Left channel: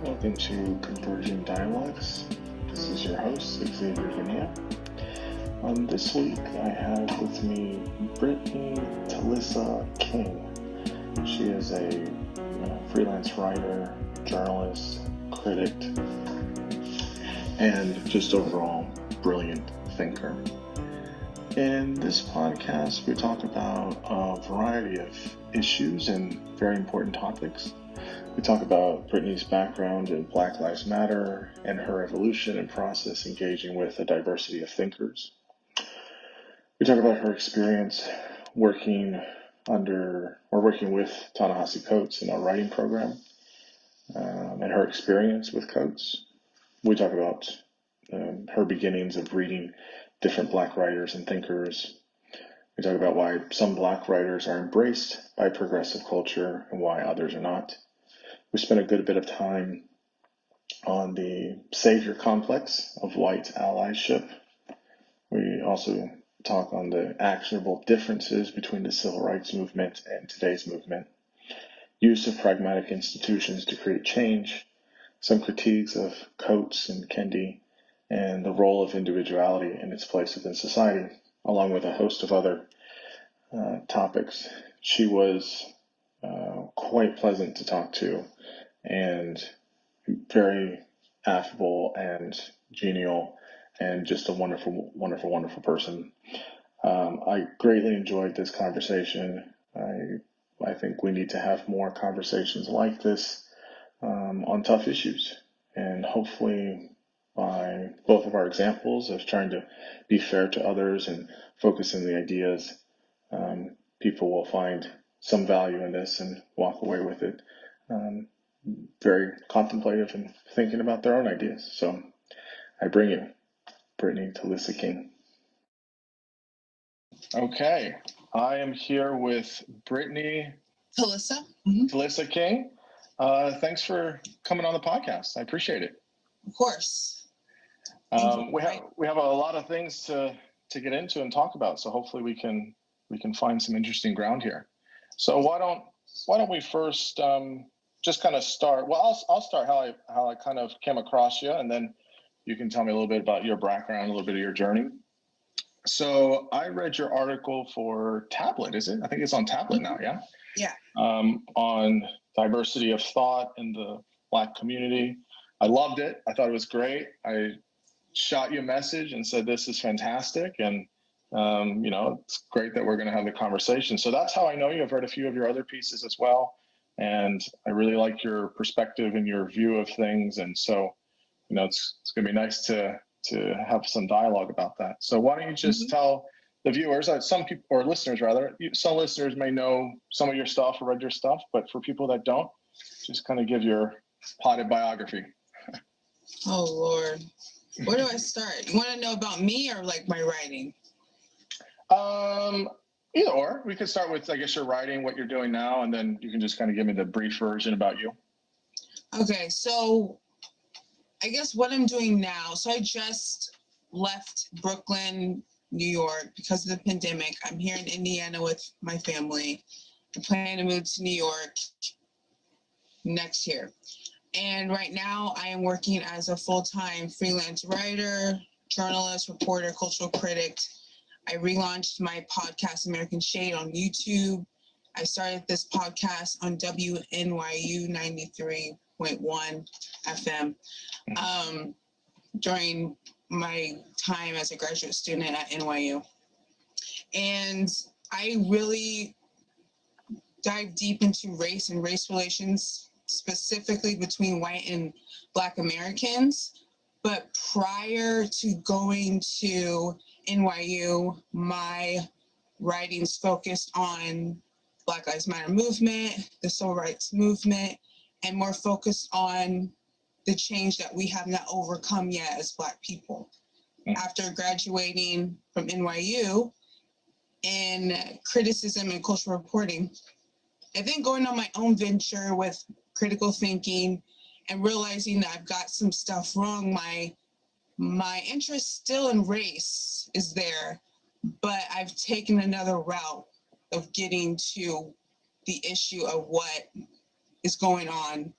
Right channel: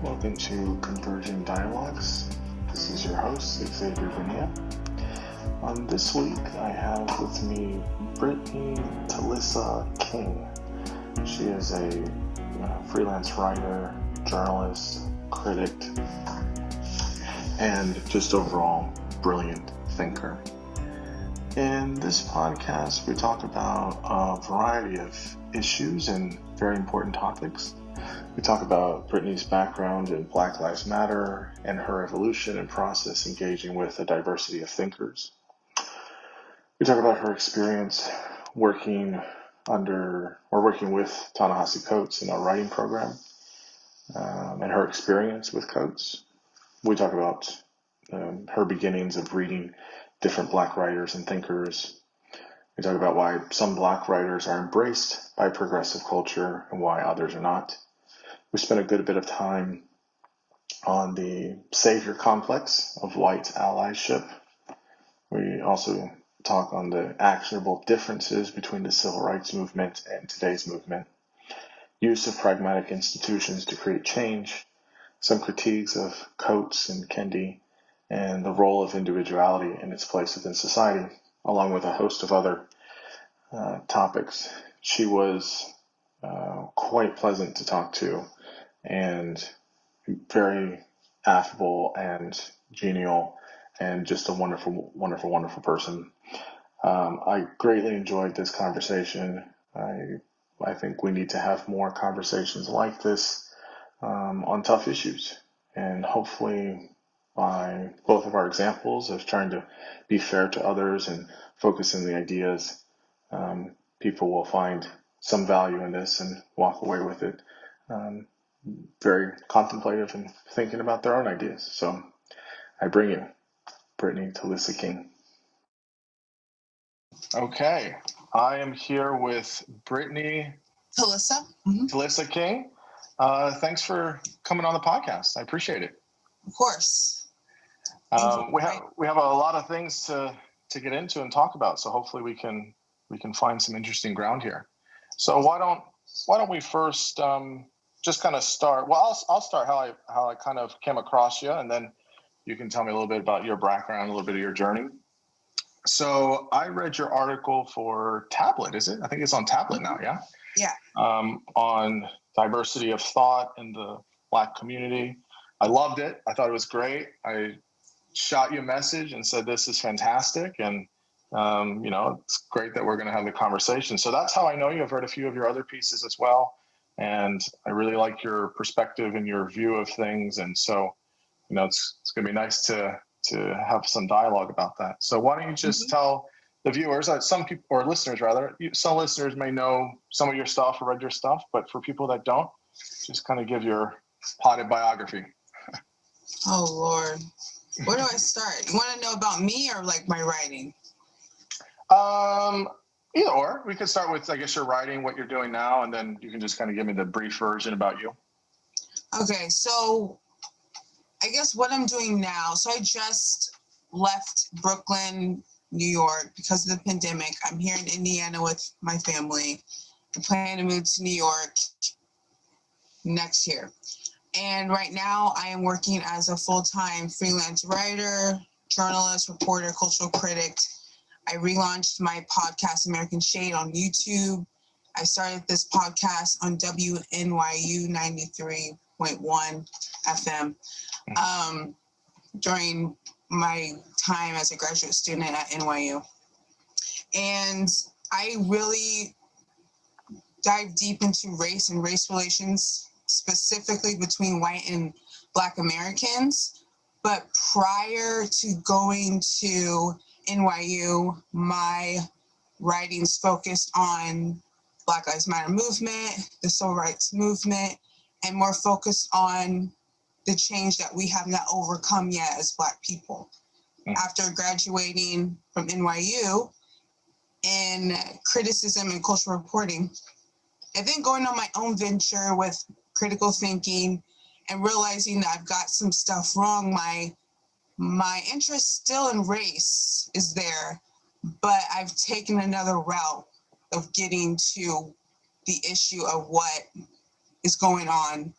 Welcome to Converging Dialogues. This is your host, Xavier Bonilla. This week I have with me Brittany Talissa King. She is a freelance writer, journalist, critic, and just overall brilliant thinker. In this podcast, we talk about a variety of issues and very important topics. We talk about Brittany's background in Black Lives Matter and her evolution and process engaging with a diversity of thinkers. We talk about her experience working with Ta-Nehisi Coates in our writing program and her experience with Coates. We talk about her beginnings of reading different Black writers and thinkers. We talk about why some Black writers are embraced by progressive culture and why others are not. We spent a good bit of time on the savior complex of white allyship. We also talk on the actionable differences between the civil rights movement and today's movement, use of pragmatic institutions to create change, some critiques of Coates and Kendi, and the role of individuality in its place within society, along with a host of other topics. She was quite pleasant to talk to and very affable and genial and just a wonderful, wonderful, wonderful person. I greatly enjoyed this conversation. I think we need to have more conversations like this on tough issues, and hopefully by both of our examples of trying to be fair to others and focus on the ideas, people will find some value in this and walk away with it very contemplative and thinking about their own ideas. So I bring you Brittany Talissa King. Okay, I am here with Brittany Talissa King. Thanks for coming on the podcast. I appreciate it. Of course. We have a lot of things to get into and talk about, so hopefully we can find some interesting ground here. So why don't we first just kind of start? Well, I'll start how I kind of came across you, and then you can tell me a little bit about your background, a little bit of your journey. So I read your article for Tablet, is it? I think it's on Tablet now, yeah? Yeah. On diversity of thought in the Black community. I loved it. I thought it was great. I shot you a message and said, this is fantastic. And, it's great that we're going to have the conversation. So that's how I know you. I've read a few of your other pieces as well. And I really like your perspective and your view of things. And so, it's going to be nice to have some dialogue about that. So why don't you just tell the viewers, some people, or listeners rather, some listeners may know some of your stuff or read your stuff, but for people that don't, just kind of give your potted biography. Oh, Lord. Where do I start? You want to know about me or like my writing? Either or. We could start with, I guess, your writing, what you're doing now, and then you can just kind of give me the brief version about you. Okay, so I guess what I'm doing now, so I just left Brooklyn, New York because of the pandemic. I'm here in Indiana with my family. I plan to move to New York next year. And right now I am working as a full-time freelance writer, journalist, reporter, cultural critic. I relaunched my podcast, American Shade, on YouTube. I started this podcast on WNYU 93.1 FM during my time as a graduate student at NYU. And I really dive deep into race and race relations, specifically between white and Black Americans. But prior to going to NYU, my writings focused on Black Lives Matter movement, the civil rights movement, and more focused on the change that we have not overcome yet as Black people. After graduating from NYU in criticism and cultural reporting, and then going on my own venture with critical thinking and realizing that I've got some stuff wrong, my interest still in race is there, but I've taken another route of getting to the issue of what is going on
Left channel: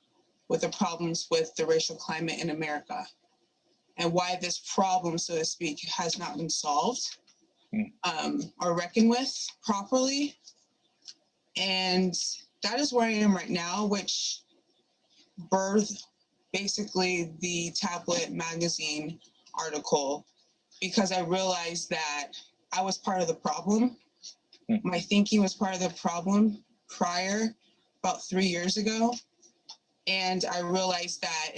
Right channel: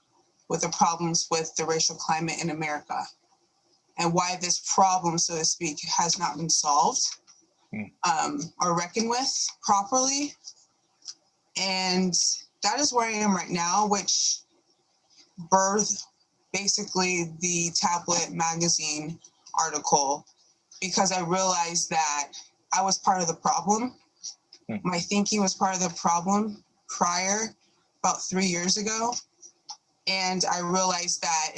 with the problems with the racial climate in America and why this problem, so to speak, has not been solved or reckoned with properly. And that is where I am right now, which birthed basically the Tablet magazine article, because I realized that I was part of the problem. My thinking was part of the problem prior, about 3 years ago. And I realized that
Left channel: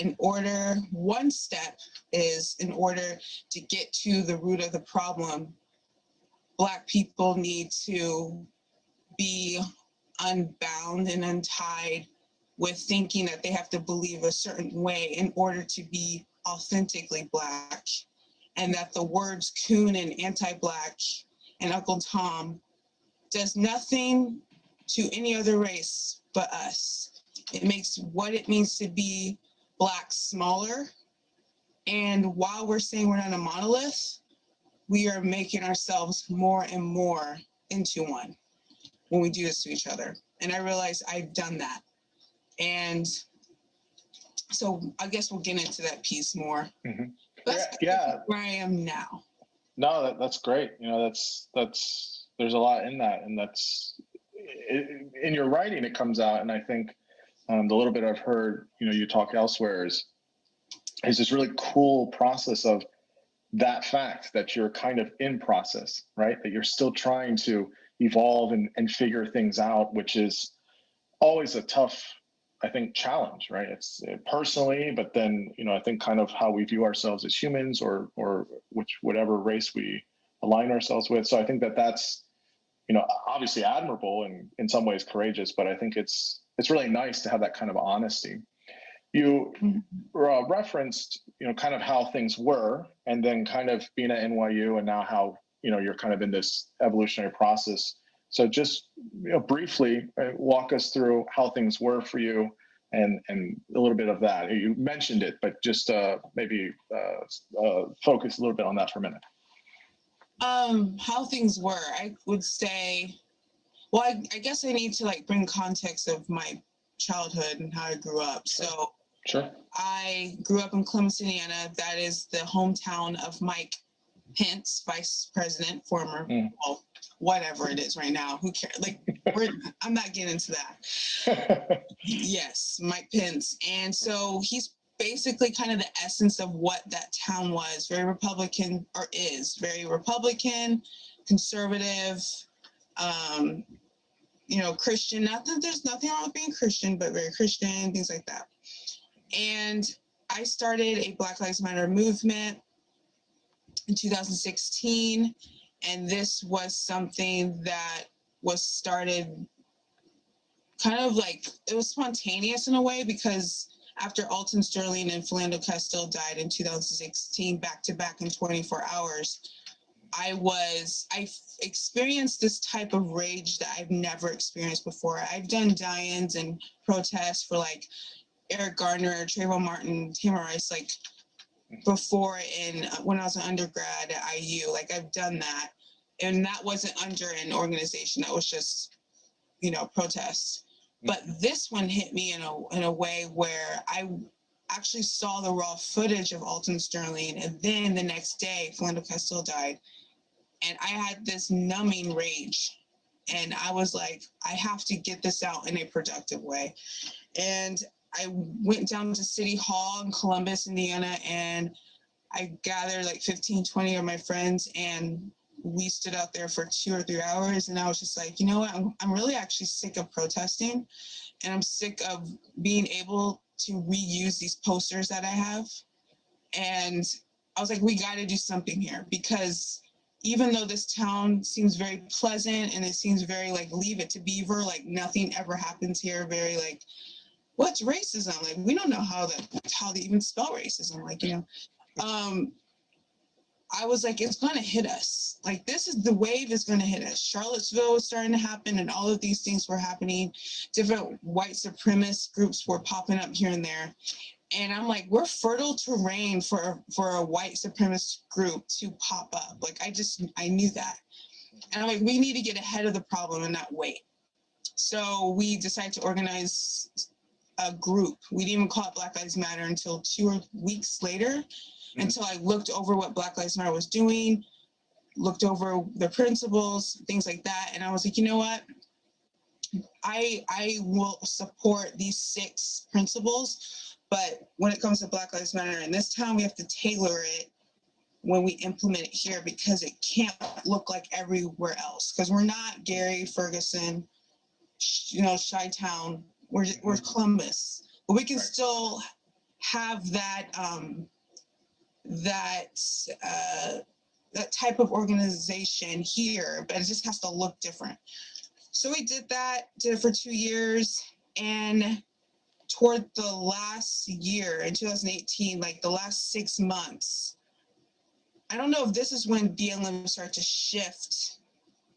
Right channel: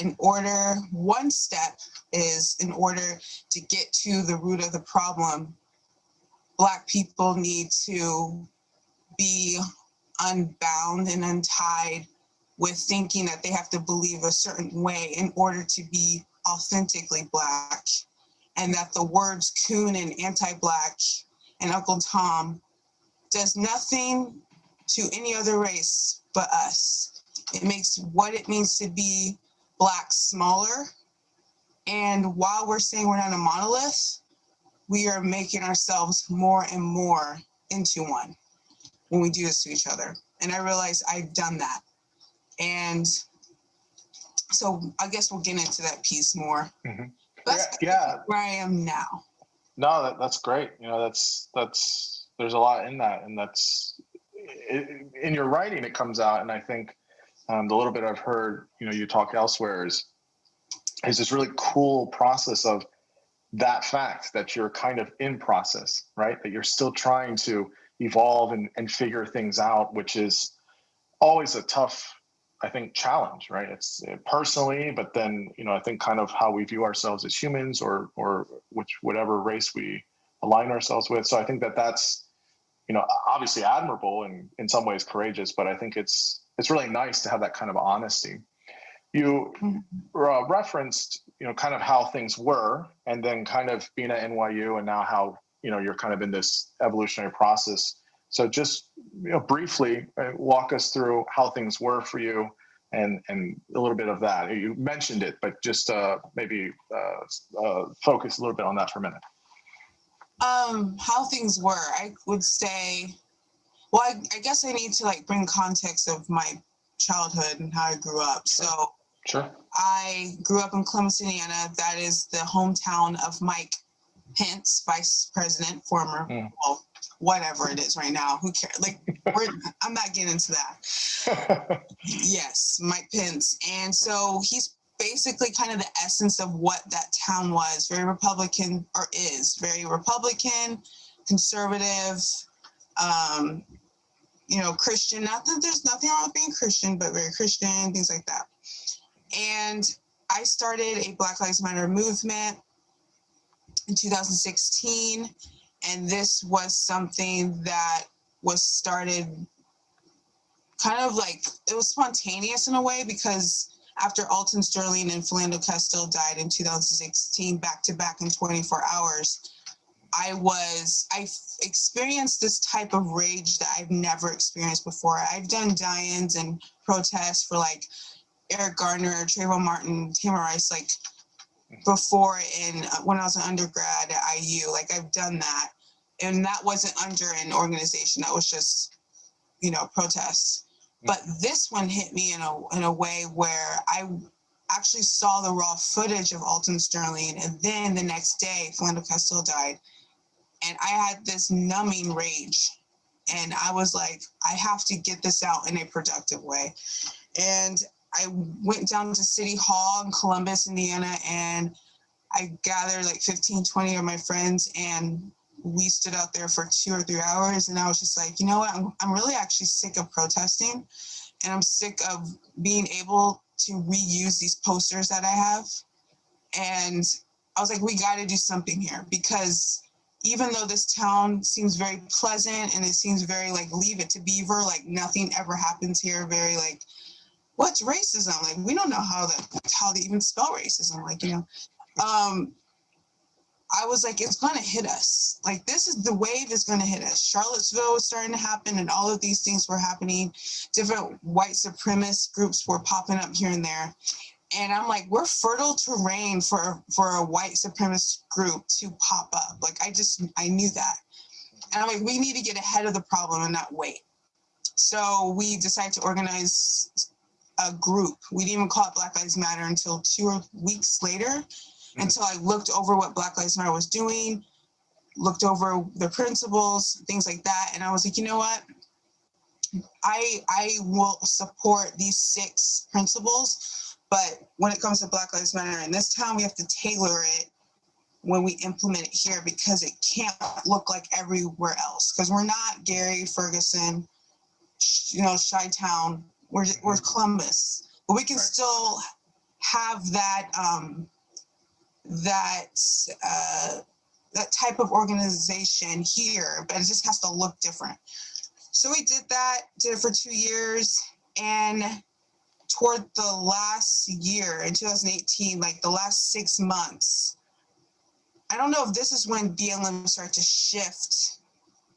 one step is in order to get to the root of the problem, Black people need to be unbound and untied with thinking that they have to believe a certain way in order to be authentically Black, and that the words coon and anti-Black and Uncle Tom does nothing to any other race but us. It makes what it means to be Black smaller. And while we're saying we're not a monolith, we are making ourselves more and more into one when we do this to each other. And I realize I've done that. And so I guess we'll get into that piece more. Mm-hmm. That's where I am now. No, that's great. That's there's a lot in that, and in your writing it comes out. And I think the little bit I've heard, you talk elsewhere is this really cool process of that fact that you're kind of in process, right? That you're still trying to evolve and figure things out, which is always a tough, I think, challenge, right? It's personally, but then, I think kind of how we view ourselves as humans or whatever race we align ourselves with. So I think that's, obviously admirable and in some ways courageous, but I think it's really nice to have that kind of honesty. You referenced, kind of how things were, and then kind of being at NYU, and now how, you're kind of in this evolutionary process. So just briefly walk us through how things were for you, and a little bit of that. You mentioned it, but just maybe focus a little bit on that for a minute. How things were, I would say, well, I guess I need to bring context of my childhood and how I grew up. So Sure. I grew up in Columbus, Indiana. That is the hometown of Mike Pence, vice president, former, well, whatever it is right now. Who cares? I'm not getting into that. Yes, Mike Pence. And so he's basically kind of the essence of what that town was. Very Republican, or is very Republican, conservative, Christian. Not that there's nothing wrong with being Christian, but very Christian, things like that. And I started a Black Lives Matter movement in 2016. And this was something that was started kind of it was spontaneous in a way, because after Alton Sterling and Philando Castile died in 2016, back to back in 24 hours, I experienced this type of rage that I've never experienced before. I've done die-ins and protests for Eric Garner, Trayvon Martin, Tamir Rice, before when I was an undergrad at IU. I've done that. And that wasn't under an organization. That was just, protests. But this one hit me in a way where I actually saw the raw footage of Alton Sterling. And then the next day, Philando Castile died. And I had this numbing rage. And I was like, I have to get this out in a productive way. And I went down to City Hall in Columbus, Indiana, and I gathered 15, 20 of my friends, and we stood out there for 2 or 3 hours. And I was just like, you know what? I'm really actually sick of protesting, and I'm sick of being able to reuse these posters that I have. And I was like, we got to do something here, because even though this town seems very pleasant and it seems very Leave It to Beaver, nothing ever happens here, very what's racism? We don't know how they even spell racism. I was like, it's going to hit us. The wave is going to hit us. Charlottesville was starting to happen, and all of these things were happening. Different white supremacist groups were popping up here and there. And I'm like, we're fertile terrain for a white supremacist group to pop up. I knew that. And I'm like, we need to get ahead of the problem and not wait. So we decided to organize a group. We didn't even call it Black Lives Matter until 2 weeks later, until I looked over what Black Lives Matter was doing, looked over the principles, things like that. And I was like, you know what? I will support these 6 principles, but when it comes to Black Lives Matter in this town, we have to tailor it when we implement it here, because it can't look like everywhere else. Because we're not Gary, Ferguson, Chi-Town. We're Columbus, but we can still have that that type of organization here, but it just has to look different. So we did it for 2 years, and toward the last year in 2018, like the last 6 months, I don't know if this is when BLM started to shift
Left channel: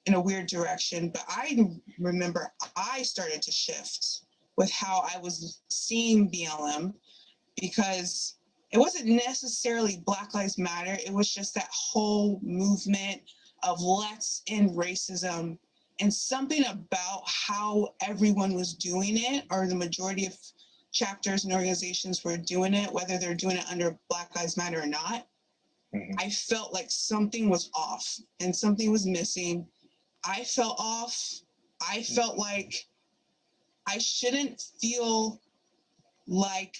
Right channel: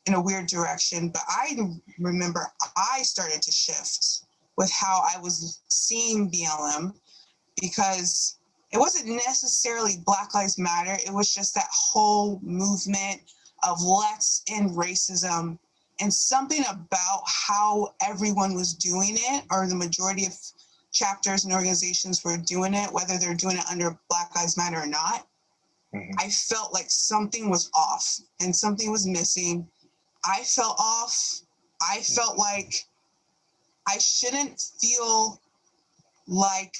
in a weird direction, but I remember I started to shift with how I was seeing BLM, because it wasn't necessarily Black Lives Matter. It was just that whole movement of let's end racism, and something about how everyone was doing it, or the majority of chapters and organizations were doing it, whether they're doing it under Black Lives Matter or not. I felt like something was off and something was missing. I felt off. I felt like I shouldn't feel like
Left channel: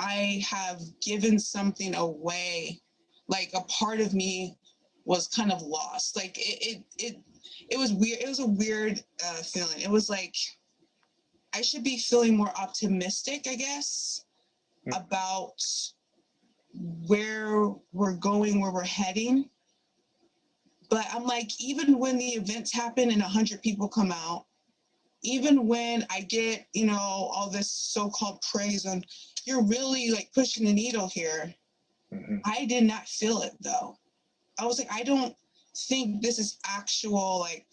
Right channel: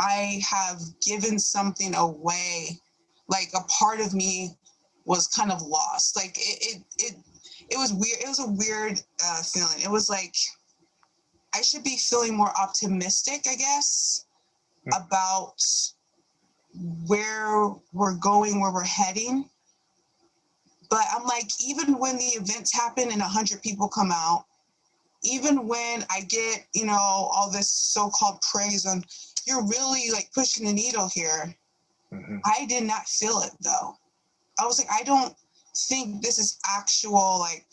I have given something away. Like a part of me was kind of lost. Like it was weird. It was a weird feeling. It was like I should be feeling more optimistic, I guess, about where we're going, where we're heading. But I'm like, even when the events happen and 100 people come out, even when I get, all this so-called praise on, you're really like pushing the needle here. I did not feel it though. I was like, I don't think this is actual like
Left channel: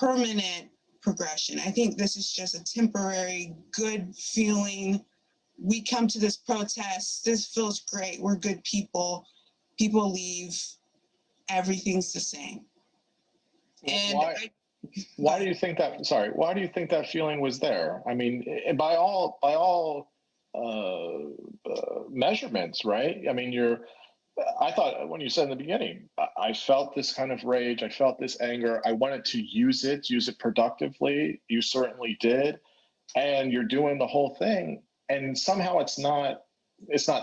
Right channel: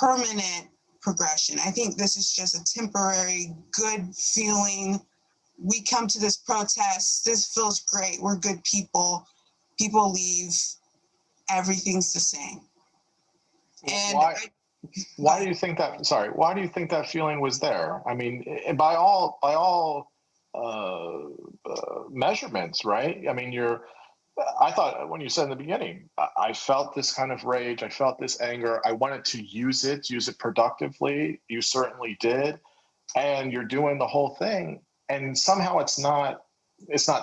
permanent progression. I think this is just a temporary good feeling. We come to this protest, this feels great, we're good people. People leave, everything's the same. And why do you think that? Sorry, why do you think that feeling was there? I mean, by all measurements, right? I mean, I thought when you said in the beginning, I felt this kind of rage, I felt this anger. I wanted to use it productively. You certainly did, and you're doing the whole thing, and somehow it's not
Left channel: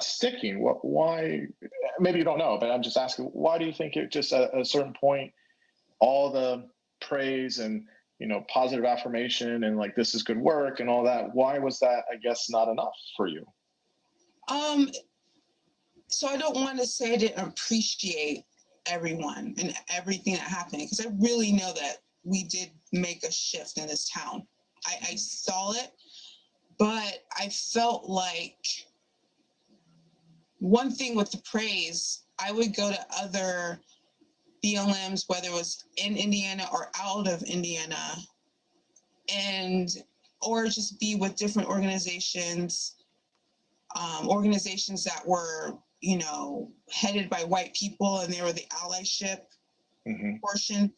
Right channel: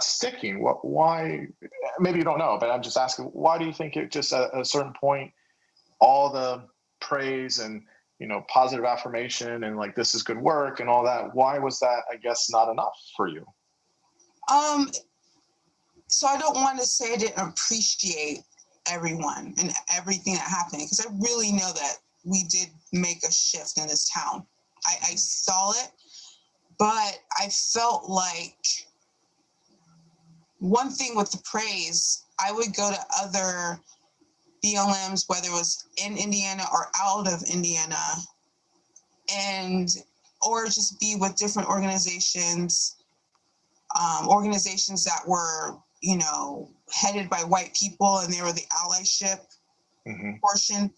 sticking. Why? Maybe you don't know, but I'm just asking. Why do you think it just at a certain point, all the praise and positive affirmation and like this is good work and all that, why was that, I guess, not enough for you? So I don't want to say I didn't appreciate everyone and everything that happened, because I really know that we did make a shift in this town. I saw it, but I felt like one thing with the praise, I would go to other BLMs, whether it was in Indiana or out of Indiana, or just be with different organizations that were, headed by white people, and they were the allyship portion,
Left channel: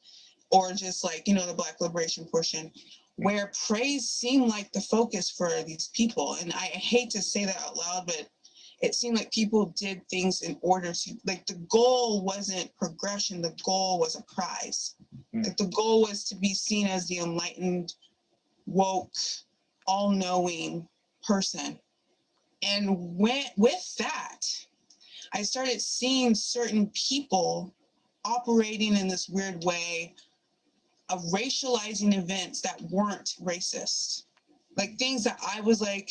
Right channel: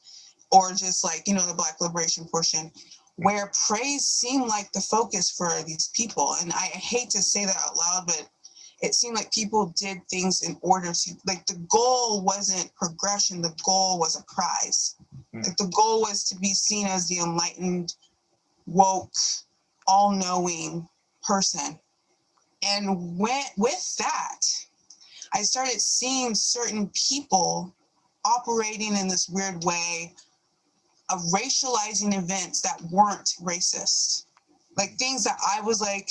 or just like, the Black liberation portion, where praise seemed like the focus for these people. And I hate to say that out loud, but it seemed like people did things in order to, like, the goal wasn't progression, the goal was a prize. Like, the goal was to be seen as the enlightened, woke, all-knowing person. And with that, I started seeing certain people operating in this weird way of racializing events that weren't racist. Like things that I was like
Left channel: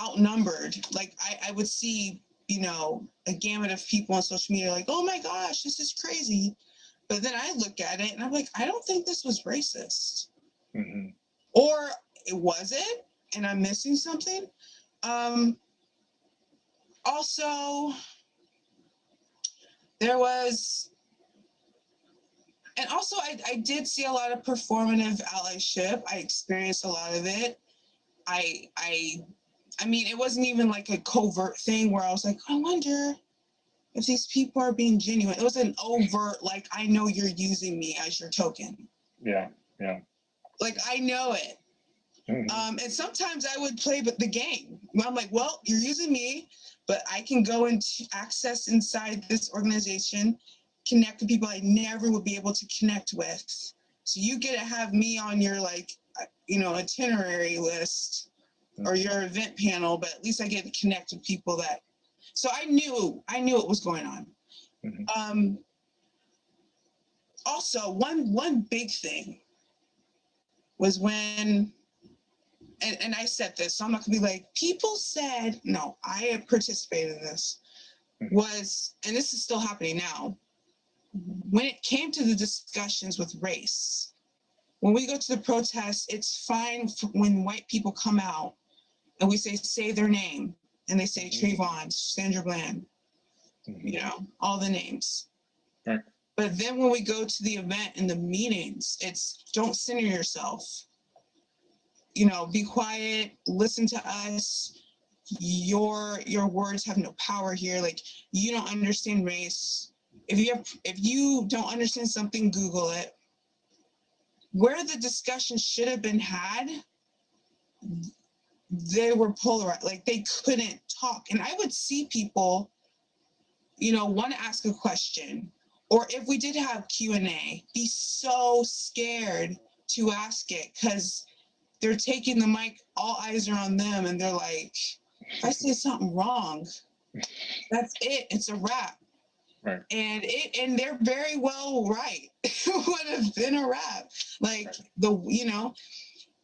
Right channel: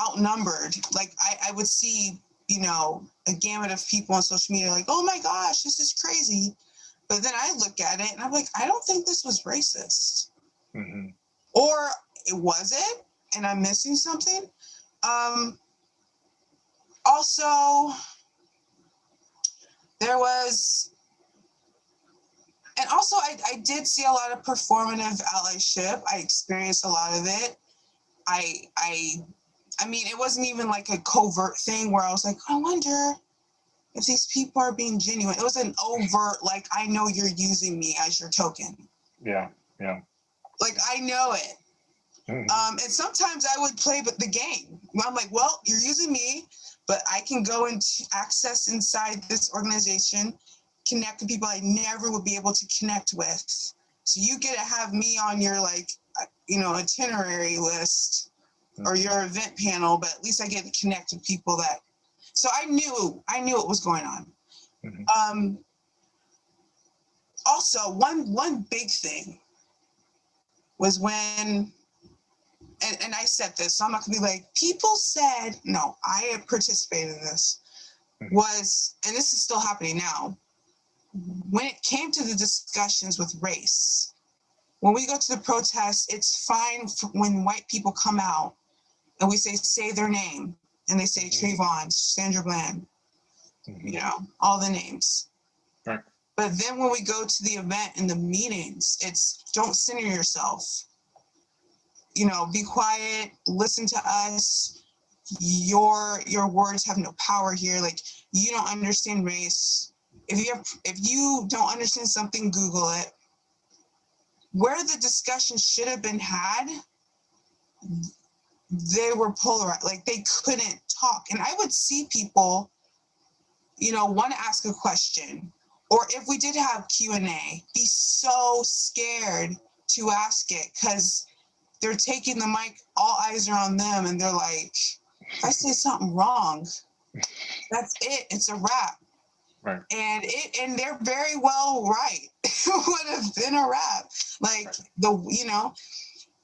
outnumbered. Like I would see, a gamut of people on social media like, oh my gosh, this is crazy. But then I look at it and I'm like, I don't think this was racist. Or was it? And I'm missing something. Also, there was, and also I did see a lot of performative allyship. I experienced a lot of it. I mean, it wasn't even like a covert thing where I was like, I wonder if these people are being genuine. It was an overt, like, I know you're using me as your token. Yeah. Like, I know it. And sometimes I would play the game. I'm like, well, you're using me, but I can go and access inside this organization, connect with people I never would be able to connect with. So you get to have me on your itinerary list or your event panel, but at least I get to connect with people that. So I knew what was going on. Also, one big thing was when, and I said this, so I'm not gonna be like, people said, no, I participated in this, was, and this is still happening now, when it came to the discussions with race, when we go to the protests, it's fine when white people come out and we say their name, and they say Trayvon, Sandra Bland, all the names. Right. But then when we go to the event and the meetings, it's don't center yourself. Be quiet, listen to us. Your words have no power here. Like, you don't understand race. If you don't understand something, Google it. Where the discussion should have been had, they were polarized. Like, they couldn't talk. And I would see people, want to ask a question, or if we did have Q&A, be so scared to ask it because they're taking the mic, all eyes are on them, and they're like, if I say something wrong, that's it. It's a wrap. Right. And they're very well right. It would have been a wrap. Like,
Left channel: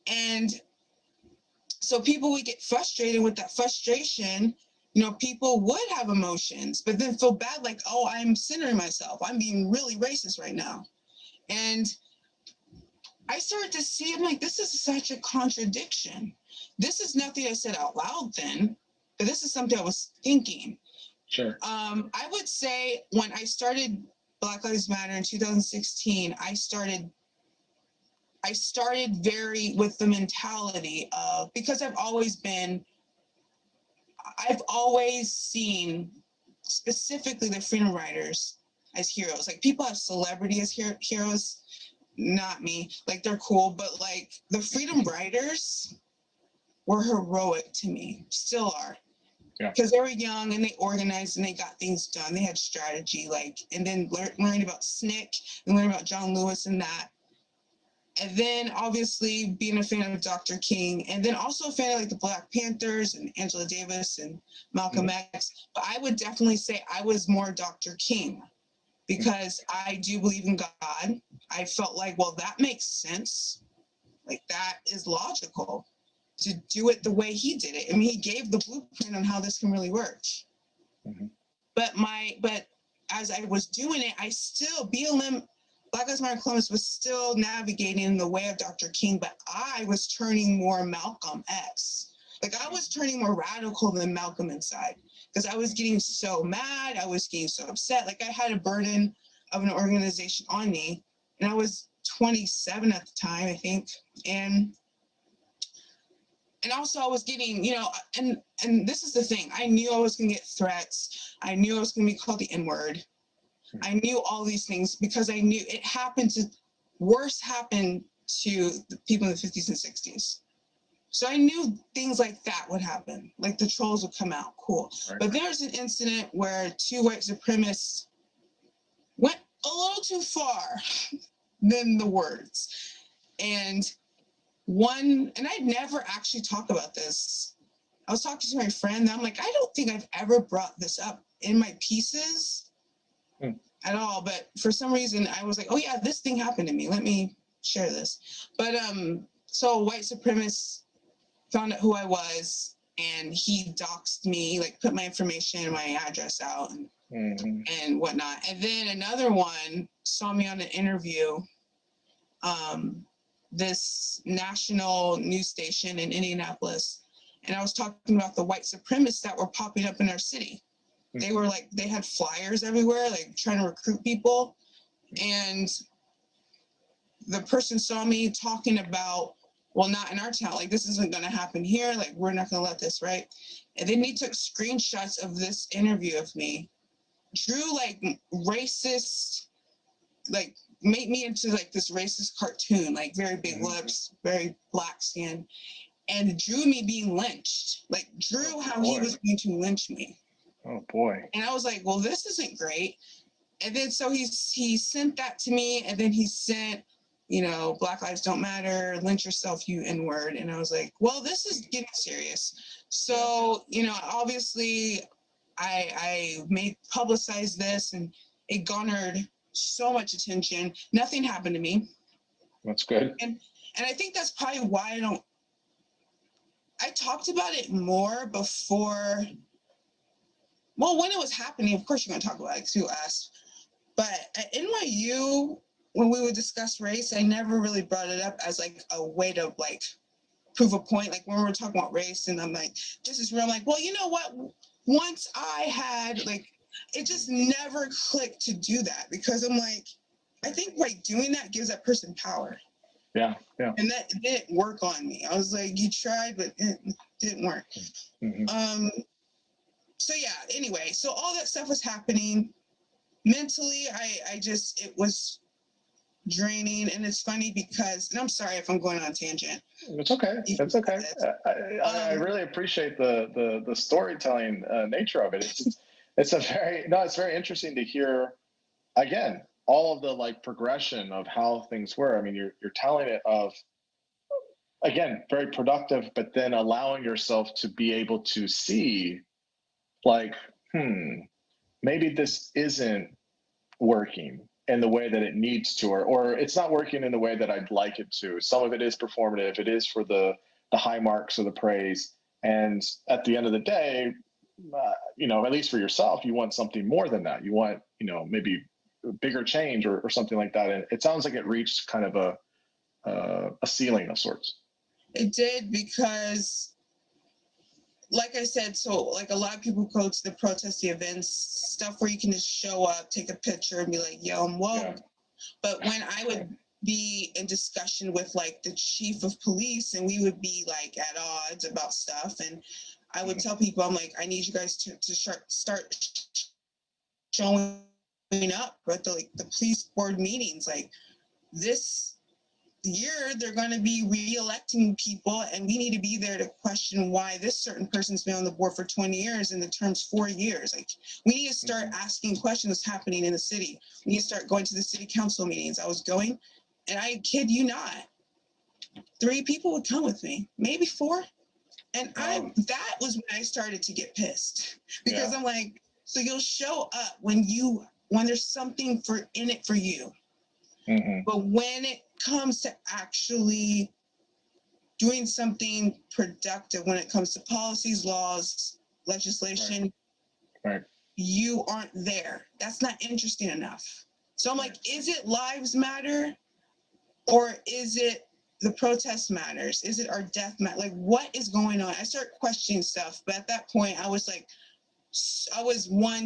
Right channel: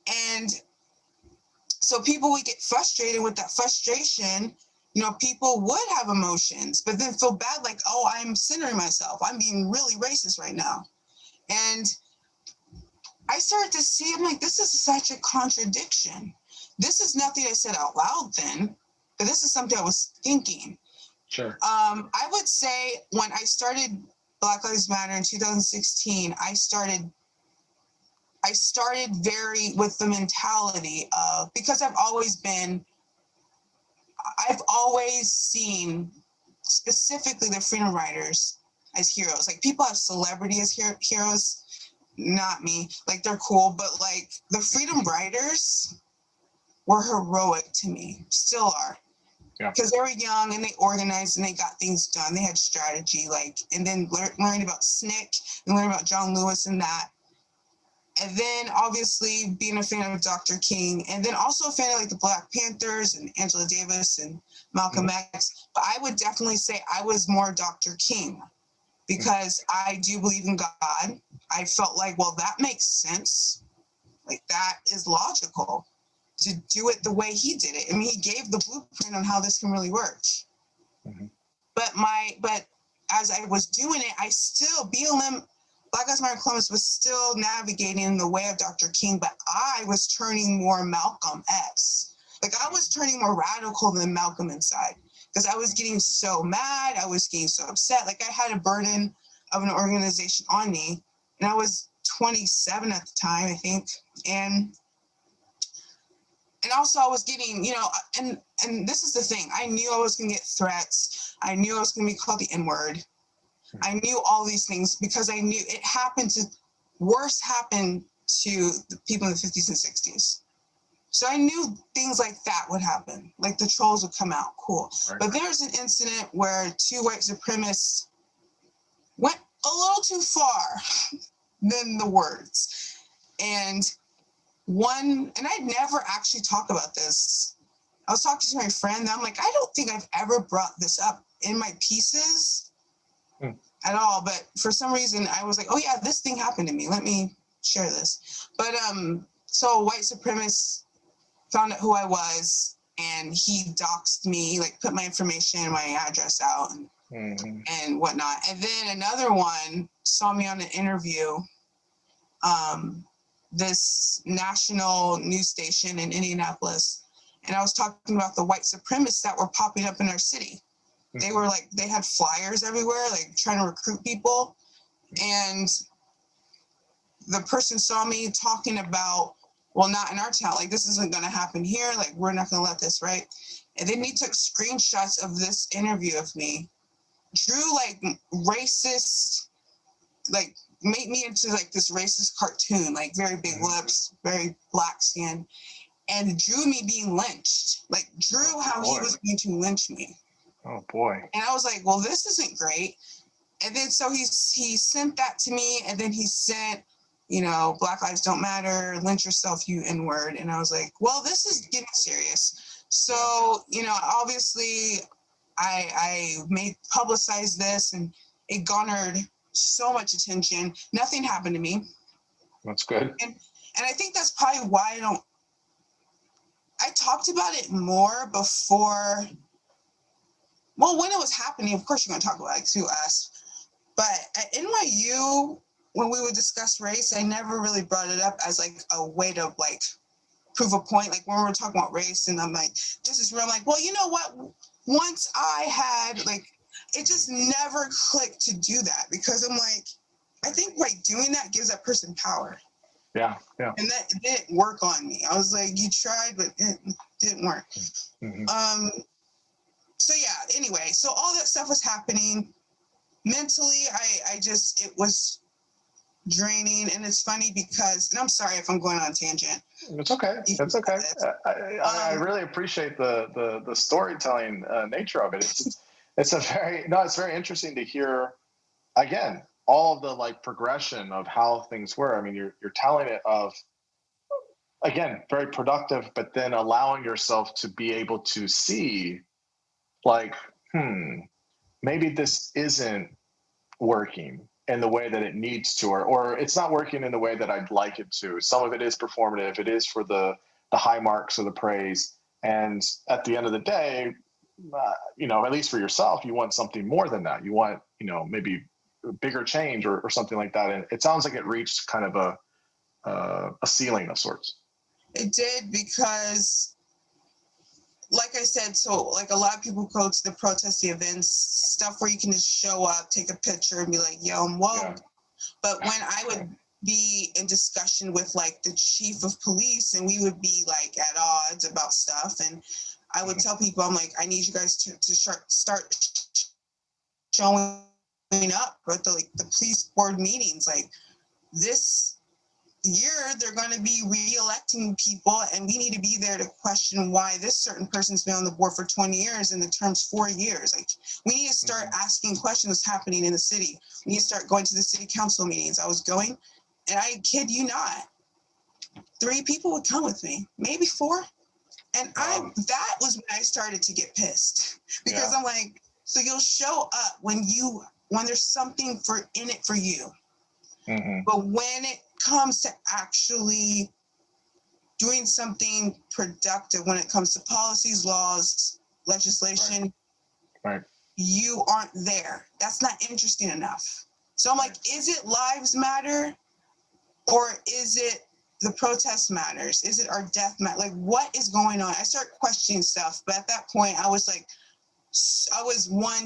and so people would get frustrated with that frustration. People would have emotions, but then feel bad, like, oh, I'm centering myself. I'm being really racist right now. And I started to see, I'm like, this is such a contradiction. This is nothing I said out loud then, but this is something I was thinking. Sure. I would say when I started Black Lives Matter in 2016, I started very with the mentality of, because I've always seen specifically the freedom riders as heroes. Like, people have celebrity as heroes, not me. Like, they're cool, but like the freedom riders were heroic to me, still are. Yeah. Because they were young and they organized and they got things done. They had strategy, and then learned about SNCC and learned about John Lewis and that. And then obviously being a fan of Dr. King, and then also a fan of the Black Panthers and Angela Davis and Malcolm X. But I would definitely say I was more Dr. King because I do believe in God. I felt like, well, that makes sense. Like, that is logical to do it the way he did it. I mean, he gave the blueprint on how this can really work. But as I was doing it, I still, Black Lives Matter Columbus was still navigating in the way of Dr. King, but I was turning more Malcolm X. Like, I was turning more radical than Malcolm inside because I was getting so mad. I was getting so upset. Like, I had a burden of an organization on me, and I was 27 at the time, I think. And also I was getting, and this is the thing. I knew I was going to get threats. I knew I was going to be called the N-word. I knew all these things because I knew it worse happened to the people in the 50s and 60s. So I knew things like that would happen. Like, the trolls would come out. Cool. Right. But there's an incident where two white supremacists went a little too far than the words. And I'd never actually talked about this. I was talking to my friend, and I'm like, I don't think I've ever brought this up in my pieces at all. But for some reason, I was like, oh yeah, this thing happened to me. Let me share this. But so a white supremacist found out who I was, and he doxed me, like put my information and my address out and whatnot. And then another one saw me on an interview, this national news station in Indianapolis. And I was talking about the white supremacists that were popping up in our city. They were they had flyers everywhere, like trying to recruit people. And the person saw me talking about, well, not in our town, like, this isn't going to happen here. Like, we're not going to let this, right? And then he took screenshots of this interview of me, drew racist, made me into like this racist cartoon, like very big lips, very black skin, and drew me being lynched. Like drew how he was going to lynch me. Oh boy. And I was like, well, this isn't great. And then so he sent that to me, and then he sent, Black Lives Don't Matter, lynch yourself, you N-word. And I was like, well, this is getting serious. So, obviously I publicized this, and it garnered so much attention. Nothing happened to me. That's good. And I think that's probably why I talked about it more before. Well, when it was happening, of course you're going to talk about it because you asked. But at NYU, when we would discuss race, I never really brought it up as like a way to like prove a point. Like when we were talking about race, and I'm like, this is real. I'm like, well, you know what? Once I had like, it just never clicked to do that, because I'm like, I think like doing that gives that person power. Yeah. And that didn't work on me. I was like, you tried, but it didn't work. Mm-hmm. So yeah, anyway, so all that stuff was happening. Mentally, it was draining. And it's funny because, and I'm sorry if I'm going on a tangent. It's okay. It's okay. I really appreciate the storytelling nature of it. It's very interesting to hear, again, all of the like progression of how things were. I mean, you're telling it of, again, very productive, but then allowing yourself to be able to see like, maybe this isn't working in the way that it needs to, or it's not working in the way that I'd like it to. Some of it is performative. It is for the high marks or the praise. And at the end of the day, at least for yourself, you want something more than that. You want, maybe bigger change or something like that. And it sounds like it reached kind of a ceiling of sorts. It did, because like I said, so like a lot of people go to the protest, the events, stuff where you can just show up, take a picture, and be like, yo, I'm woke. Yeah. But when I would be in discussion with like the chief of police, and we would be like at odds about stuff, and I would tell people, I'm like, I need you guys to start showing up at the police board meetings. Like this year, they're going to be re-electing people, and we need to be there to question why this certain person's been on the board for 20 years and the term's 4 years. Like, we need to start asking questions what's happening in the city. We need to start going to the city council meetings. I was going, and I kid you not, 3 people would come with me, maybe 4. And that was when I started to get pissed, because I'm like, so you'll show up when there's something in it for you. Mm-hmm. But when it comes to actually doing something productive, when it comes to policies, laws, legislation, right. You aren't there. That's not interesting enough. So I'm like, is it lives matter, or is it the protest matters? Is it our death matter? Like, what is going on? I start questioning stuff, but at that point, I was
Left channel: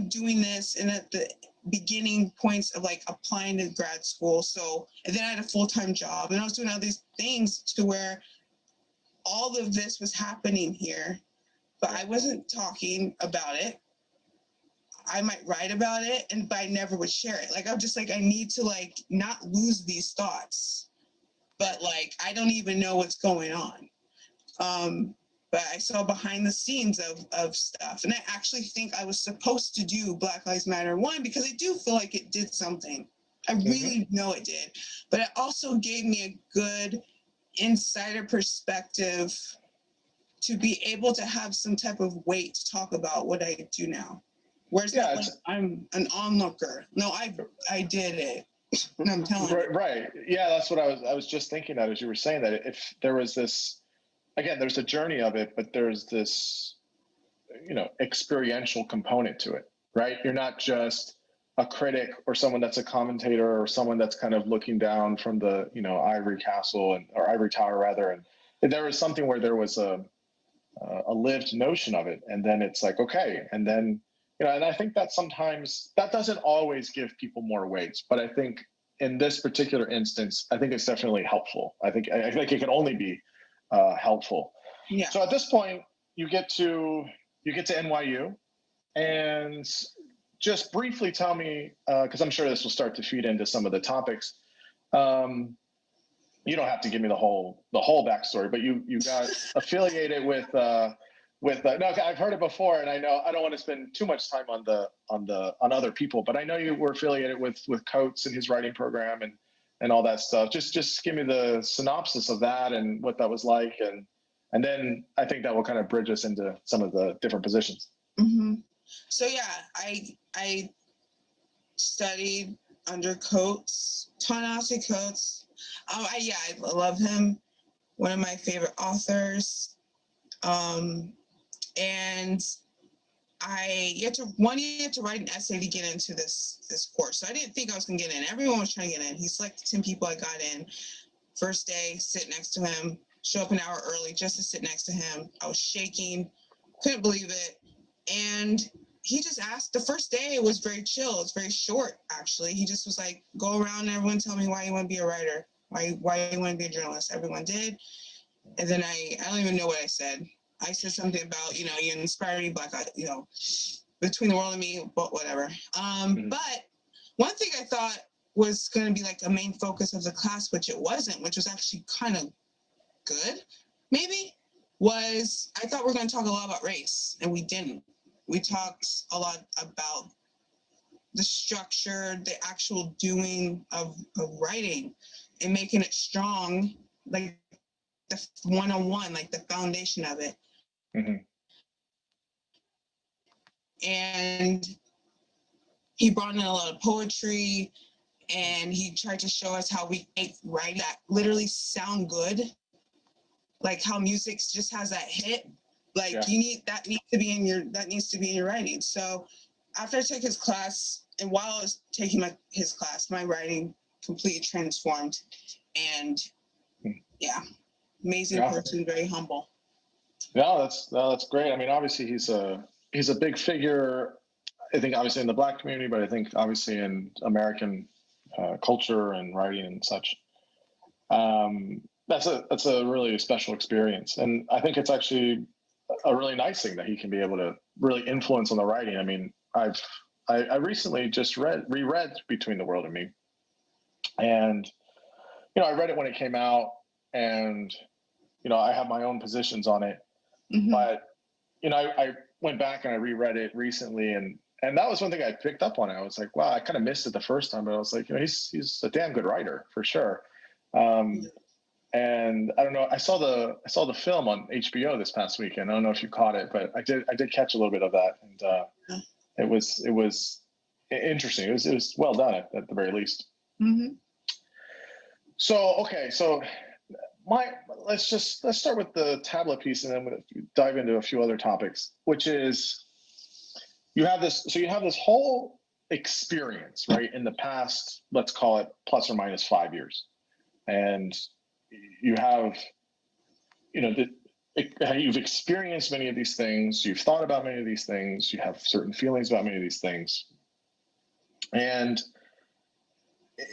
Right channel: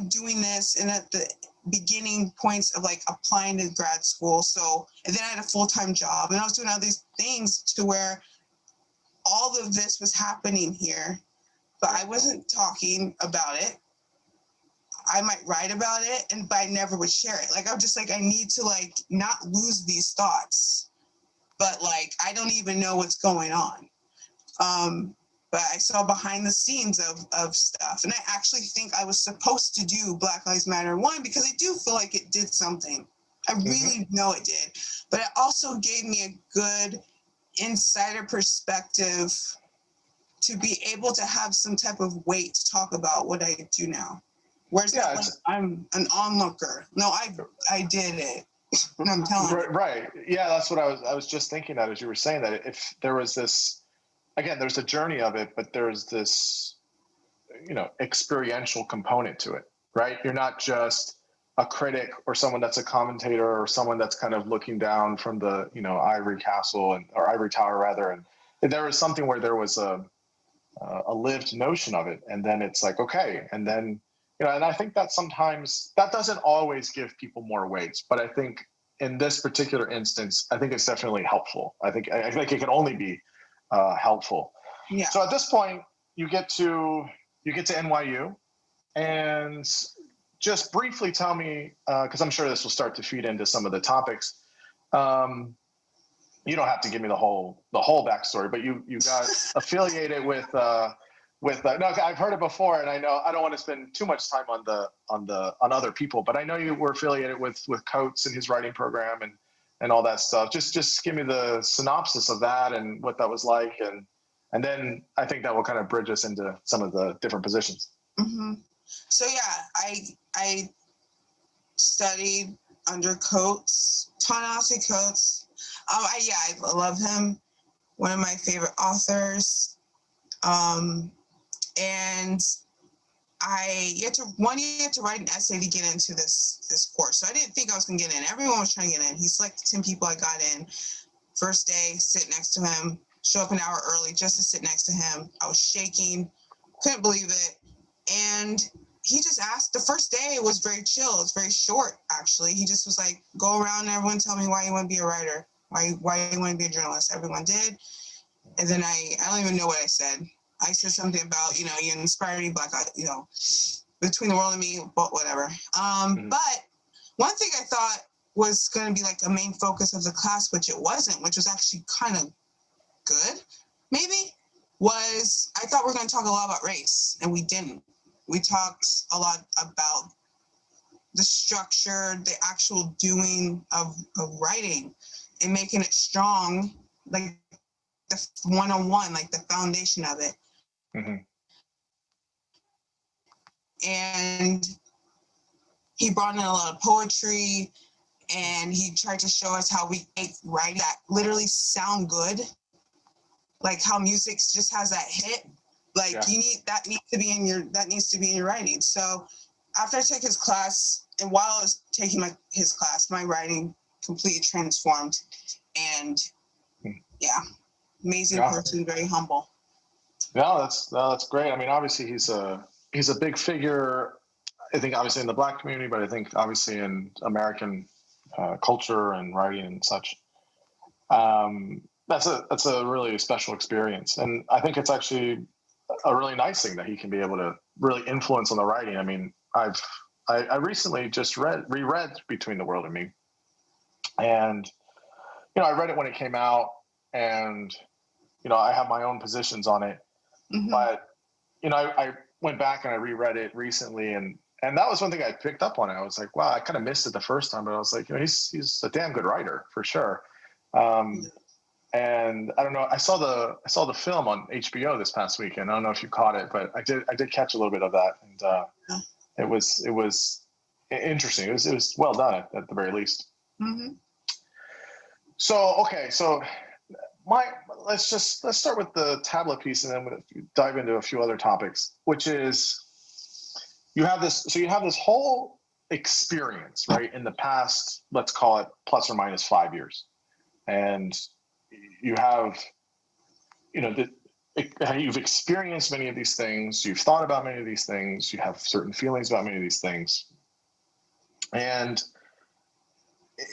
doing this, and at the beginning points of like applying to grad school. And then I had a full-time job, and I was doing all these things to where all of this was happening here, but I wasn't talking about it. I might write about it, but I never would share it. Like, I'm just like, I need to like not lose these thoughts, but like, I don't even know what's going on. But I saw behind the scenes of stuff. And I actually think I was supposed to do Black Lives Matter 1, because I do feel like it did something. I really know it did. But it also gave me a good insider perspective to be able to have some type of weight to talk about what I do now. Whereas I'm an onlooker. No, I did it. I'm telling you. Right. Yeah, that's what I was just thinking that as you were saying that. If there was this, again, there's a journey of it, but there's this, experiential component to it, right? You're not just a critic or someone that's a commentator or someone that's kind of looking down from the, ivory castle or ivory tower rather. And there was something where there was a lived notion of it. And then it's like, okay. And then, and I think that sometimes that doesn't always give people more weight, but I think in this particular instance, I think it's definitely helpful. I think it can only be helpful. Yeah. So at this point, you get to NYU, and just briefly tell me, because I'm sure this will start to feed into some of the topics. You don't have to give me the whole backstory, but you got affiliated with no, I've heard it before, and I know I don't want to spend too much time on other people, but I know you were affiliated with Coates and his writing program and all that stuff. Just give me the synopsis of that and what that was like, and then I think that will kind of bridge us into some of the different positions. Mm-hmm. So yeah, I studied under Coates, Ta-Nehisi Coates. I love him. One of my favorite authors. And you had to write an essay to get into this course. So I didn't think I was gonna get in. Everyone was trying to get in. He selected 10 people. I got in. First day, sit next to him, show up an hour early just to sit next to him. I was shaking, couldn't believe it. And he just asked, the first day it was very chill. It was very short, actually. He just was like, go around and everyone tell me why you want to be a writer, why you want to be a journalist. Everyone did. And then I don't even know what I said. I said something about, you inspire me, Black, between the world and me, but whatever. But one thing I thought was going to be like a main focus of the class, which it wasn't, which was actually kind of good, maybe, was I thought we were going to talk a lot about race, and we didn't. We talked a lot about the structure, the actual doing of writing and making it strong, like the one-on-one, like the foundation of it. Mm-hmm. And he brought in a lot of poetry, and he tried to show us how we make writing that literally sound good, like how music just has that hit. Like that needs to be in your writing. So after I took his class, and while I was taking his class, my writing completely transformed. And amazing person, very humble. No, that's great. I mean, obviously he's a big figure, I think, obviously in the Black community, but I think obviously in American culture and writing and such. That's a really special experience, and I think it's actually a really nice thing that he can be able to really influence on the writing. I mean, I recently just reread Between the World and Me, and I read it when it came out, and I have my own positions on it, but I went back and I reread it recently, and that was one thing I picked up on. I was like, wow, I kind of missed it the first time, but I was like, he's a damn good writer for sure. And I don't know, I saw the film on HBO this past weekend. I don't know if you caught it, but I did catch a little bit of that, and it was interesting. It was well done at the very least. Mm-hmm. So let's start with the tablet piece, and then we'll dive into a few other topics, which is you have this whole experience, right, in the past, let's call it plus or minus 5 years, and you have you've experienced many of these things, you've thought about many of these things, you have certain feelings about many of these things. And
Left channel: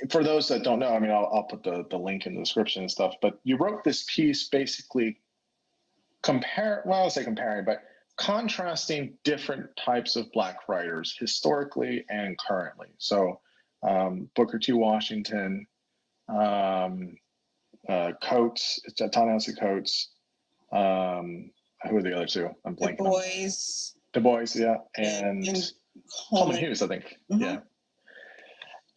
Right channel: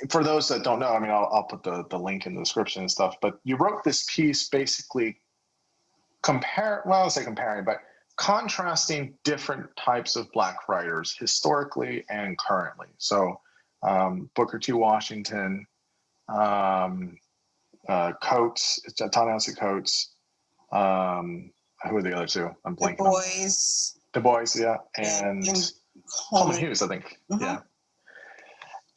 for those that don't know, I mean, I'll put the link in the description and stuff, but you wrote this piece basically contrasting different types of Black writers historically and currently. So Booker T. Washington, Coates, Ta-Nehisi Coates, who are the other two? I'm blanking. Du Bois, yeah, and Coleman Hughes, I think. Mm-hmm. Yeah.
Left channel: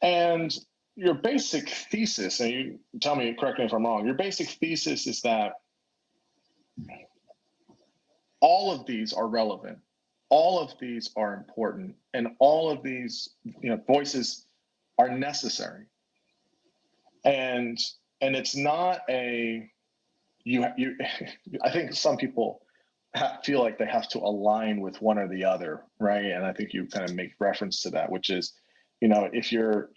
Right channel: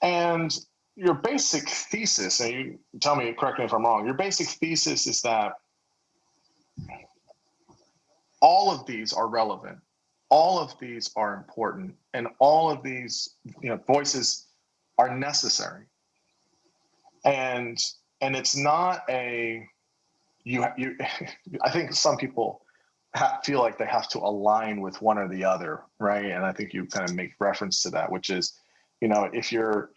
And your basic thesis, and you tell me, correct me if I'm wrong, your basic thesis is that all of these are relevant, all of these are important, and all of these voices are necessary. And it's not I think some people feel like they have to align with one or the other, right? And I think you kind of make reference to that, which is, if you're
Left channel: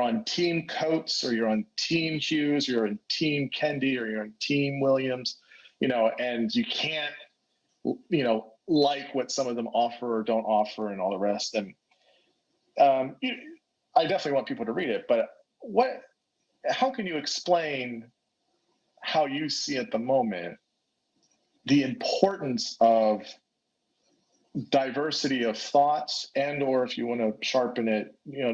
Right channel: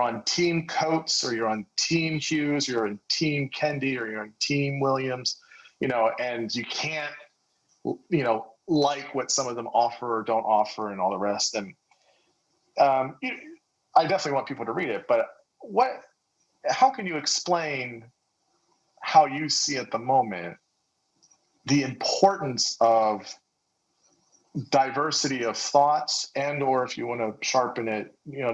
on Team Coates, or you're on Team Hughes, or you're on Team Kendi, or you're on Team Williams, and you can't, like what some of them offer or don't offer and all the rest. And I definitely want people to read it, but how can you explain how you see at the moment the importance of diversity of thoughts, and or if you want to sharpen it,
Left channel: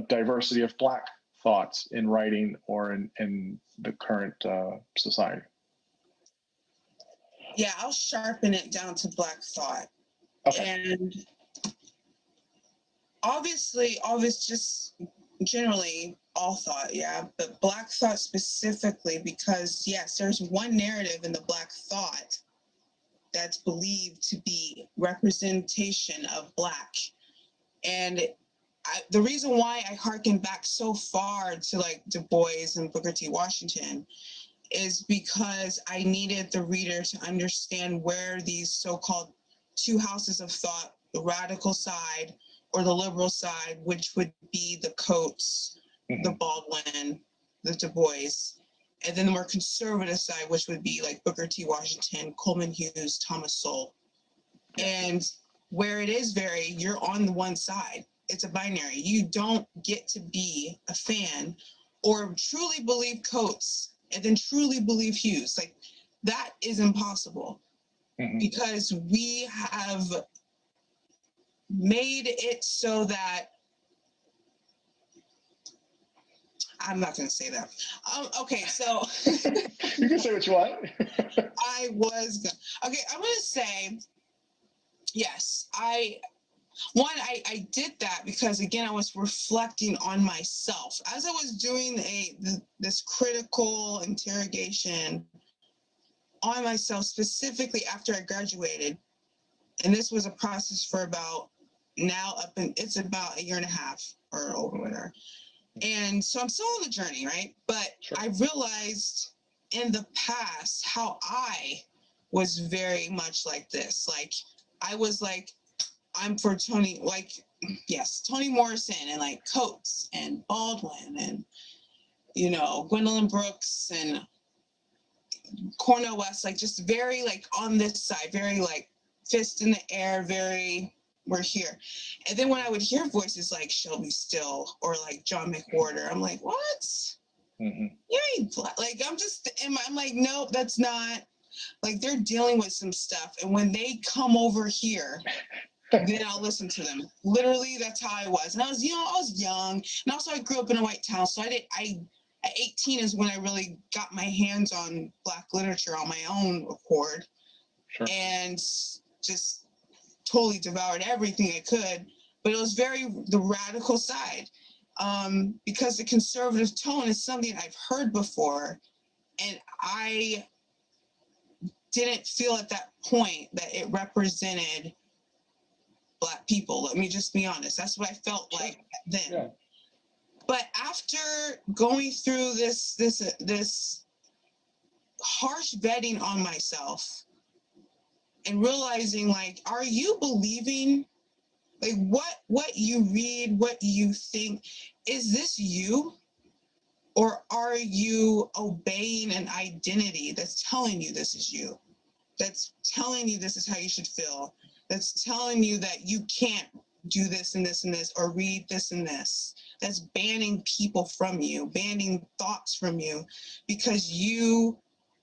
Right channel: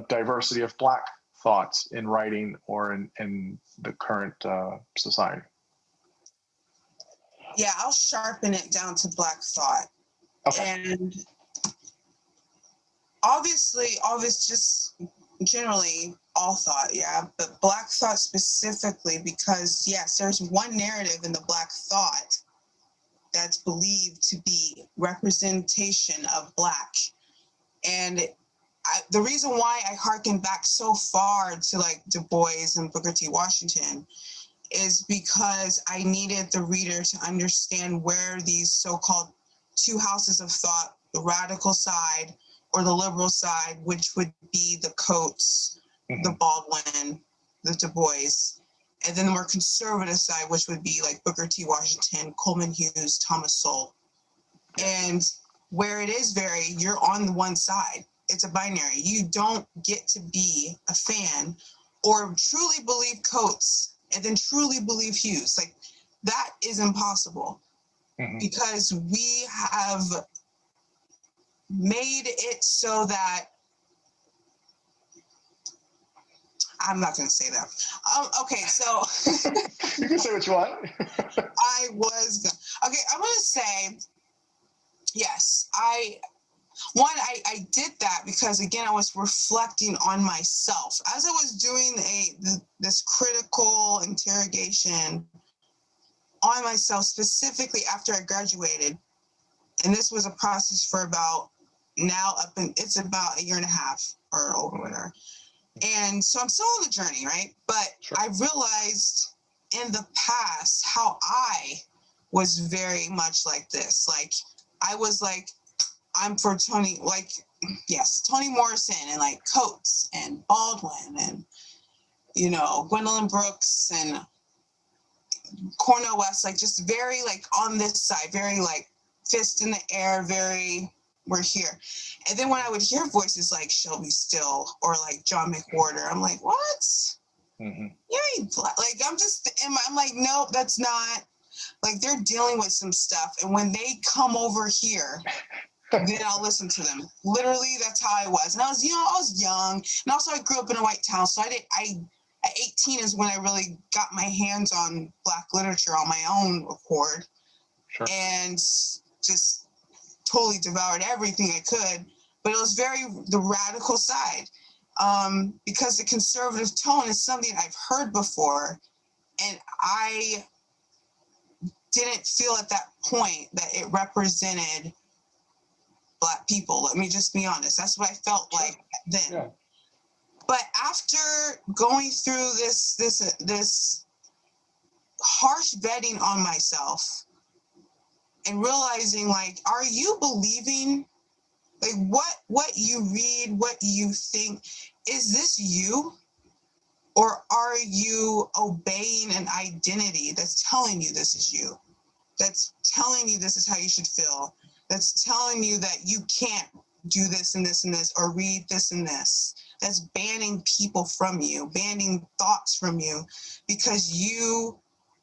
diversity of Black thoughts in writing or in the current society? Yeah, I'll sharpen it down to Black thought. Okay. And obviously, just generally all thought, yeah, but Black thought specifically, because yes, there's one narrative in the Black thought that's believed to be representation of Black. And the reason why I harken back so far to like Du Bois and Booker T. Washington is because I needed the reader to understand where these so-called two houses of thought, the radical side or the liberal side, which would be the Coates, the Baldwin, the Du Bois, and then the more conservative side, which would be like Booker T. Washington, Coleman Hughes, Thomas Sowell. And where it is you're on the one side. It's a binary. You don't get to be a fan or truly believe Coates and then truly believe Hughes. Like, that is impossible because we have made it so that I'm not going to say that. Okay, so you can say what you want. I'm going to say, yes, I did that because, again, I was reflecting on myself. As I was doing this critical interrogation on myself, specifically after I graduated, and this was a process for it's about a year and a half or over whatever. And so I'm still on the journey, right? But sure. I realized in the past how I was very much like this. Like, I was like, I'm for Toni Morrison and like Coates and Baldwin and, Gwendolyn Brooks and Cornel West, like just very like on this side, very like fist in the air, very we're here. And then when I would hear voices like Shelby Still or like John McWhorter, I'm like, what? You ain't black. Like, I'm like, nope, that's not. Like, they're dealing with some stuff. And when they come over here, then I'll listen to them. Literally, that's how I was. And I was young. And also I grew up in a white town. So at 18 is when I really got my hands on Black literature on my own accord. Sure. And just totally devoured everything I could. But it was the radical side. Because the conservative tone is something I've heard before. And I didn't feel at that point that it represented Black people. Let me just be honest. That's what I felt like then. Yeah. But after going through this harsh vetting on myself and realizing, like, are you believing, like, what you read, what you think, is this you? Or are you obeying an identity that's telling you this is you? That's telling you this is how you should feel? That's telling you that you can't do this and this and this, or read this and this. That's banning people from you, banning thoughts from you, because you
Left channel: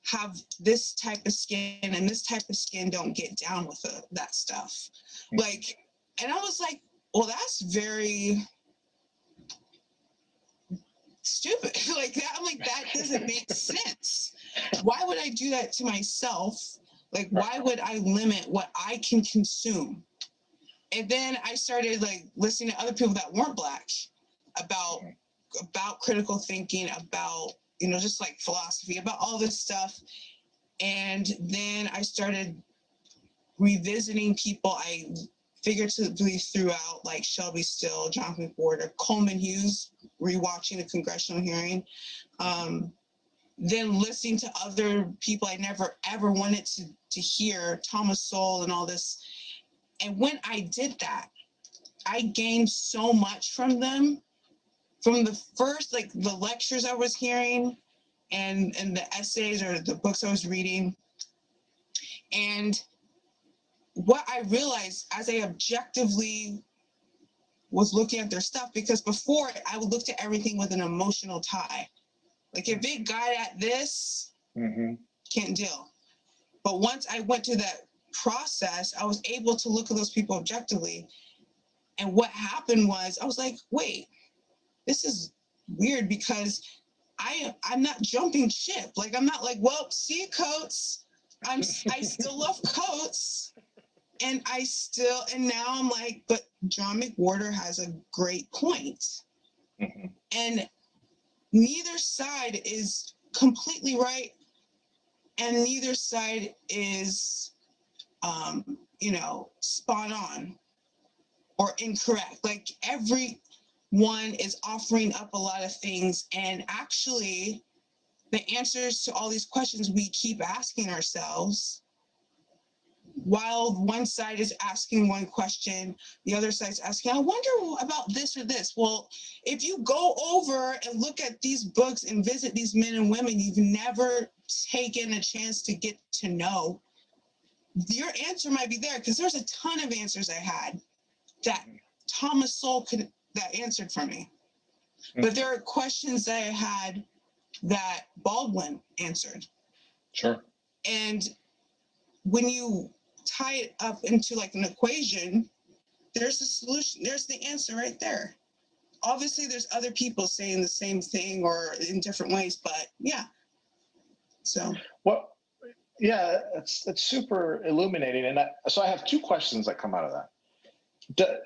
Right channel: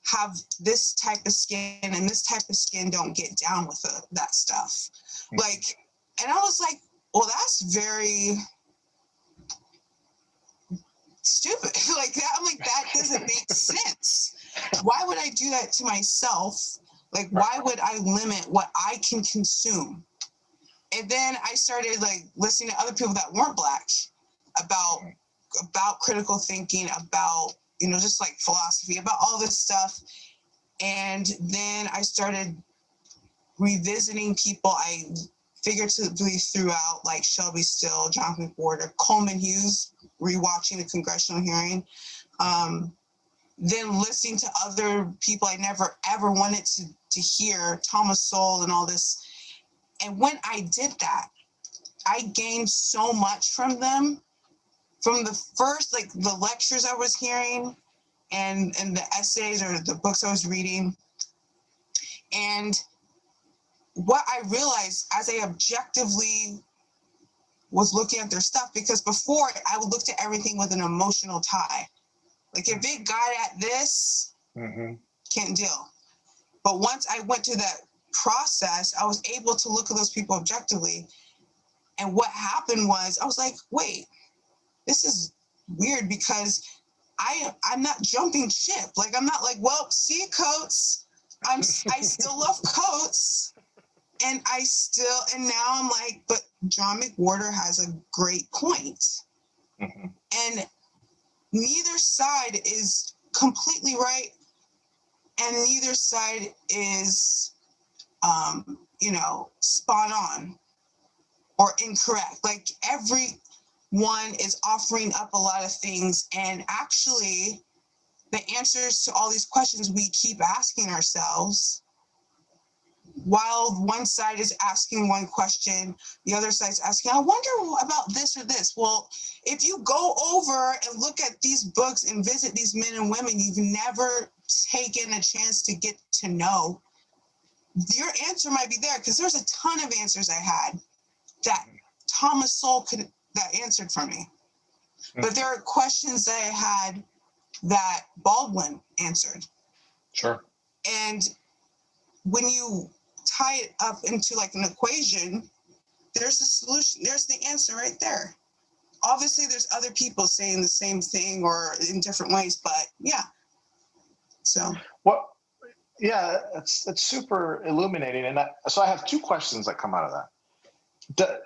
have this type of skin, and this type of skin don't get down with that stuff. Like, and I was like, well, that's very stupid. Like that, I'm like, that doesn't make sense. Why would I do that to myself? Like, why would I limit what I can consume? And then I started like listening to other people that weren't Black about critical thinking, about, just like philosophy, about all this stuff. And then I started revisiting people I figuratively threw out, like Shelby Still, John McWhorter, Coleman Hughes, rewatching the congressional hearing. Then listening to other people I never ever wanted to hear, Thomas Sowell and all this. And when I did that, I gained so much from them, from the first, like the lectures I was hearing and the essays or the books I was reading. And what I realized as I objectively was looking at their stuff, because before I would look at everything with an emotional tie. Like, if it got at this, can't deal. But once I went to that process, I was able to look at those people objectively. And what happened was, I was like, wait, this is weird because I'm not jumping ship. Like, I'm not like, well, see you, Coates. I still love Coates. And now I'm like, but John McWhorter has a great point. Mm-hmm. And neither side is completely right. And neither side is, spot on or incorrect. Like, everyone is offering up a lot of things. And actually, the answers to all these questions we keep asking ourselves, while one side is asking one question, the other side's asking, I wonder about this or this. Well, if you go over and look at these books and visit these men and women you've never taken a chance to get to know, your answer might be there, because there's a ton of answers I had that Thomas Sowell that answered for me. But there are questions that I had that Baldwin answered. Sure. And when you tie it up into like an equation, there's a solution. There's the answer right there. Obviously, there's other people saying the same thing or in different ways, but yeah. So. Well, yeah, it's super illuminating. And so I have two questions that come out of that.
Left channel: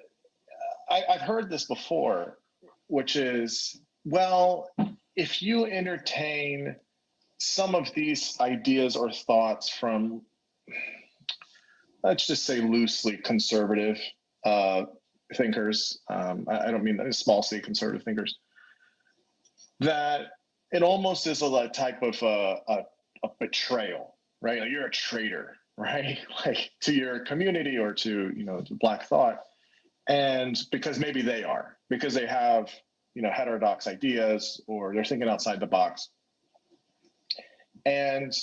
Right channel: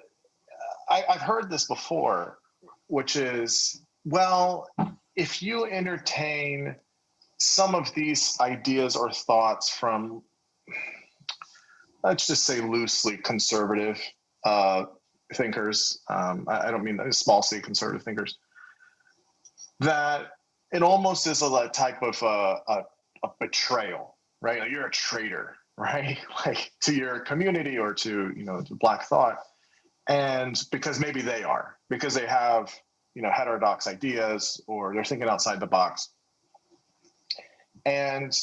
I've heard this before, which is, well, if you entertain some of these ideas or thoughts from, let's just say loosely conservative thinkers, I don't mean small c conservative thinkers, that it almost is a type of a betrayal, right? Like, you're a traitor, right? Like, to your community or to, to Black thought. And because maybe they are, because they have, heterodox ideas, or they're thinking outside the box. And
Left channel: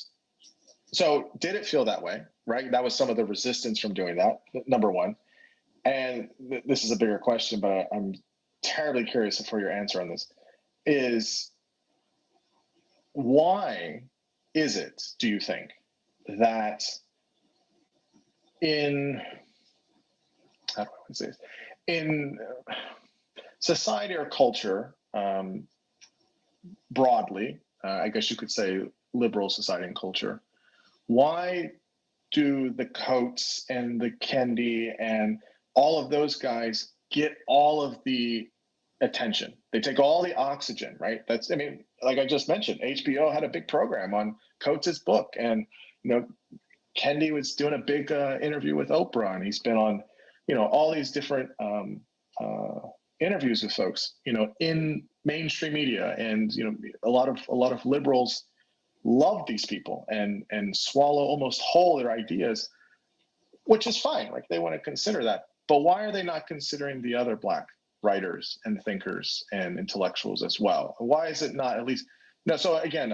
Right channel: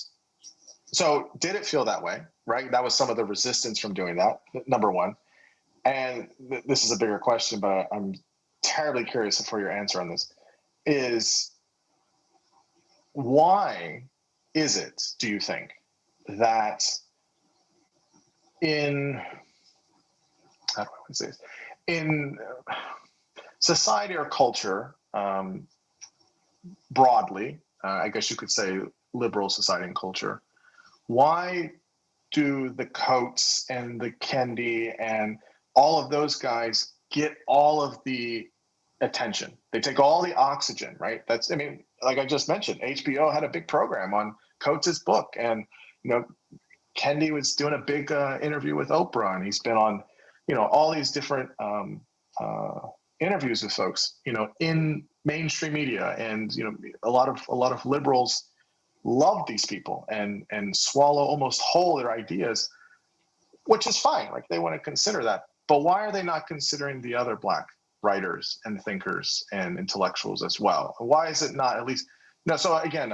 so did it feel that way, right? That was some of the resistance from doing that, number one. And this is a bigger question, but I'm terribly curious for your answer on this, is why is it, do you think, that in, how do I want to say this? In society or culture, broadly, I guess you could say liberal society and culture, why do the Coates and the Kendi and all of those guys get all of the attention? They take all the oxygen, right? Like I just mentioned, HBO had a big program on Coates's book, and Kendi was doing a big interview with Oprah, and he's been on, all these different interviews with folks, in mainstream media, and a lot of liberals love these people and swallow almost whole their ideas, which is fine. Like, they want to consider that, but why are they not considering the other Black writers and thinkers and intellectuals as well? Why is it not at least? No. So again,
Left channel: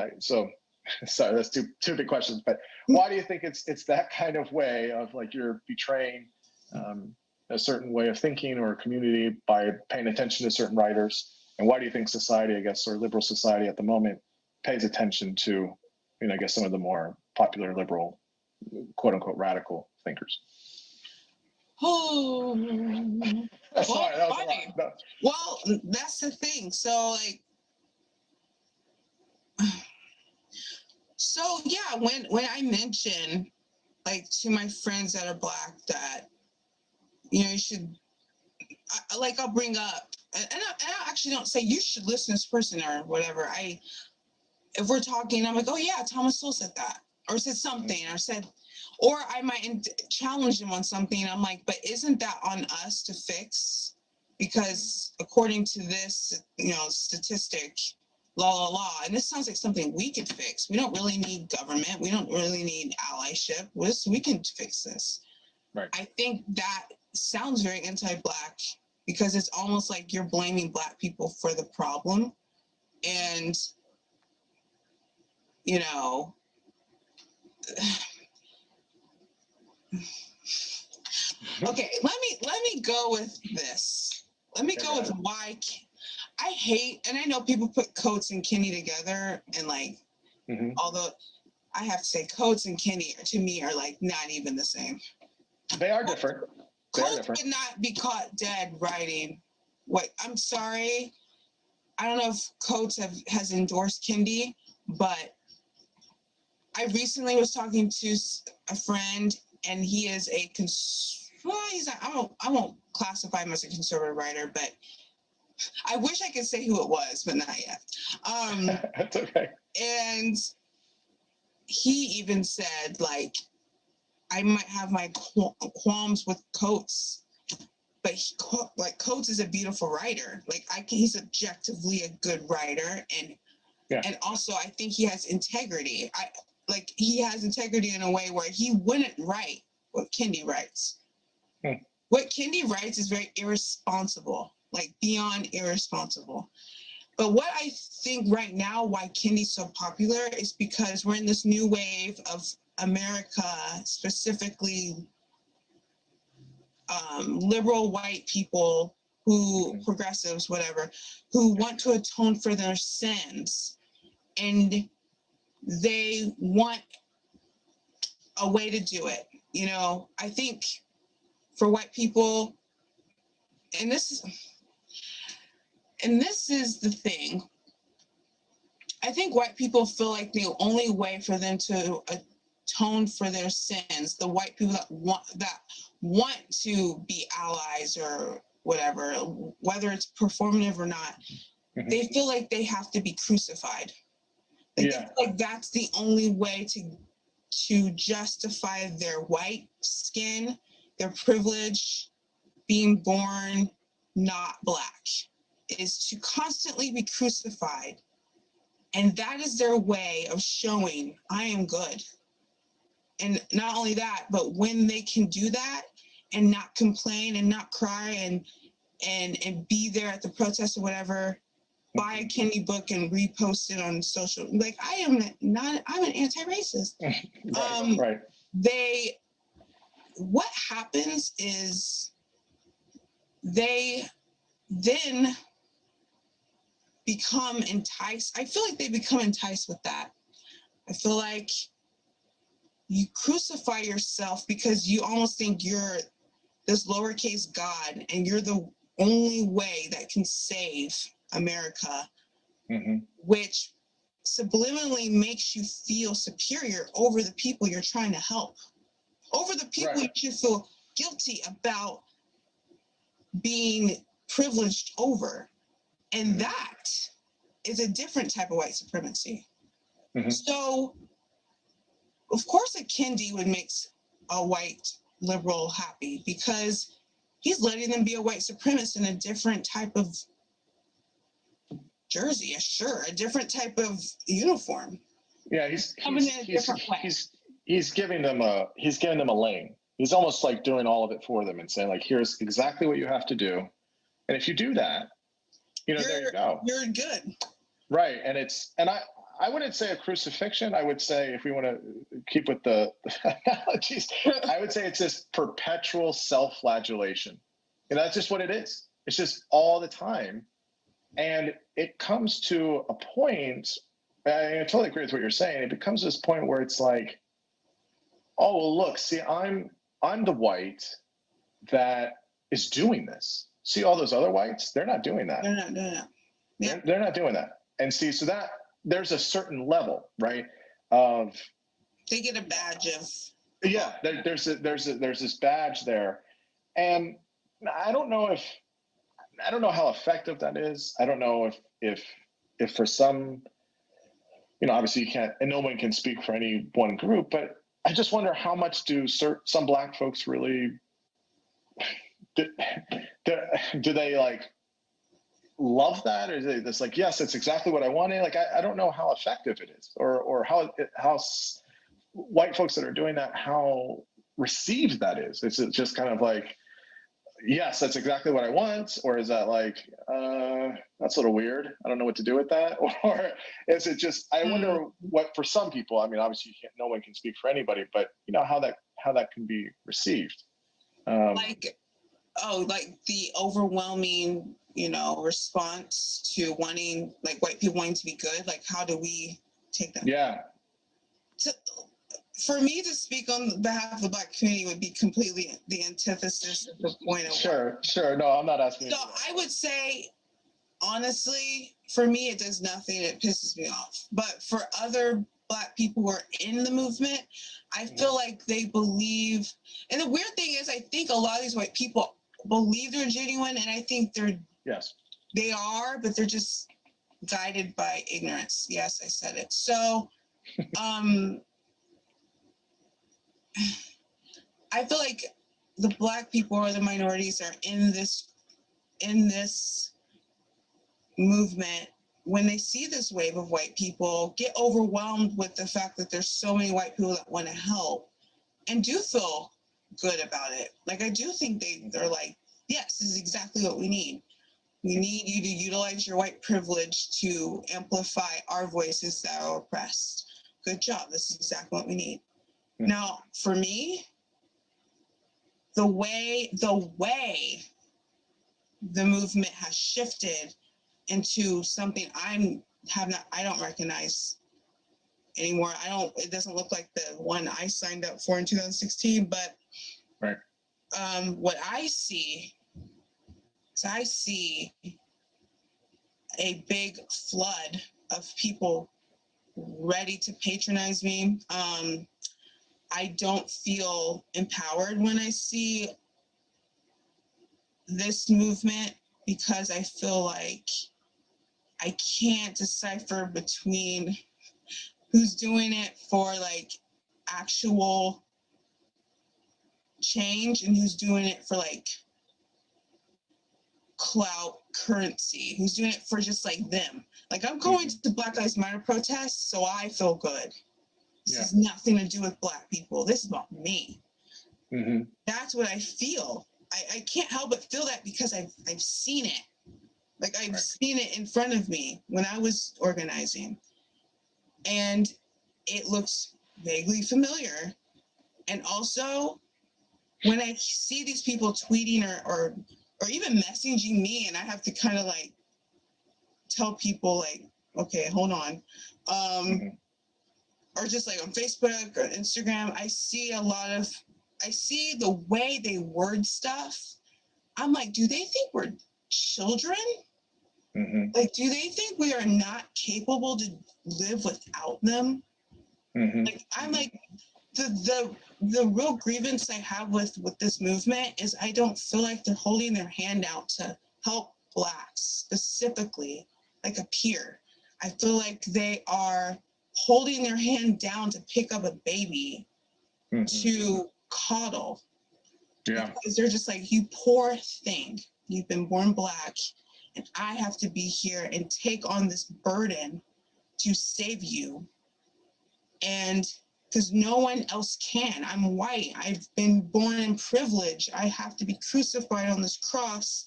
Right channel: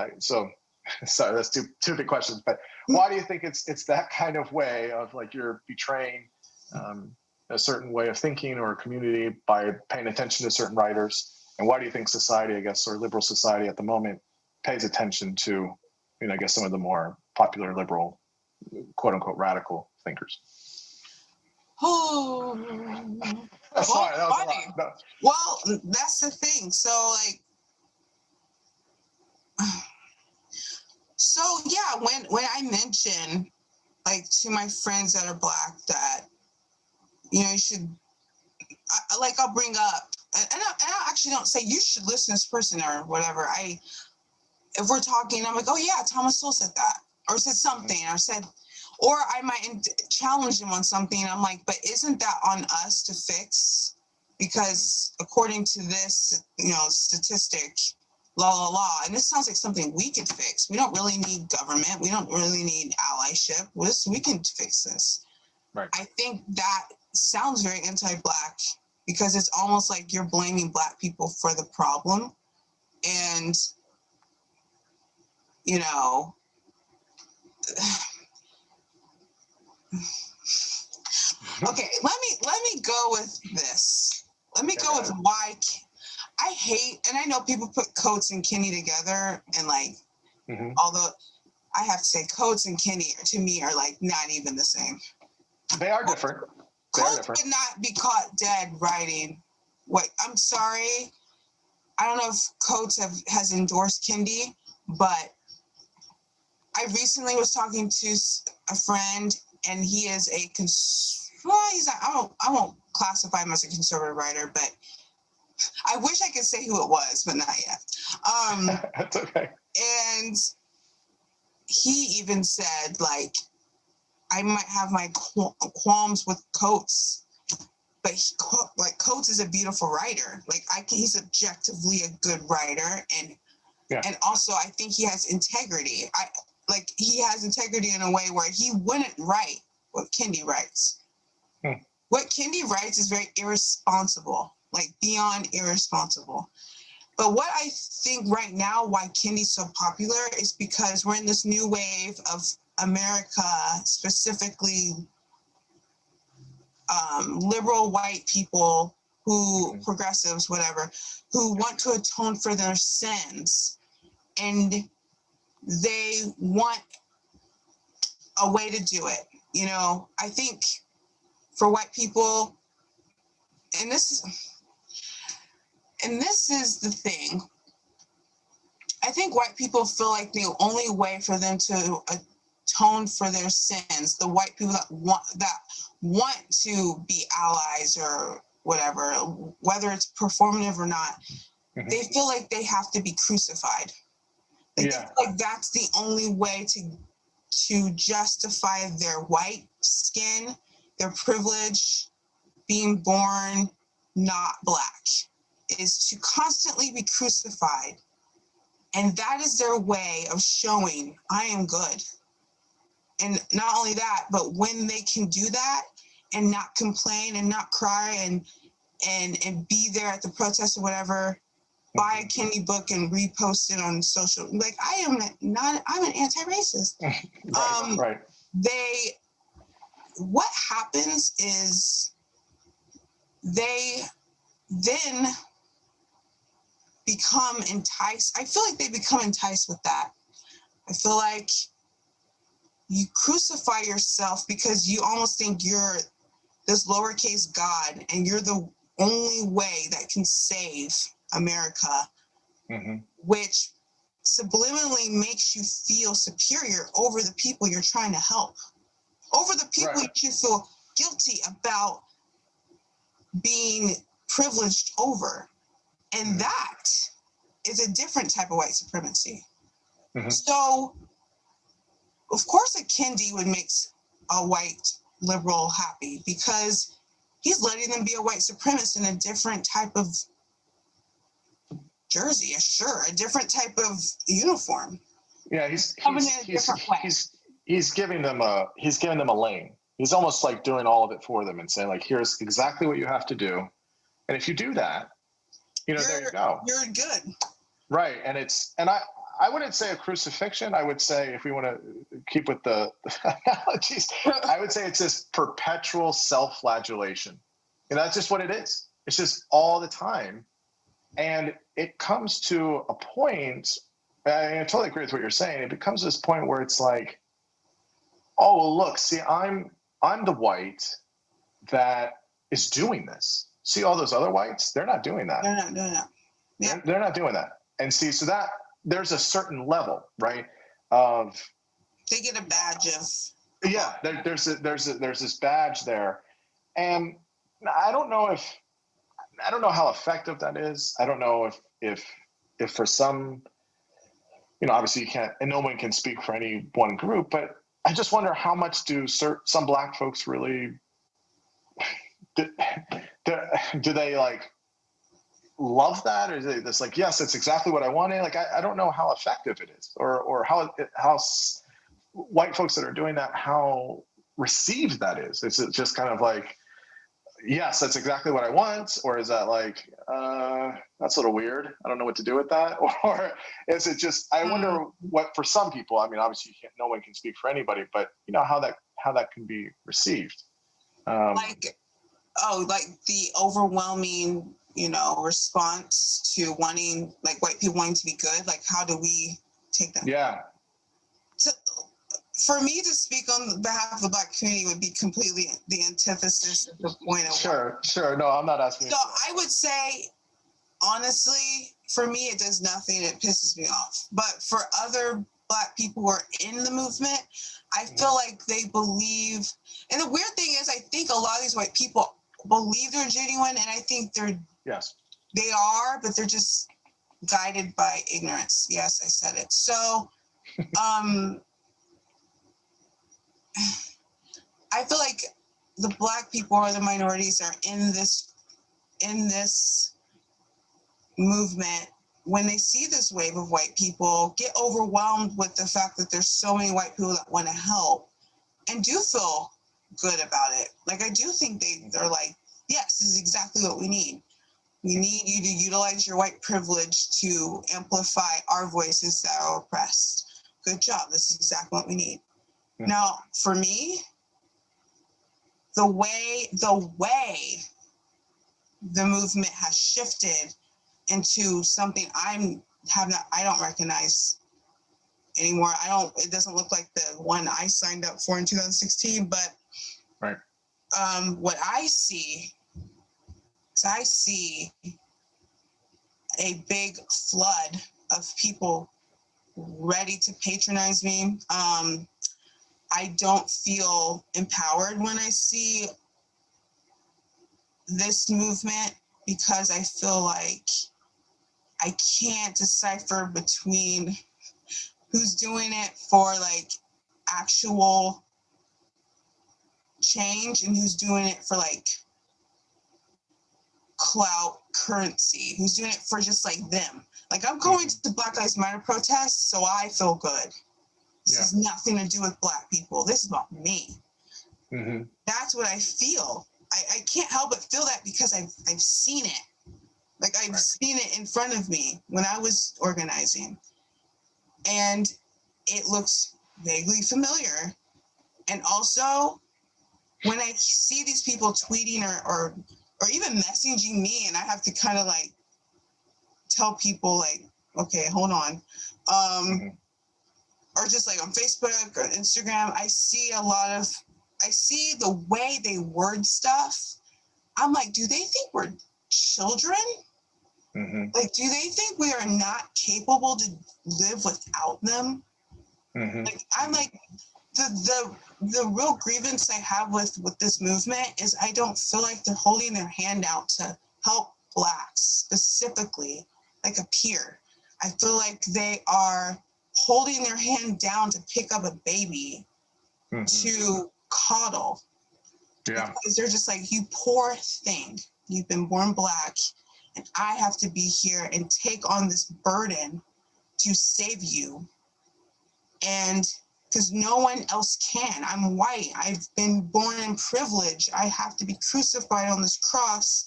sorry, that's two big questions. But why do you think it's that kind of way of, like, you're betraying a certain way of thinking or a community by paying attention to certain writers? And why do you think society, I guess, or liberal society at the moment, pays attention to, I guess, some of the more popular liberal, quote unquote, radical thinkers? Oh, Sorry, that was funny. A lot. No. Well, that's the thing. So, like, so yeah, when I mention, like, to my friends that are Black that, you should, I'll bring up, and I actually don't say you should listen to this person or whatever. If we're talking, I'm like, oh yeah, Thomas Sowell said that, or said something, or I might challenge him on something. I'm like, but isn't that on us to fix? Because according to this, statistic, and this sounds like something we could fix. We don't really need government. We don't really need allyship. We can fix this. Right. I think that sounds very anti-Black, because it's almost like you're blaming Black people for the problem. And, okay, let me go with this. Let me go with why I hate, and I know people put Coates and Kendi together, and like, although I have to say Coates and Kendi to me are like not even the same. They are different. Coates would not be caught dead writing. I'm sorry. I don't know if Coates has endorsed Kendi, but I recently was talking to a friend, and he is I won't classify him as a conservative writer, but I wish I could say who it was, but not yet. That's okay. And he even said, like, I might have my qualms with Coates, but Coates is a beautiful writer. Like, he's objectively a good writer, and also I think he has integrity. He has integrity in a way where he wouldn't write what Kendi writes. What Kendi writes is very irresponsible, like beyond irresponsible. But what I think right now, why Kendi's so popular, is because we're in this new wave of America, specifically liberal white people progressives, whatever, who want to atone for their sins. And they want a way to do it. You know, I think for white people, and this is the thing, I think white people feel like the only way for them to atone for their sins, the white people that want to be allies or whatever, whether it's performative or not, they feel like they have to be crucified. They feel like that's the only way to justify their white skin, their privilege, being born not Black, is to constantly be crucified. And that is their way of showing, I am good. And not only that, but when they can do that and not complain and not cry and be there at the protest or whatever, buy a Kendi book and repost it on social. Like, I'm an anti-racist. Right. What happens is they then become enticed. I feel like they become enticed with that. I feel like you crucify yourself because you almost think you're this lowercase God and you're the only way that can save America, which subliminally makes you feel superior over the people you're trying to help, over the people you should feel guilty about being privileged over. And that is a different type of white supremacy. So, of course, a Kendi would make a white liberal happy because he's letting them be a white supremacist in a different type of jersey, a different type of uniform. Yeah, he's giving them a lane. He's almost like doing all of it for them and saying, like, here's exactly what you have to do. And if you do that, there you go. You're good. Right. And I wouldn't say a crucifixion. I would say, if we want to keep with the analogies, I would say it's this perpetual self-flagellation. That's just what it is. It's just all the time. And it comes to a point, I totally agree with what you're saying. It becomes this point where it's like, oh, well, look, see, I'm the white that is doing this. See all those other whites? They're not doing that. They're not doing that. Yeah. They're not doing that. And see, so that there's a certain level, right? Of they get a badge of. Yeah, there's this badge there, and I don't know how effective that is. I don't know if for some, obviously you can't, and no one can speak for any one group, but I just wonder how much do some Black folks really do they like love that, or is it just like, yes, it's exactly what I wanted? Like, I don't know how effective it is, or how white folks that are doing that, how received that is. Is it just kind of like, yes, that's exactly what I want, or is that like, that's a little weird, I don't know what to do with that, or is it just, I wonder what for some people, I mean, obviously no one can speak for anybody, but how that can be received. Like the overwhelming, response to wanting, like, white people wanting to be good. Like, how do we take that? Yeah. For me to speak on behalf of the Black community would be completely the antithesis of the point of Sure. No, I'm not asking. So I would say honestly, for me, it does nothing. It pisses me off. But for other Black people who are in the movement, I feel like they believe. And the weird thing is, I think a lot of these white people believe they're genuine, and I think Yes. they are, but they're just guided by ignorance. Yes, I said it. So, I feel like the Black people or the minorities are in this movement. When they see this wave of white people, get overwhelmed with the fact that there's so many white people that want to help and do feel good about it. Like, I do think they're like, yes, this is exactly what we need. We need you to utilize your white privilege to amplify our voices that are oppressed. Good job. This is exactly what we need. Mm-hmm. Now, for me, the way the movement has shifted into something I don't recognize anymore. It doesn't look like the one I signed up for in 2016, but right. What I see is a big flood of people ready to patronize me. I don't feel empowered when I see this movement because I feel like I can't decipher between who's doing it for like actual change and who's doing it for like clout currency, who's doing it for just like them. Like, I'm going to Black Lives Matter protests, so I feel good. This has nothing to do with Black people. This is about me. Mm-hmm. That's what I feel. I can't help but feel that because I've seen it. Like, I've seen it in front of me when I was organizing. And it looks vaguely familiar. And also, when I see these people tweeting or even messaging me, and I have to kind of like tell people like, okay, hold on. Or just like on Facebook or Instagram, I see the way they word stuff. I'm like, do they think we're children? Mm-hmm. Like, do they think we are not capable to live without them? Mm-hmm. Like, I'm like, the real grievance I have with this movement is I don't feel like they're holding their hand out to help Blacks specifically, like a peer. I feel like they are holding their hand down to pick up a baby to coddle. Yeah. Because they're just like, you poor thing. You've been born Black, and I have to be here and take on this burden to save you. And because no one else can. I'm white. I've been born in privilege. I have to be crucified on this cross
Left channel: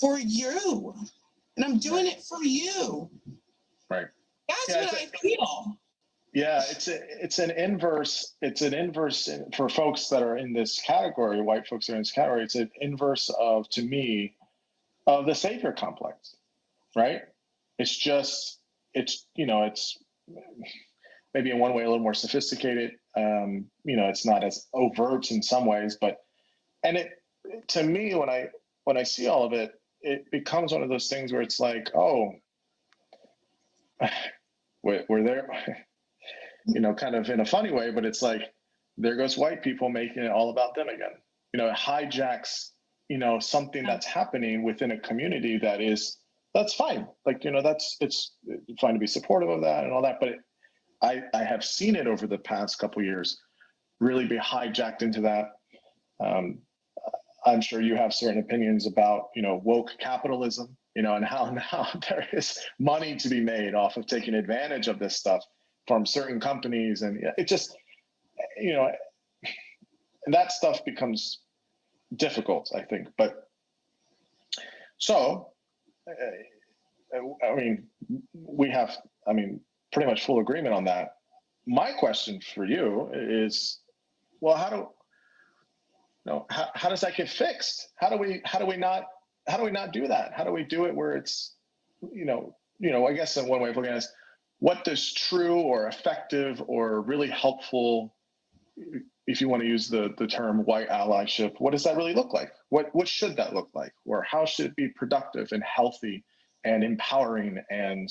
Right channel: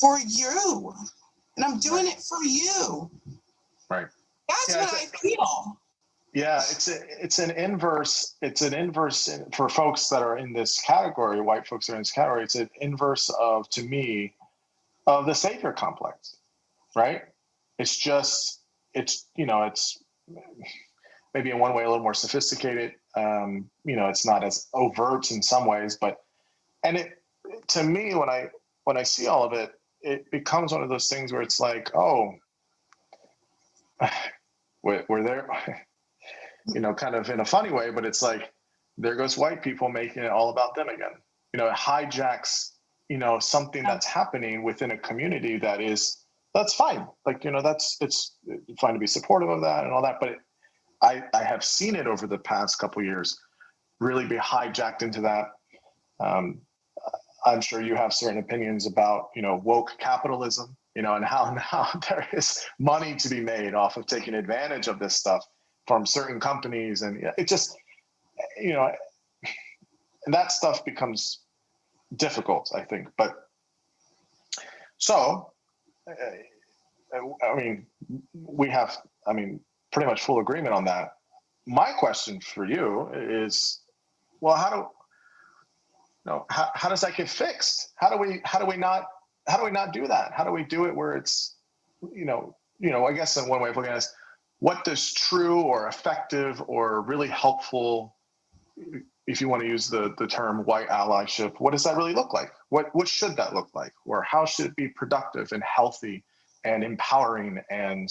for you. And I'm doing it for you. Right. That's what I feel. Yeah, it's an inverse for folks that are in this category, white folks that are in this category, it's an inverse of, to me, of the savior complex, right? It's maybe in one way a little more sophisticated. It's not as overt in some ways, to me, when I see all of it, it becomes one of those things where it's like, oh, we're there, kind of in a funny way, but it's like, there goes white people making it all about them again. It hijacks, something that's happening within a community that's fine. Like, it's fine to be supportive of that and all that, but I have seen it over the past couple of years really be hijacked into that. I'm sure you have certain opinions about, woke capitalism, and how now there is money to be made off of taking advantage of this stuff from certain companies. And it just, and that stuff becomes difficult, I think. But so, we have, pretty much full agreement on that. My question for you is, well, how does that get fixed? How do we not do that? How do we do it where it's, I guess in one way of looking at it is, what does true or effective or really helpful, if you want to use the term white allyship, what does that really look like? What should that look like? Or how should it be productive and healthy and empowering and,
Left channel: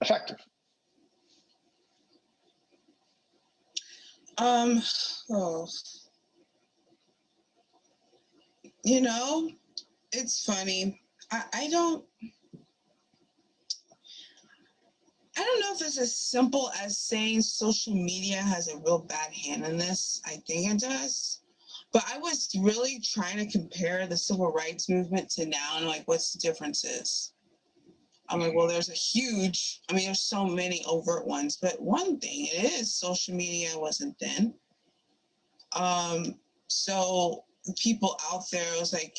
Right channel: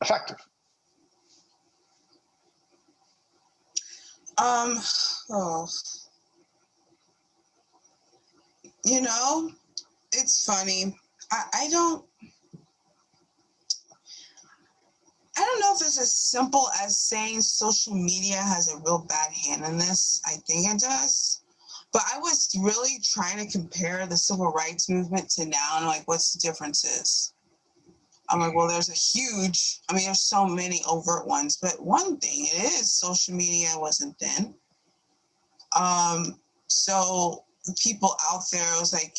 effective? Oh, it's funny. I don't know if it's as simple as saying social media has a real bad hand in this. I think it does. But I was really trying to compare the civil rights movement to now and like what's the differences. I'm like, well, there's so many overt ones, but one thing it is social media wasn't then. So people out there, it was like,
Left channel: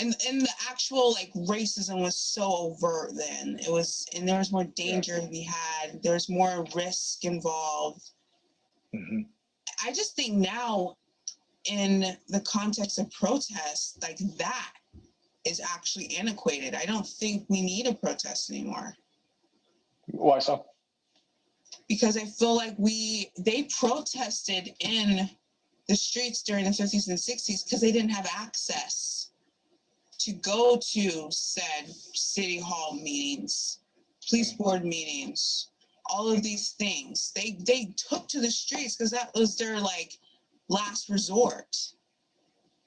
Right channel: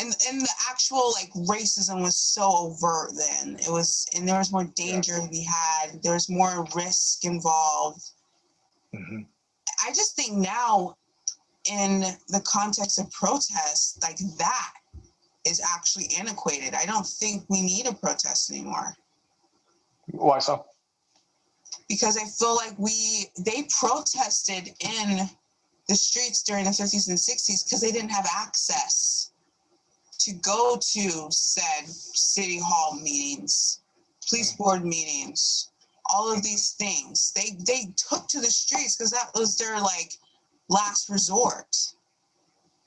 and the actual like racism was so overt then. It was, and there was more danger to be had. There's more risk involved. Mm-hmm. I just think now, in the context of protests, like that is actually antiquated. I don't think we need a protest anymore. Why so? Because I feel like they protested in the streets during the 50s and 60s because they didn't have access to go to said city hall meetings, police board meetings, all of these things. They took to the streets because that was their like last resort.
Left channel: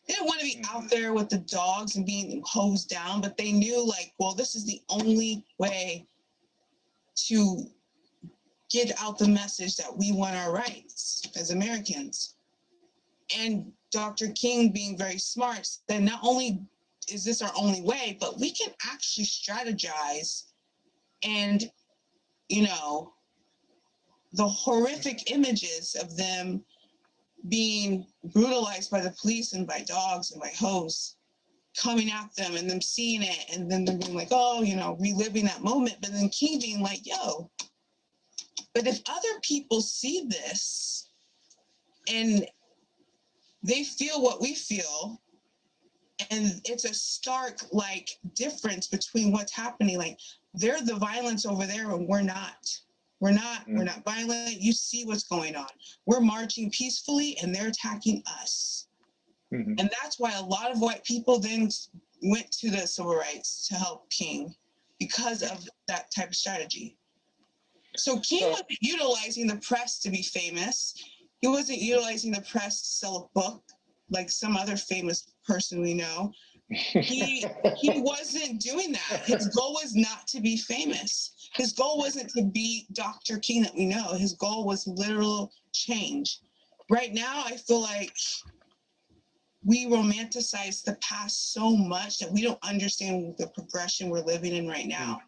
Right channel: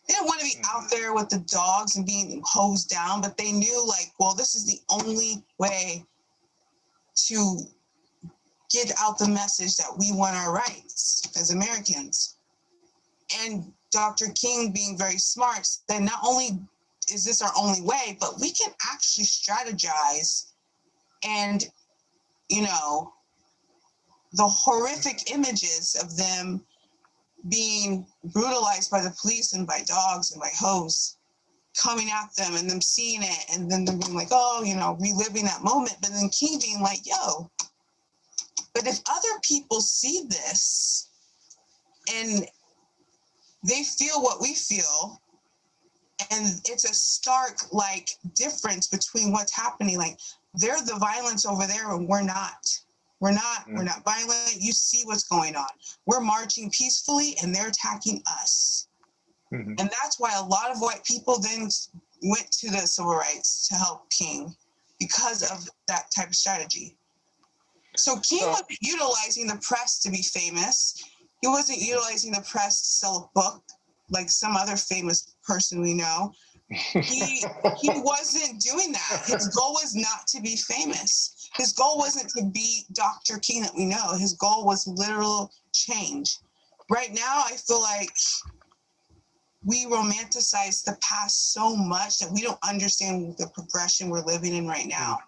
They didn't want to be out there with the dogs and being hosed down, but they knew like, well, this is the only way to get out the message that we want our rights as Americans. And Dr. King, being very smart, said not only is this our only way, but we can actually strategize. And, the horrific images of them being brutalized by the police and by dogs and by hoes coming at them and them seeing it and then them being like, oh, reliving that moment. But then King being like, yo, but if other people see this and they feel what we feel, and it's a stark like difference between what's happening. Like they're the violence over there and we're not. We're not violent. You see what's going on. We're marching peacefully and they're attacking us. Mm-hmm. And that's why a lot of white people then went to the civil rights to help King because of that type of strategy. So King wasn't utilizing the press to be famous. He wasn't utilizing the press to sell a book like some other famous person we know. He wasn't doing that. His goal was not to be famous. His goal wasn't to be Dr. King that we know. His goal was literal change. Right now, I feel like we romanticize the past so much that we don't understand the progression we're living in right now.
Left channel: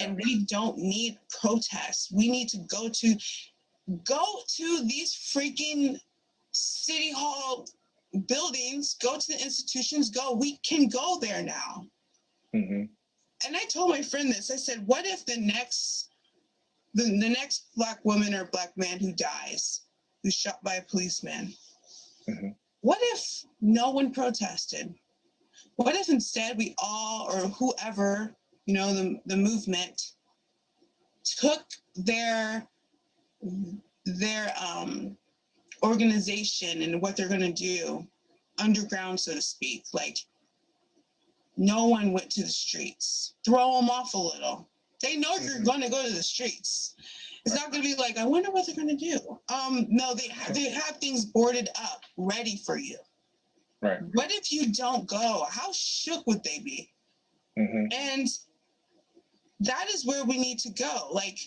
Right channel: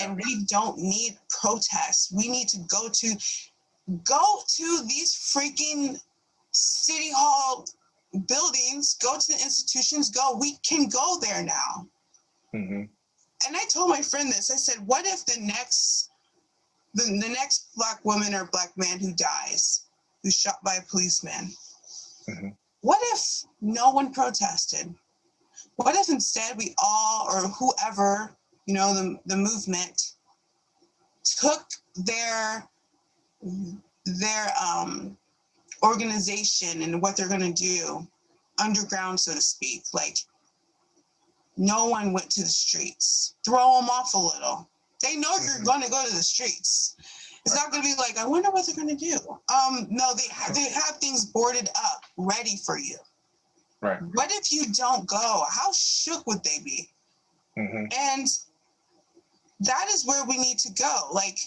And we don't need protests. We need to go to these freaking city hall buildings, go to the institutions, we can go there now. Mm-hmm. And I told my friend this, I said, what if the next Black woman or Black man who dies, who's shot by a policeman, what if no one protested? What if instead we all, or whoever, the movement took their organization and what they're going to do underground, so to speak, like no one went to the streets, throw them off a little. They know you're going to go to the streets. It's not going to be like, I wonder what they're going to do. No, they have things boarded up, ready for you. Right. What if you don't go? How shook would they be? Mm-hmm. And that is where we need to go. Like,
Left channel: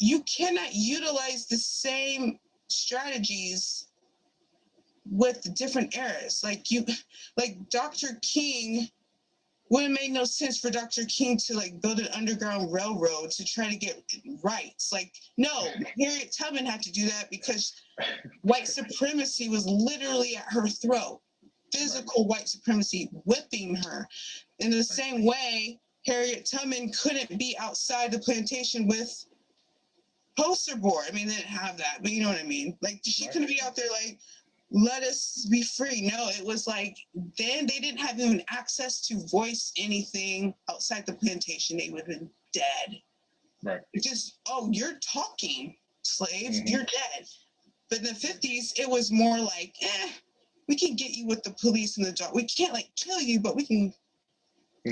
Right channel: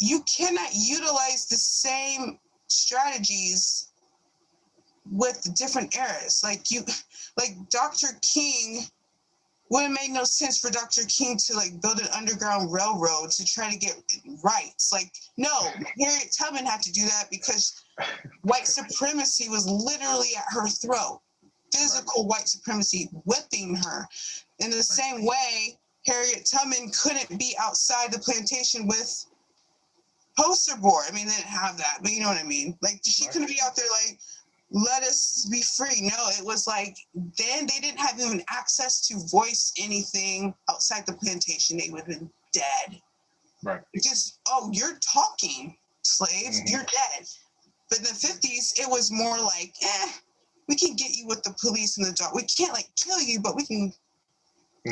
you cannot utilize the same strategies with different eras. Like Dr. King, wouldn't make no sense for Dr. King to like build an underground railroad to try to get rights. Like, no, Harriet Tubman had to do that because white supremacy was literally at her throat. Physical white supremacy whipping her. In the same way, Harriet Tubman couldn't be outside the plantation with poster board. I mean, they didn't have that, but you know what I mean? Like, she couldn't be out there like, let us be free. No, it was like, then they didn't have even access to voice anything outside the plantation. They would have been dead. Right. Just, oh, you're talking, slave, you're dead. But in the 50s, it was more like, we can get you with the police and the dog. We can't like kill you, but we can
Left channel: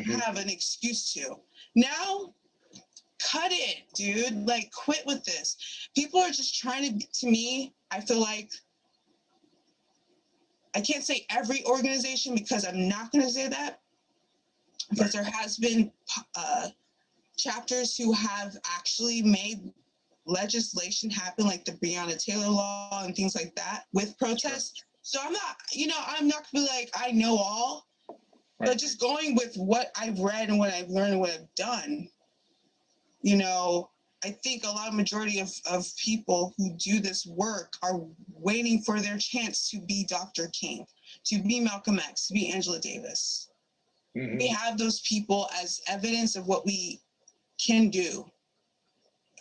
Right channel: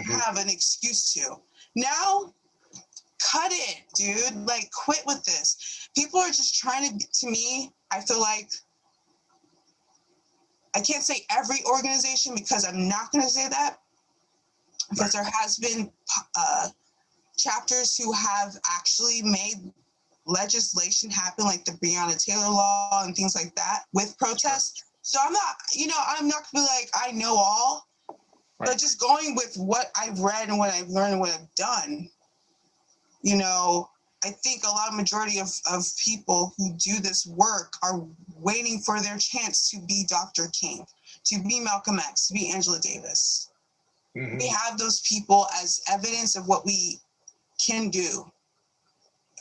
have an excuse to. Now, cut it, dude. Like, quit with this. People are just trying to me, I feel like, I can't say every organization because I'm not going to say that, because there has been chapters who have actually made legislation happen, like the Breonna Taylor law and things like that with protests. Sure. So I'm not going to be like, I know all, but just going with what I've read and what I've learned and what I've done, I think a lot of majority of people who do this work are waiting for their chance to be Dr. King, to be Malcolm X, to be Angela Davis. Mm-hmm. We have those people as evidence of what we can do.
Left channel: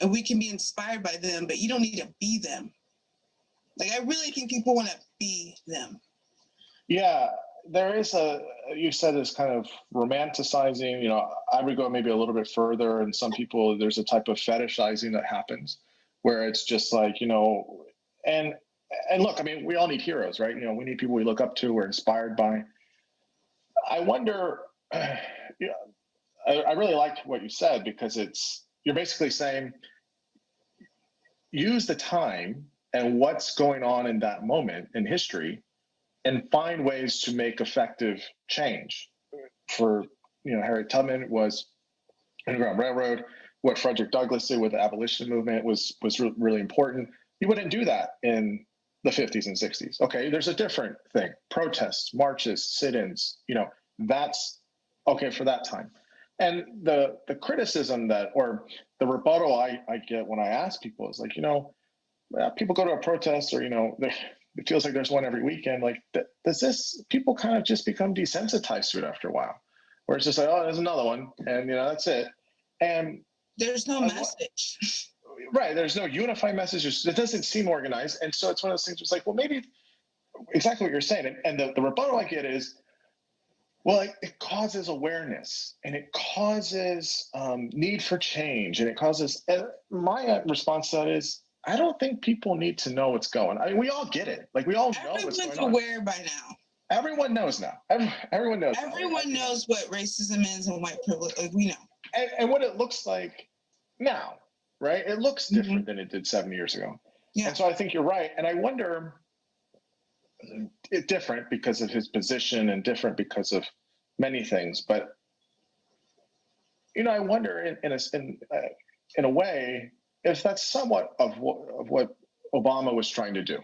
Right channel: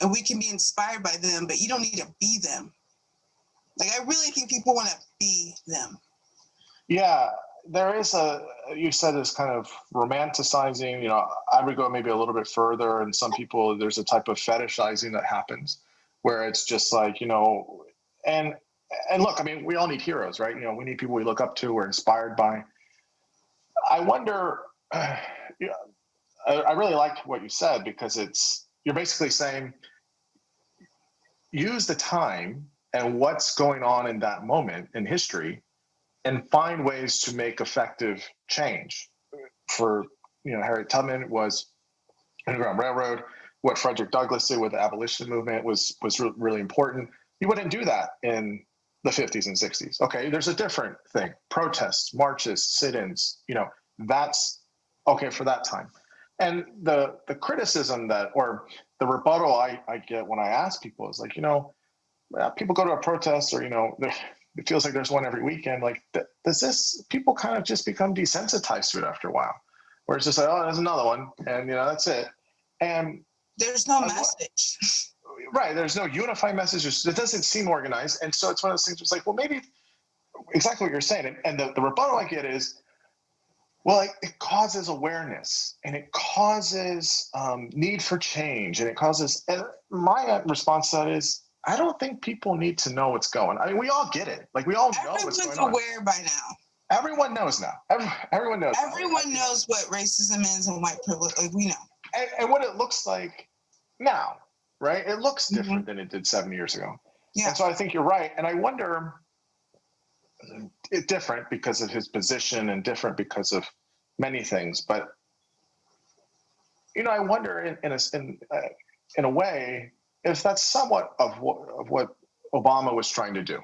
And we can be inspired by them, but you don't need to be them. Like, I really think people want to be them. Yeah, there is you said this kind of romanticizing, I would go maybe a little bit further. And some people, there's a type of fetishizing that happens where it's just like, and look, I mean, we all need heroes, right? We need people we look up to, we're inspired by. I wonder, I really liked what you said, because you're basically saying, use the time and what's going on in that moment in history and find ways to make effective change. For, Harriet Tubman was Underground Railroad. What Frederick Douglass did with the abolition movement was really important. You wouldn't do that in the 50s and 60s. Okay, there's a different thing. Protests, marches, sit-ins, that's okay for that time. And the criticism or the rebuttal I get when I ask people is like, people go to a protest, or, it feels like there's one every weekend. Like, people kind of just become desensitized to it after a while, where it's just like, oh, there's another one. And, that's it. And there's no message. Right. There's no unified message. It doesn't seem organized. And so it's one of those things where it's like, well, maybe exactly what you're saying. And the rebuttal I get is, well, it causes awareness, and it causes need for change, and it causes. And my response to that is, I don't think people need to know what's going on. I mean, we all get it. Like, we all know what's going on. Everyone's aware by now. Everyone knows now. Everyone knows. Everyone knows what racism is and white privilege. Like, we know. And what it looks like now, right? It looks different than it did 7 years ago. Yeah. And so I think you're right. And I wonder, it's different because of his position and different because of many things. But, I wonder in a way, if that's somewhat of what Obama was trying to do,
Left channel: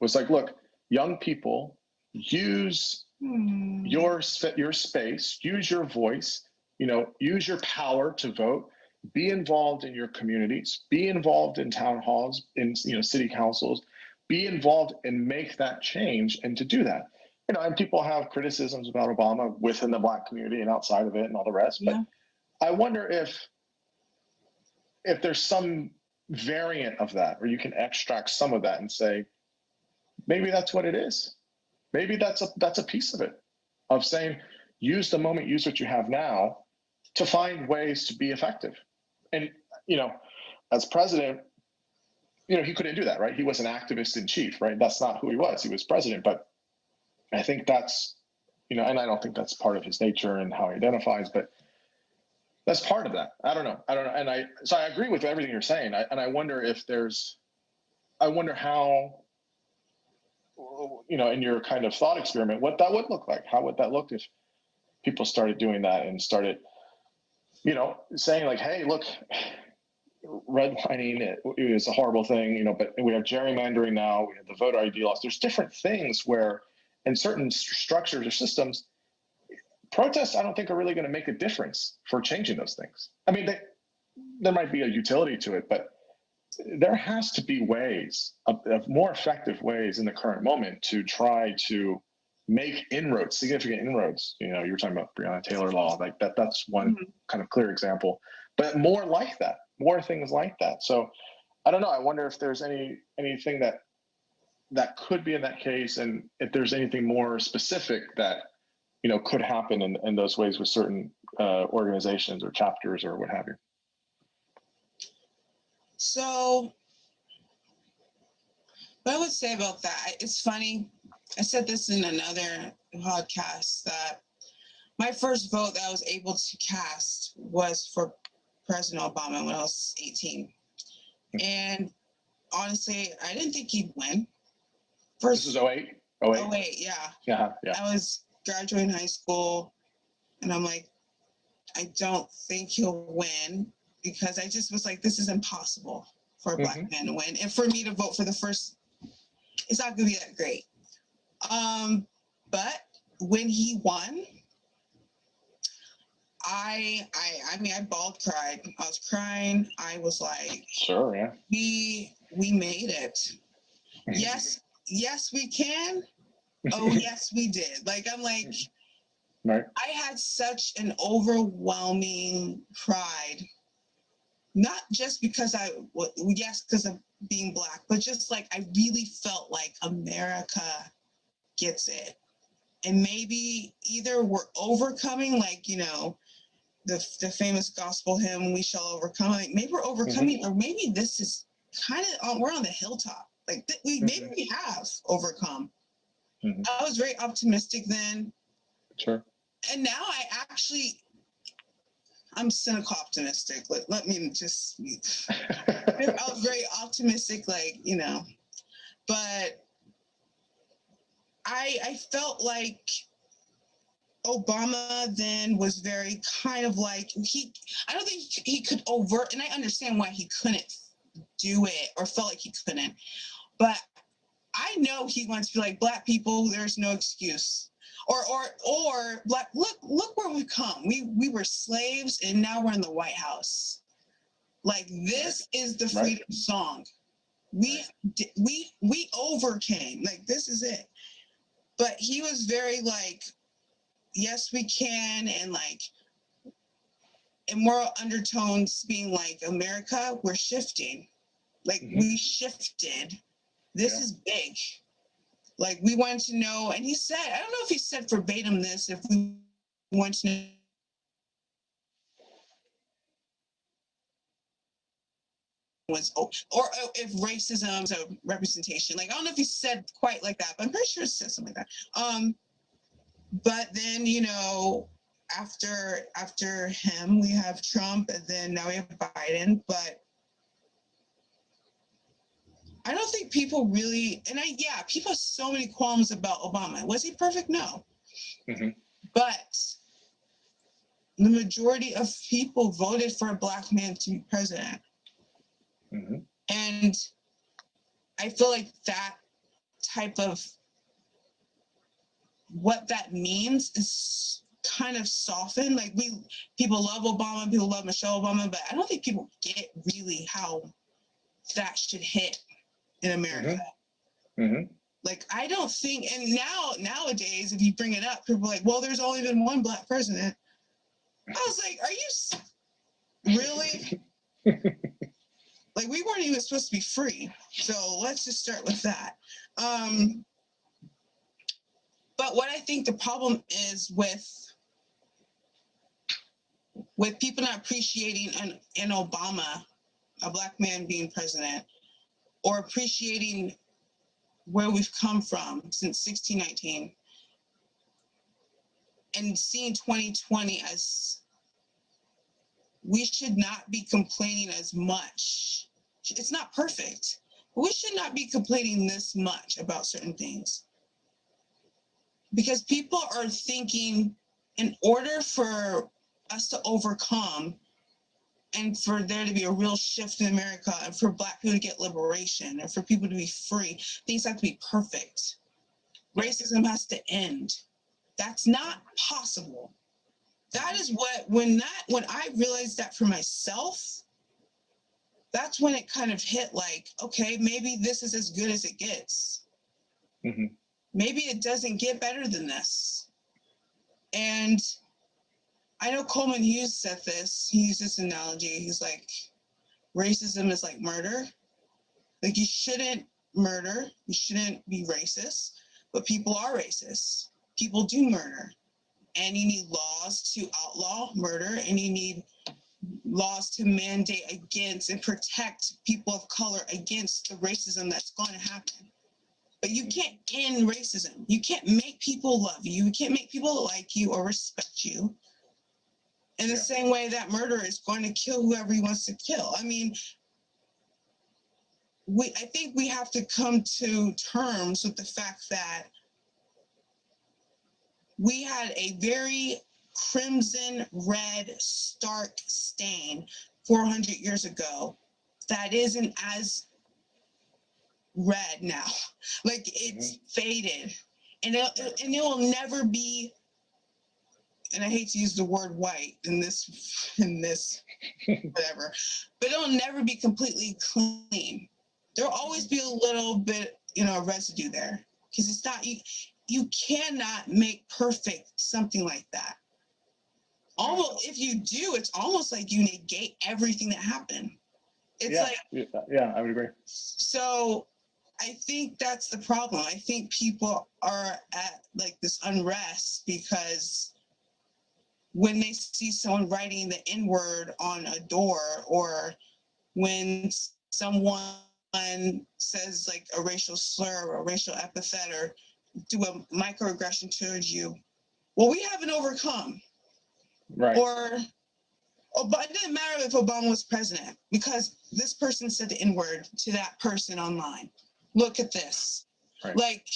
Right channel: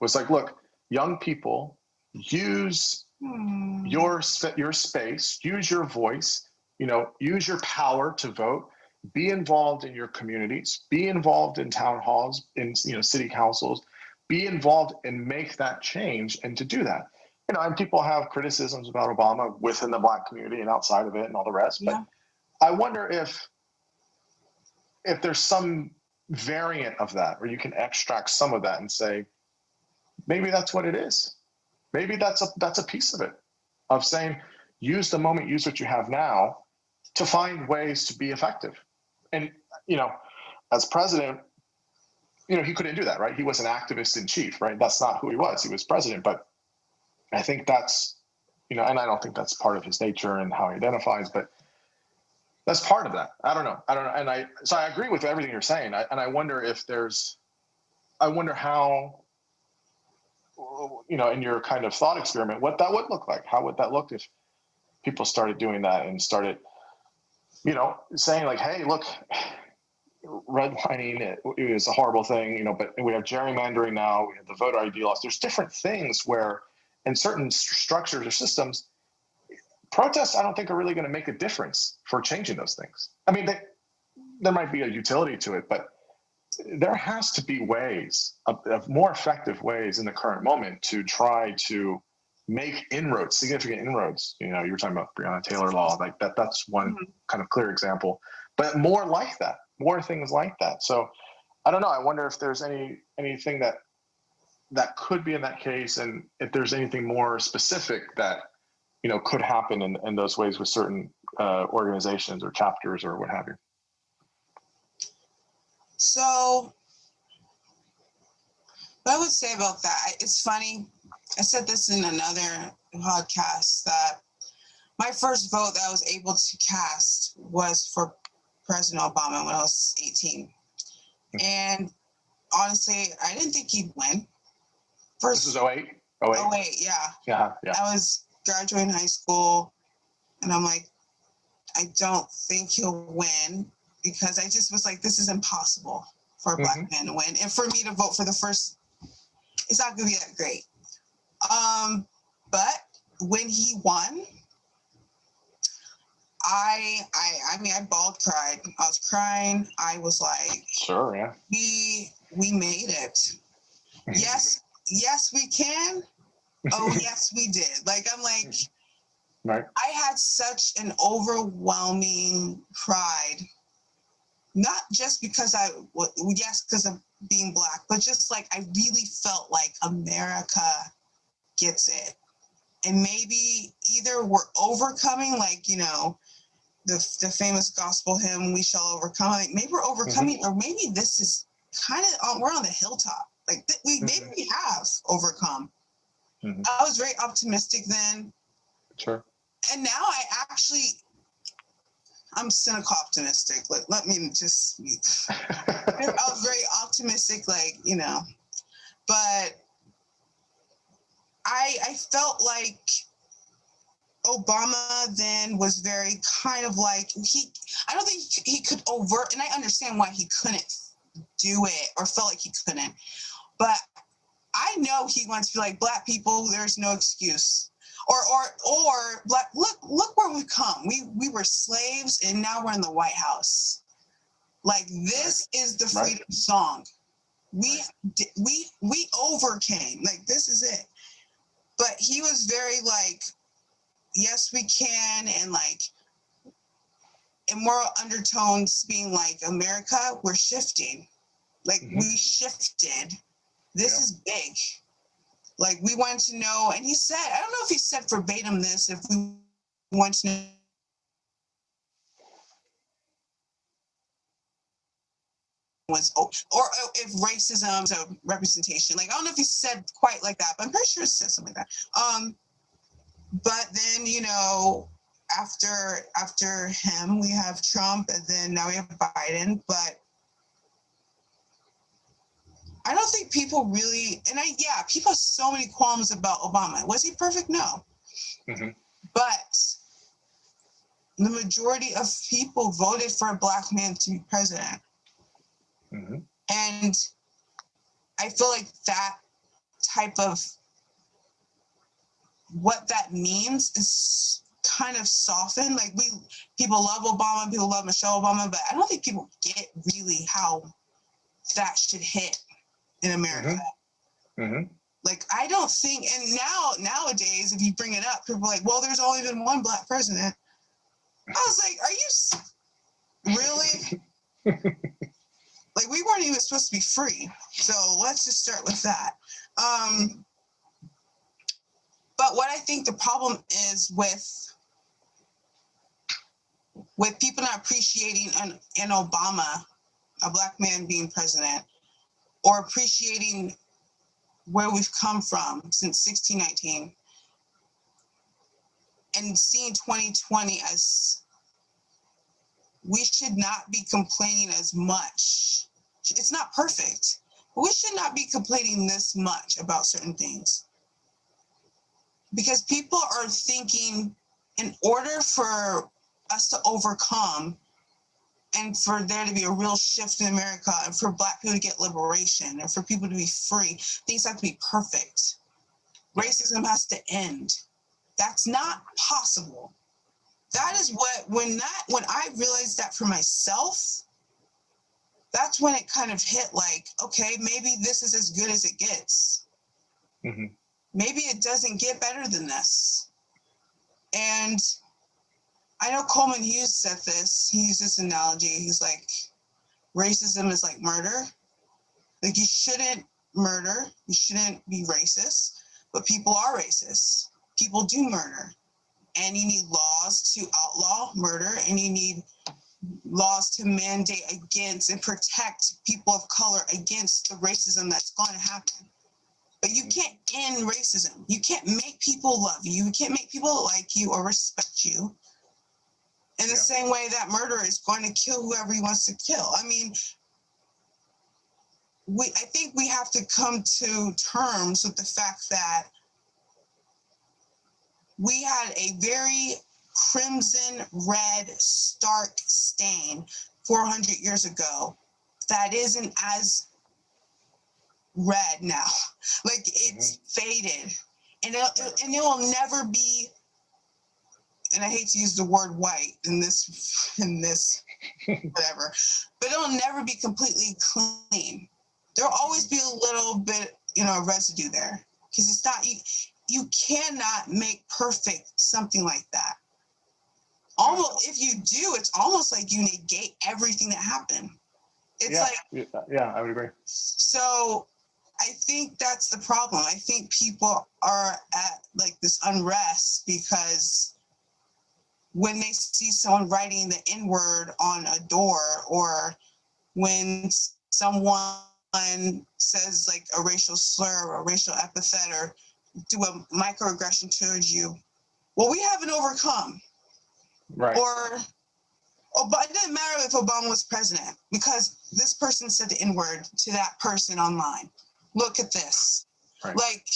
was like, look, young people, use your space, use your voice, use your power to vote, be involved in your communities, be involved in town halls, in city councils, be involved and make that change. And to do that, and people have criticisms about Obama within the Black community and outside of it and all the rest. But I wonder if there's some variant of that where you can extract some of that and say, maybe that's what it is. Maybe that's a piece of it, of saying, use the moment, use what you have now to find ways to be effective. And, as president, he couldn't do that, right? He was an activist in chief, right? That's not who he was. He was president. But I think that's, and I don't think that's part of his nature and how he identifies, but that's part of that. I don't know. And so I agree with everything you're saying. I wonder how, in your kind of thought experiment, what that would look like. How would that look if people started doing that and started, saying like, hey, look, redlining, it is a horrible thing, but we have gerrymandering now, we have the voter ID laws. There's different things where in certain structures or systems, protests, I don't think are really going to make a difference for changing those things. I mean, there might be a utility to it, but there has to be ways of more effective ways in the current moment to try to make inroads, significant inroads. You were talking about Breonna Taylor law, like that. That's one kind of clear example, but more like that, more things like that. So I don't know. I wonder if there's anything that could be in that case, and if there's anything more specific that could happen in those ways with certain organizations or chapters or what have you. So what I would say about that, it's funny. I said this in another podcast, that my first vote that I was able to cast was for President Obama when I was 18. And honestly, I didn't think he'd win. This is 08? 08? 08, yeah. Yeah. I was graduating high school, and I'm like, I don't think he'll win, because I just was like, this is impossible for a Black man to win. And for me to vote for the first, it's not going to be that great. But when he won, I mean, I bawled, cried. I was crying. I was like, sure, yeah. We made it. Yes, we can. Oh, yes, we did. Like, I'm like, right. I had such an overwhelming pride, not just because because of being Black, but just like I really felt like America gets it. And maybe either we're overcoming, like, the famous gospel hymn, "We shall overcome." Like, maybe we're overcoming, or maybe this is kind of, we're on the hilltop. Like, maybe we have overcome. I was very optimistic then. Sure. And now I'm cynical optimistic. Let me just, I was very optimistic, but I felt like Obama then was very kind of like, I don't think he could overt, and I understand why he couldn't do it or felt like he couldn't, but I know he wants to be like, Black people, there's no excuse. Or Black, look where we've come. We were slaves, and now we're in the White House. Like, this is the freedom song. We overcame. Like, this is it. But he was very like, yes, we can, and like, in moral undertones being like, America, we're shifting. Like, we shifted. This is big. Like, we wanted to know, and he said, I don't know if he said verbatim this, if we want to know or if racism is a representation. Like, I don't know if he said quite like that, but I'm pretty sure it said something like that. But then, after him, we have Trump, and then now we have Biden. But I don't think people really, people have so many qualms about Obama. Was he perfect? No. But the majority of people voted for a Black man to be president. And I feel like that type of, what that means is kind of softened. Like, people love Obama, people love Michelle Obama, but I don't think people get really how that should hit in America. Like, I don't think, and nowadays, if you bring it up, people are like, well, there's only been one Black president. I was like, are you really? Like, we weren't even supposed to be free. So let's just start with that. But what I think the problem is with people not appreciating an Obama, a Black man being president, or appreciating where we've come from since 1619, and seeing 2020 as, we should not be complaining as much. It's not perfect, but we should not be complaining this much about certain things. Because people are thinking, in order for us to overcome, and for there to be a real shift in America, and for Black people to get liberation, and for people to be free, things have to be perfect. Racism has to end. That's not possible. That is when I realized that for myself, that's when it kind of hit, like, okay, maybe this is as good as it gets. Maybe it doesn't get better than this. And I know Coleman Hughes said this. He used this analogy. He's like, racism is like murder. Like, you shouldn't murder. You shouldn't be racist. But people are racist. People do murder. And you need laws to outlaw murder. And you need laws to mandate against and protect people of color against the racism that's going to happen. But you can't end racism. You can't make people love you. You can't make people like you or respect you in the same way that murderer is going to kill whoever he wants to kill. I mean, I think we have to come to terms with the fact that we had a very crimson red stark stain 400 years ago that isn't as red now. Like, it's faded, and it will never be, and I hate to use the word white in this whatever, but it'll never be completely clean. There'll always be a little bit, residue there, because it's not, you cannot make perfect something like that. Almost, if you do, it's almost like you negate everything that happened. It's I would agree. So I think that's the problem. I think people are at like this unrest because when they see someone writing the N-word on a door, or when someone says like a racial slur or a racial epithet or do a microaggression towards you, well, we haven't overcome. Right. But it didn't matter if Obama was president because this person said the N-word to that person online. Look at this. Right. Like,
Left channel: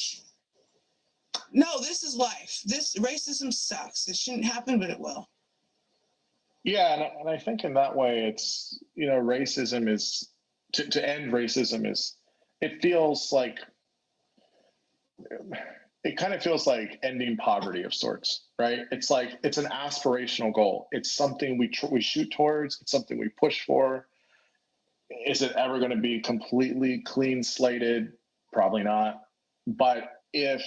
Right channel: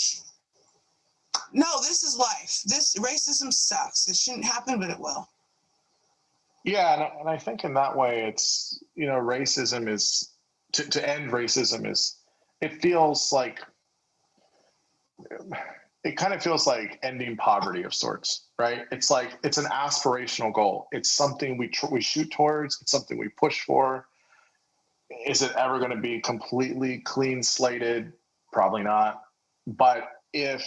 no, this is life. This racism sucks. It shouldn't happen, but it will. Yeah, and I think in that way, it's, racism is, to end racism is, it kind of feels like ending poverty of sorts, right? It's like, it's an aspirational goal. It's something we shoot towards. It's something we push for. Is it ever going to be completely clean slated? Probably not. But if,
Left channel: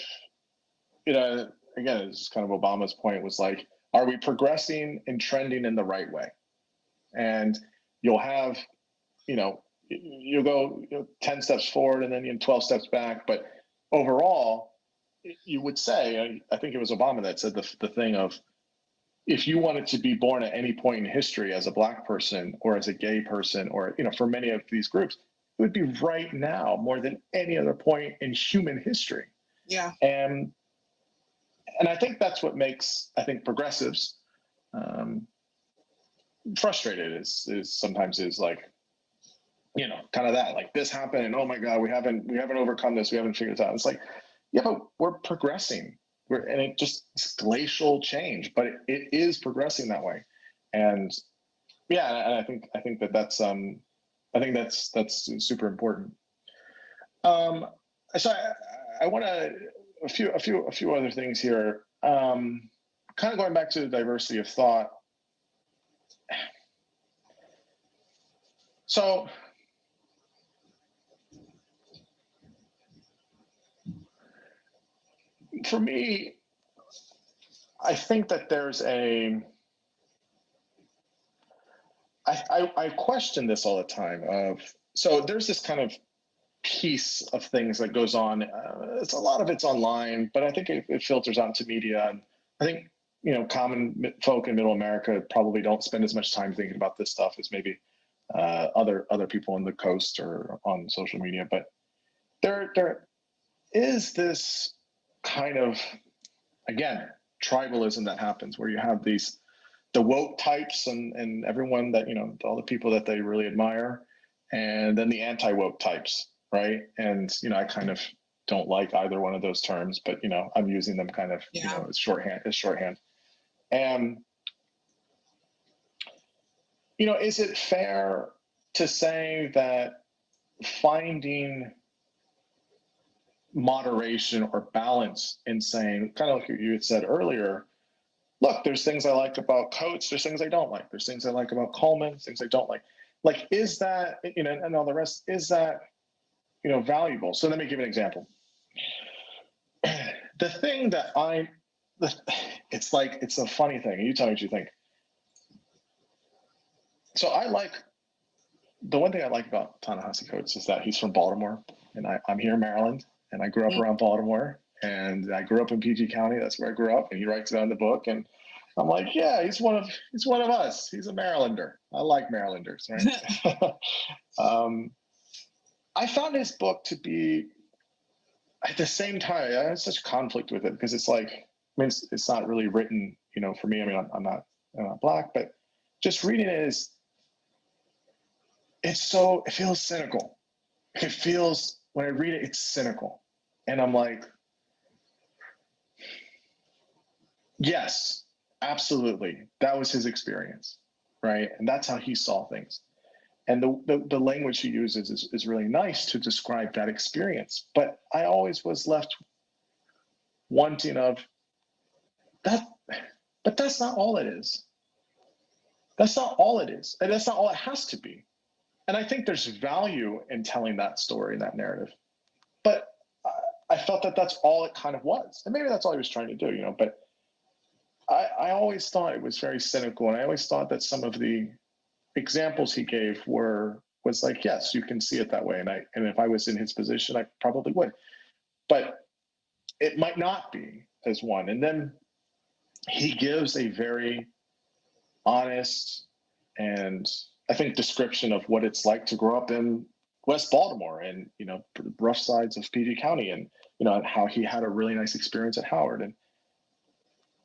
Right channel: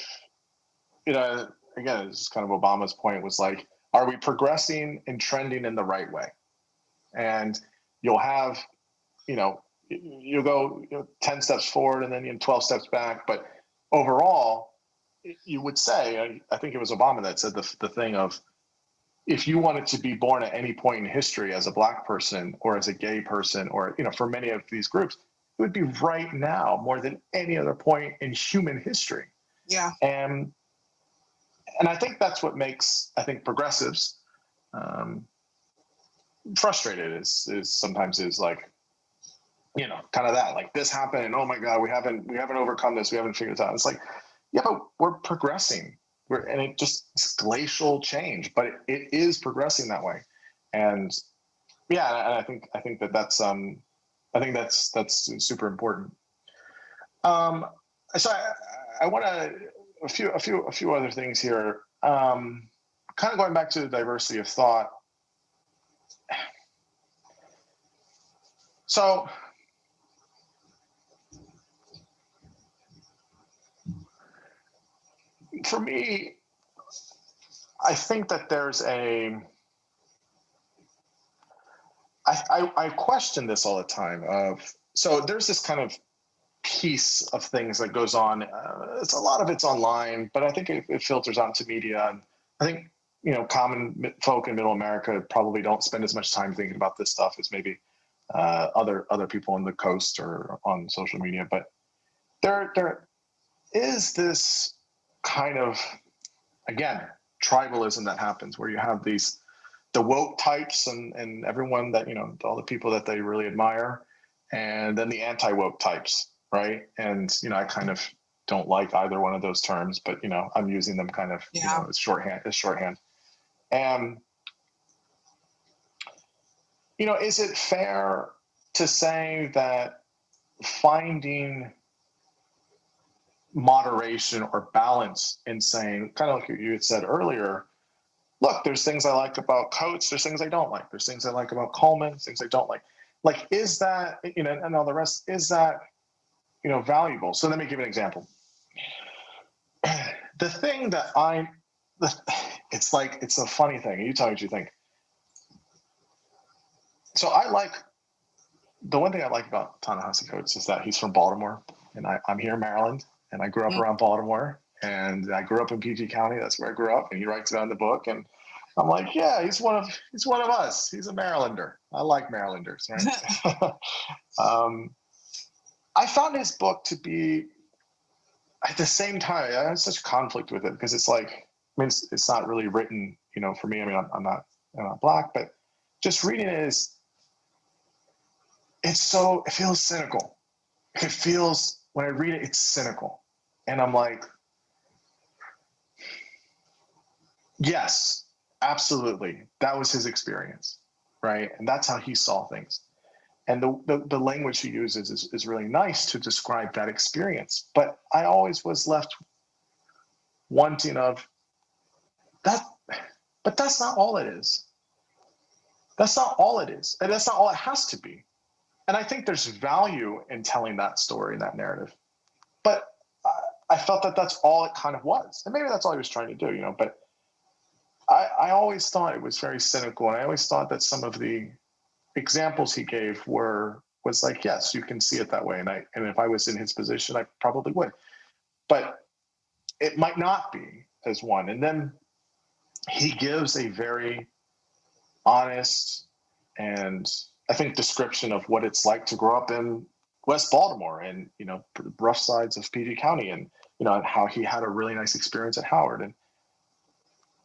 again, it's kind of Obama's point was like, are we progressing and trending in the right way? And you'll have, you'll go 10 steps forward and then 12 steps back. But overall, you would say, I think it was Obama that said the thing of, if you wanted to be born at any point in history as a Black person or as a gay person, or, for many of these groups, it would be right now more than any other point in human history. Yeah. And I think that's what makes, I think, progressives frustrated is sometimes is like, kind of that, like, this happened and oh my God, we haven't overcome this. We haven't figured it out. It's like, yeah, but we're progressing. And it just, it's glacial change, but it is progressing that way. And yeah, and I think that's that's super important. So I want to a few other things here. Kind of going back to the diversity of thought. So for me, I think that there's I question this all the time. So there's this kind of piece of things that goes on. It's a lot of it's online, but I think it filters out into media. And I think, common folk in Middle America probably don't spend as much time thinking about this stuff as maybe other people on the coast or on social media. But there is this kind of, again, tribalism that happens where you have the woke types and everyone that, all the people that they really admire, and then the anti-woke types, right? And, I kind of don't like either one of those terms, but, I'm using them kind of, as shorthand. And, is it fair to say that finding moderation or balance in saying, kind of like you had said earlier, look, there's things I like about Coates, there's things I don't like, there's things I like about Coleman, things I don't like. Like, is that, and all the rest, is that, valuable? So let me give you an example. The thing that it's like, it's a funny thing. You tell me what you think. So the one thing I like about Ta-Nehisi Coates is that he's from Baltimore, and I'm here in Maryland, and I grew up around Baltimore, and I grew up in PG County. That's where I grew up, and he writes it on the book, and I'm like, yeah, he's one of us. He's a Marylander. I like Marylanders, right? I found his book to be, at the same time, I have such conflict with it because it's like, I mean, it's not really written, you know, for me. I mean, I'm not Black, but just reading it it feels cynical. It feels, when I read it, it's cynical. And I'm like, yes, absolutely. That was his experience, right? And that's how he saw things. And the language he uses is really nice to describe that experience. But I always was left wanting of that, but that's not all it is. That's not all it is. And that's not all it has to be. And I think there's value in telling that story and that narrative. But I felt that that's all it kind of was. And maybe that's all he was trying to do, you know, but I always thought it was very cynical. And I always thought that some of the examples he gave was like, yes, you can see it that way. And if I was in his position, I probably would. But it might not be as one. And then he gives a very honest and, I think, description of what it's like to grow up in West Baltimore and, you know, rough sides of PG County, and, you know, and how he had a really nice experience at Howard.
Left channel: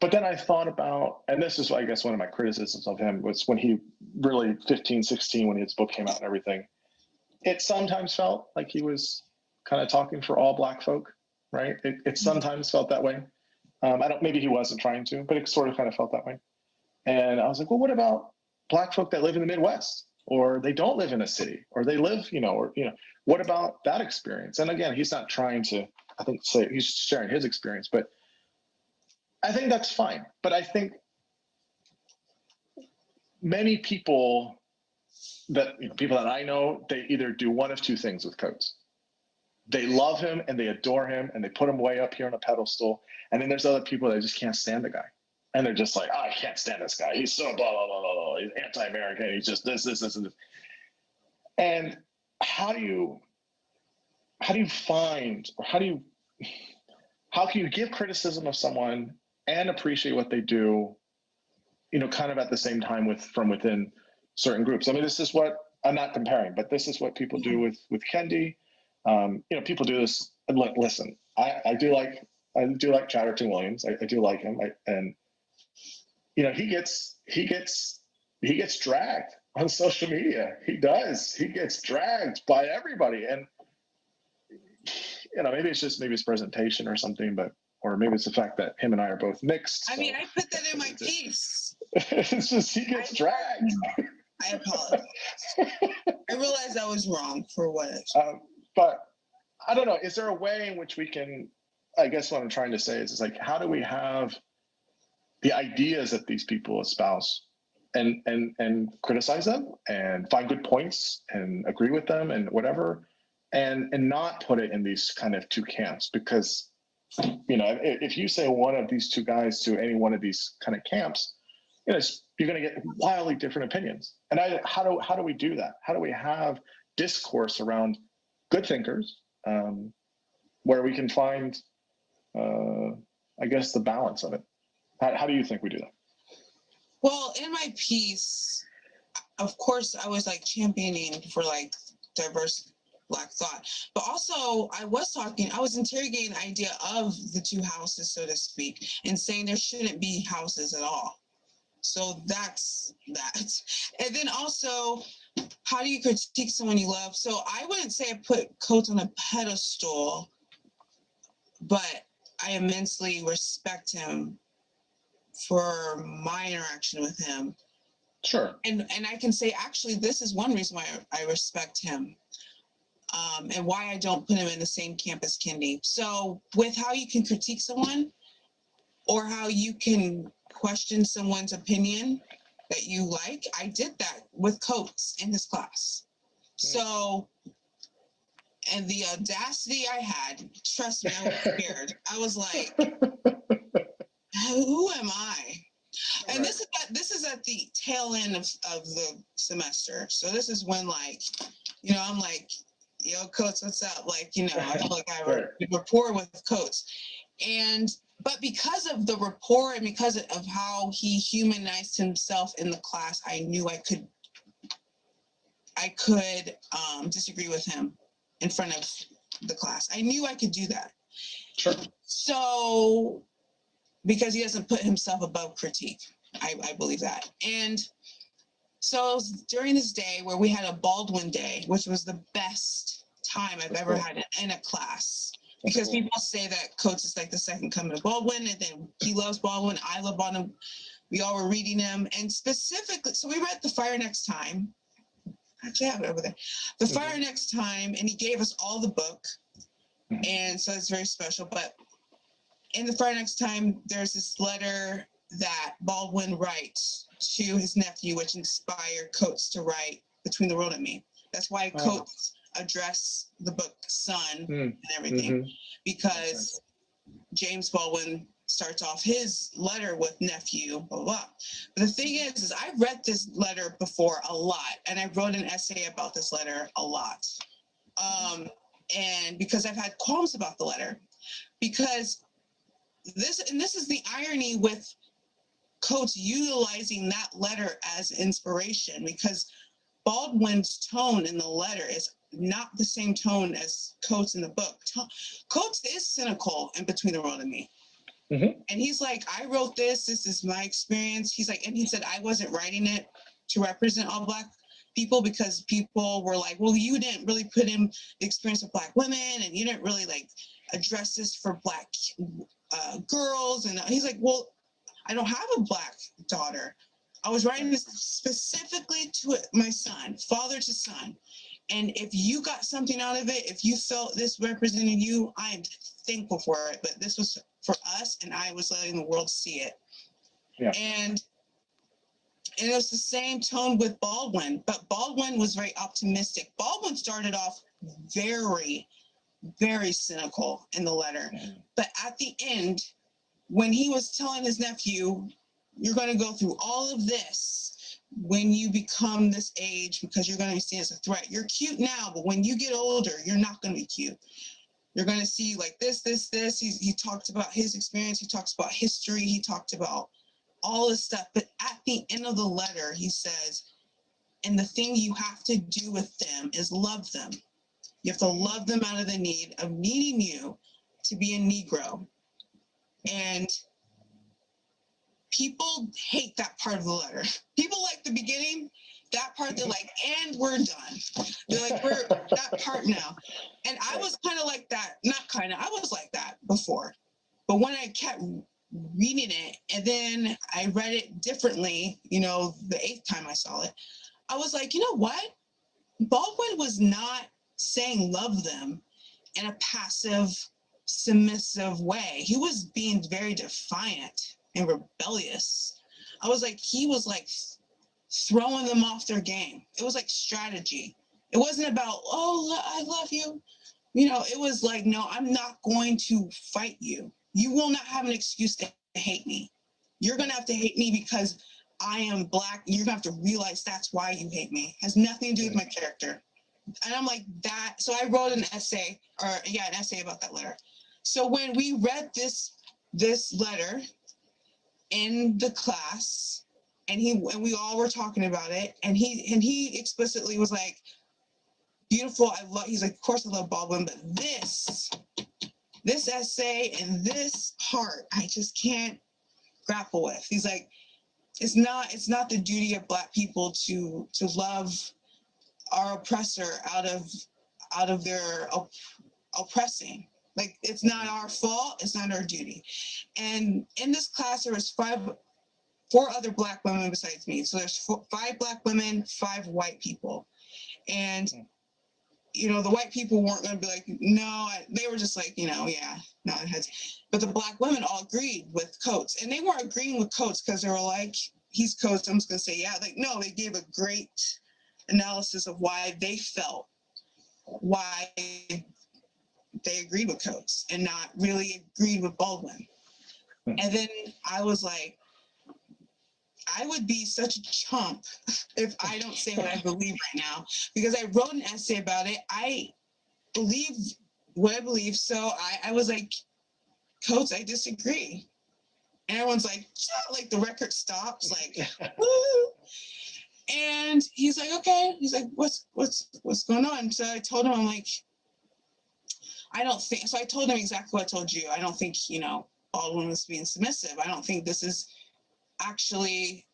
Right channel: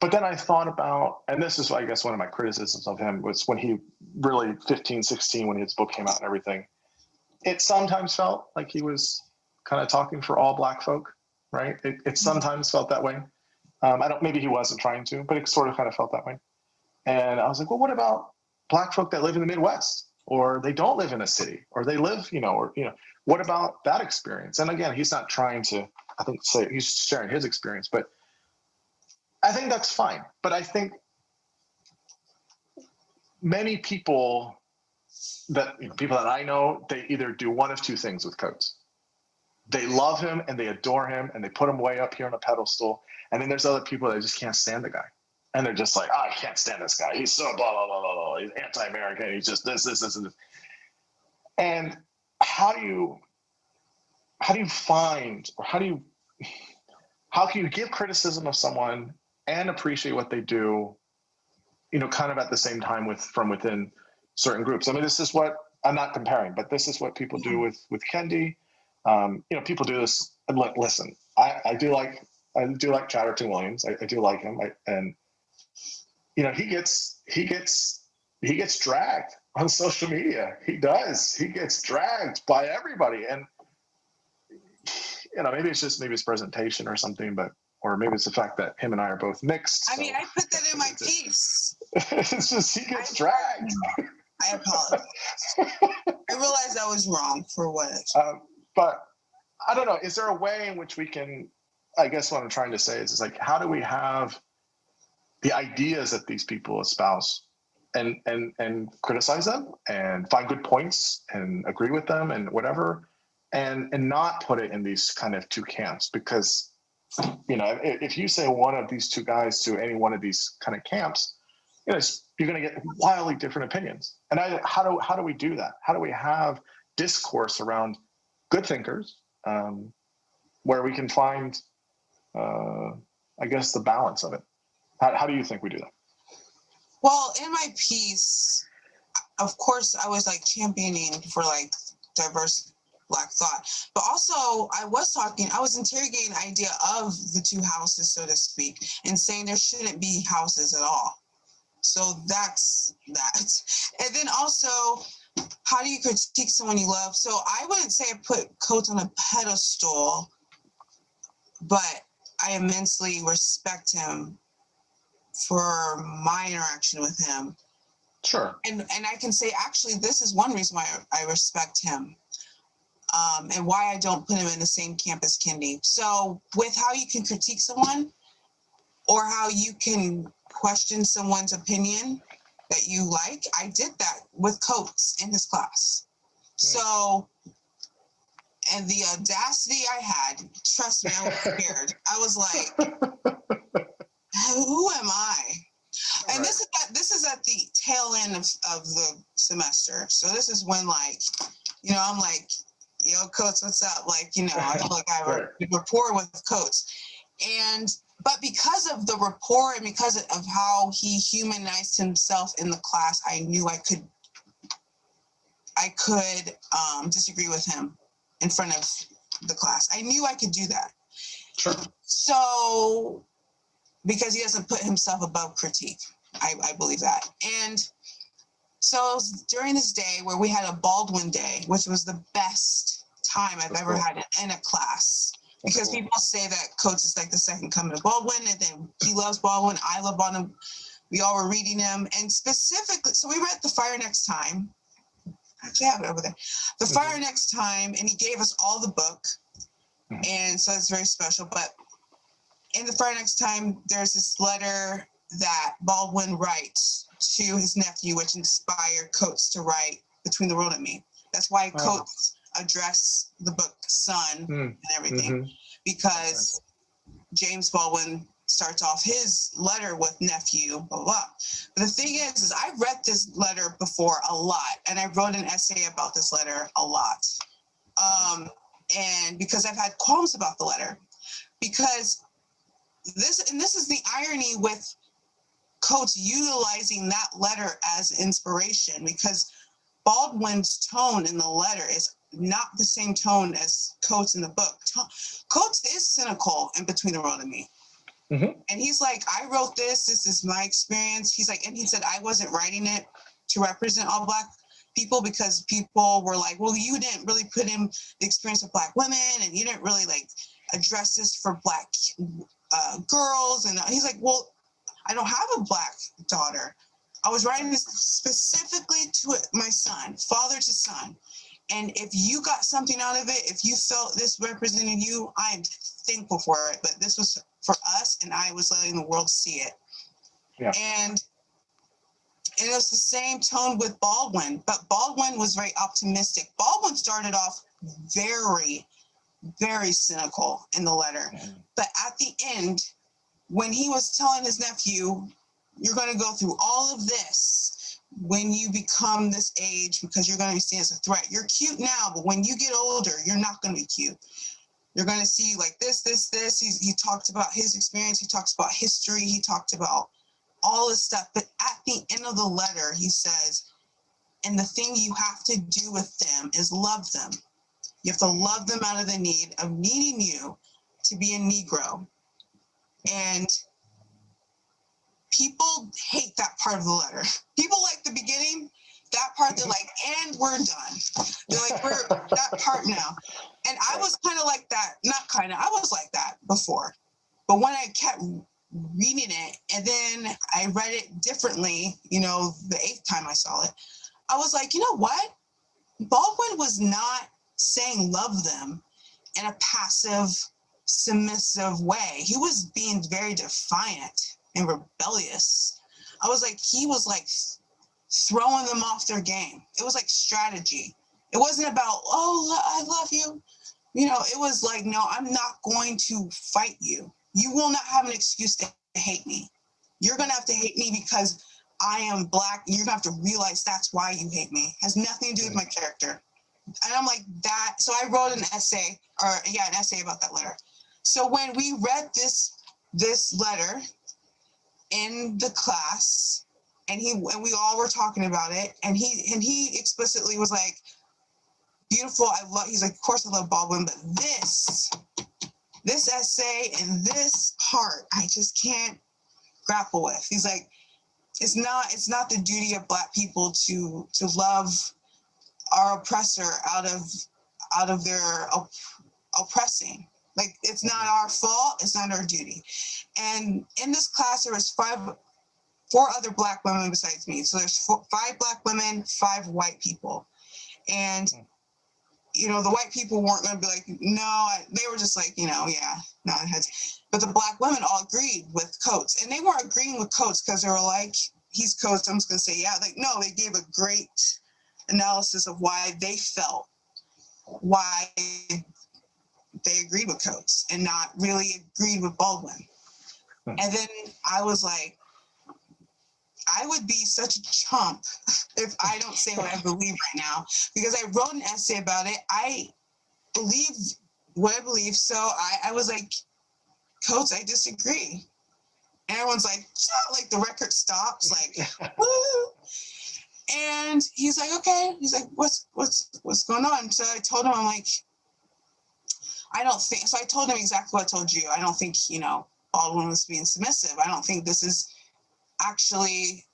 But then I thought about, and this is, I guess, one of my criticisms of him, was when he really 15, 16, when his book came out and everything, it sometimes felt like he was kind of talking for all Black folk, right? It sometimes felt that way. Maybe he wasn't trying to, but it sort of kind of felt that way. And I was like, well, what about Black folk that live in the Midwest, or they don't live in a city, or they live, you know, or, you know, what about that experience? And again, he's not trying to, I think, say he's sharing his experience, but I think that's fine. But I think many people people that I know, they either do one of two things with Coates. They love him and they adore him and they put him way up here on a pedestal. And then there's other people that just can't stand the guy. And they're just like, oh, I can't stand this guy. He's so blah, blah, blah, blah, blah. He's anti-American. He's just this, this, this, and this. And how can you give criticism of someone and appreciate what they do, you know, kind of at the same time from within certain groups? I mean, this is what, I'm not comparing, but this is what people do with Kendi. You know, people do this. And listen, I do like Chatterton Williams. I do like him. And you know, he gets dragged on social media. He does. He gets dragged by everybody. And you know, maybe it's presentation or something, or maybe it's the fact that him and I are both mixed. I mean, I put that in my piece. It's just, he gets dragged. I apologize. I realized I was wrong for what. But I don't know. Is there a way in which we can, I guess what I'm trying to say is like, how do we have the ideas that these people espouse and criticize them and find good points and agree with them and whatever, and not put it in these kind of two camps? Because, you know, if you say one of these two guys to any one of these kind of camps, you know, you're going to get wildly different opinions. And how do we do that? How do we have discourse around good thinkers, where we can find, I guess, the balance of it? How do you think we do that? Well, in my piece, of course, I was like championing for like diverse Black thought, but also I was interrogating the idea of the two houses, so to speak, and saying there shouldn't be houses at all. So that's that. And then also, how do you critique someone you love? So I wouldn't say I put Coates on a pedestal, but I immensely respect him for my interaction with him. Sure. And I can say, actually, this is one reason why I respect him, and why I don't put him in the same camp as Kendi. So with how you can critique someone, or how you can question someone's opinion that you like, I did that with Coates in his class. So, and the audacity I had, trust me, I was scared. I was like, who am I? And Right. this is at the tail end of the semester. So this is when, like, you know, I'm like, yo, Coates, what's up? Like, you know, I feel like I have a rapport with Coates. But because of the rapport and because of how he humanized himself in the class, I knew I could disagree with him in front of the class. I knew I could do that. Sure. So, because he doesn't put himself above critique, I believe that. And so during this day where we had a Baldwin day, which was the best time I've ever had in a class, because people say that Coates is like the second coming of Baldwin, and then he loves Baldwin, I love Baldwin. We all were reading him, and specifically, so we read The Fire Next Time. Actually, I have it over there. The Fire Next Time, and he gave us all the book, and so it's very special. But in The Fire Next Time, there's this letter that Baldwin writes to his nephew, which inspired Coates to write Between the World and Me. That's why Coates addressed the book son and everything, because James Baldwin starts off his letter with nephew, blah, blah. But the thing is I've read this letter before a lot, and I wrote an essay about this letter a lot. And because I've had qualms about the letter, because this is the irony with Coates utilizing that letter as inspiration, because Baldwin's tone in the letter is not the same tone as Coates in the book. Coates is cynical in Between the World and Me. And he's like, I wrote this is my experience. He's like, and he said, I wasn't writing it to represent all Black people, because people were like, well, you didn't really put in the experience of Black women, and you didn't really like address this for Black girls. And he's like, well, I don't have a Black daughter. I was writing this specifically to my son, father to son. And if you got something out of it, if you felt this represented you, I am thankful for it. But this was for us, and I was letting the world see it. Yeah. And it was the same tone with Baldwin, but Baldwin was very optimistic. Baldwin started off very, very cynical in the letter. But at the end, when he was telling his nephew, you're going to go through all of this when you become this age, because you're going to be seen as a threat. You're cute now, but when you get older, you're not going to be cute. You're going to see like this. He talked about his experience. He talks about history. He talked about all this stuff. But at the end of the letter, he says, and the thing you have to do with them is love them. You have to love them out of the need of needing you to be a Negro. And people hate that part of the letter. People like the beginning, that part, they're like, and we're done. They're like, we're that part now. And I was kind of like that, I was like that before. But when I kept reading it, and then I read it differently, the 8th time I saw it, I was like, you know what? Baldwin was not saying love them in a passive, submissive way. He was being very defiant and rebellious. I was like, he was like throwing them off their game. It was like strategy. It wasn't about, oh, I love you. It was like, no, I'm not going to fight you. You will not have an excuse to hate me. You're going to have to hate me because I am Black. You're going to have to realize that's why you hate me. It has nothing to do with my character. And I'm like that. So I wrote an essay about that letter. So when we read this letter in the class, and we all were talking about it, and he explicitly was like, beautiful, he's like, of course I love Baldwin, but this essay and this part I just can't grapple with. He's like, it's not the duty of Black people to love our oppressor out of their oppressing. Like, it's not our fault, it's not our duty. And in this class there was 4 other Black women besides me. So there's 5 Black women, 5 white people. And the white people weren't going to be like, no, they were just like, yeah, no, it has. But the Black women all agreed with Coates. And they weren't agreeing with Coates because they were like, he's Coates, I'm just going to say, yeah. Like, no, they gave a great analysis of why they felt, why they agreed with Coates and not really agreed with Baldwin. And then I was like, I would be such a chump if I don't say what I believe right now, because I wrote an essay about it. I believe what I believe. So I was like, Coates, I disagree. And everyone's like the record stops, like, woo. And he's like, okay. He's like, what's going on? So I told him, I'm like, I don't think so. I told him exactly what I told you. I don't think, Baldwin was being submissive. I don't think this is actually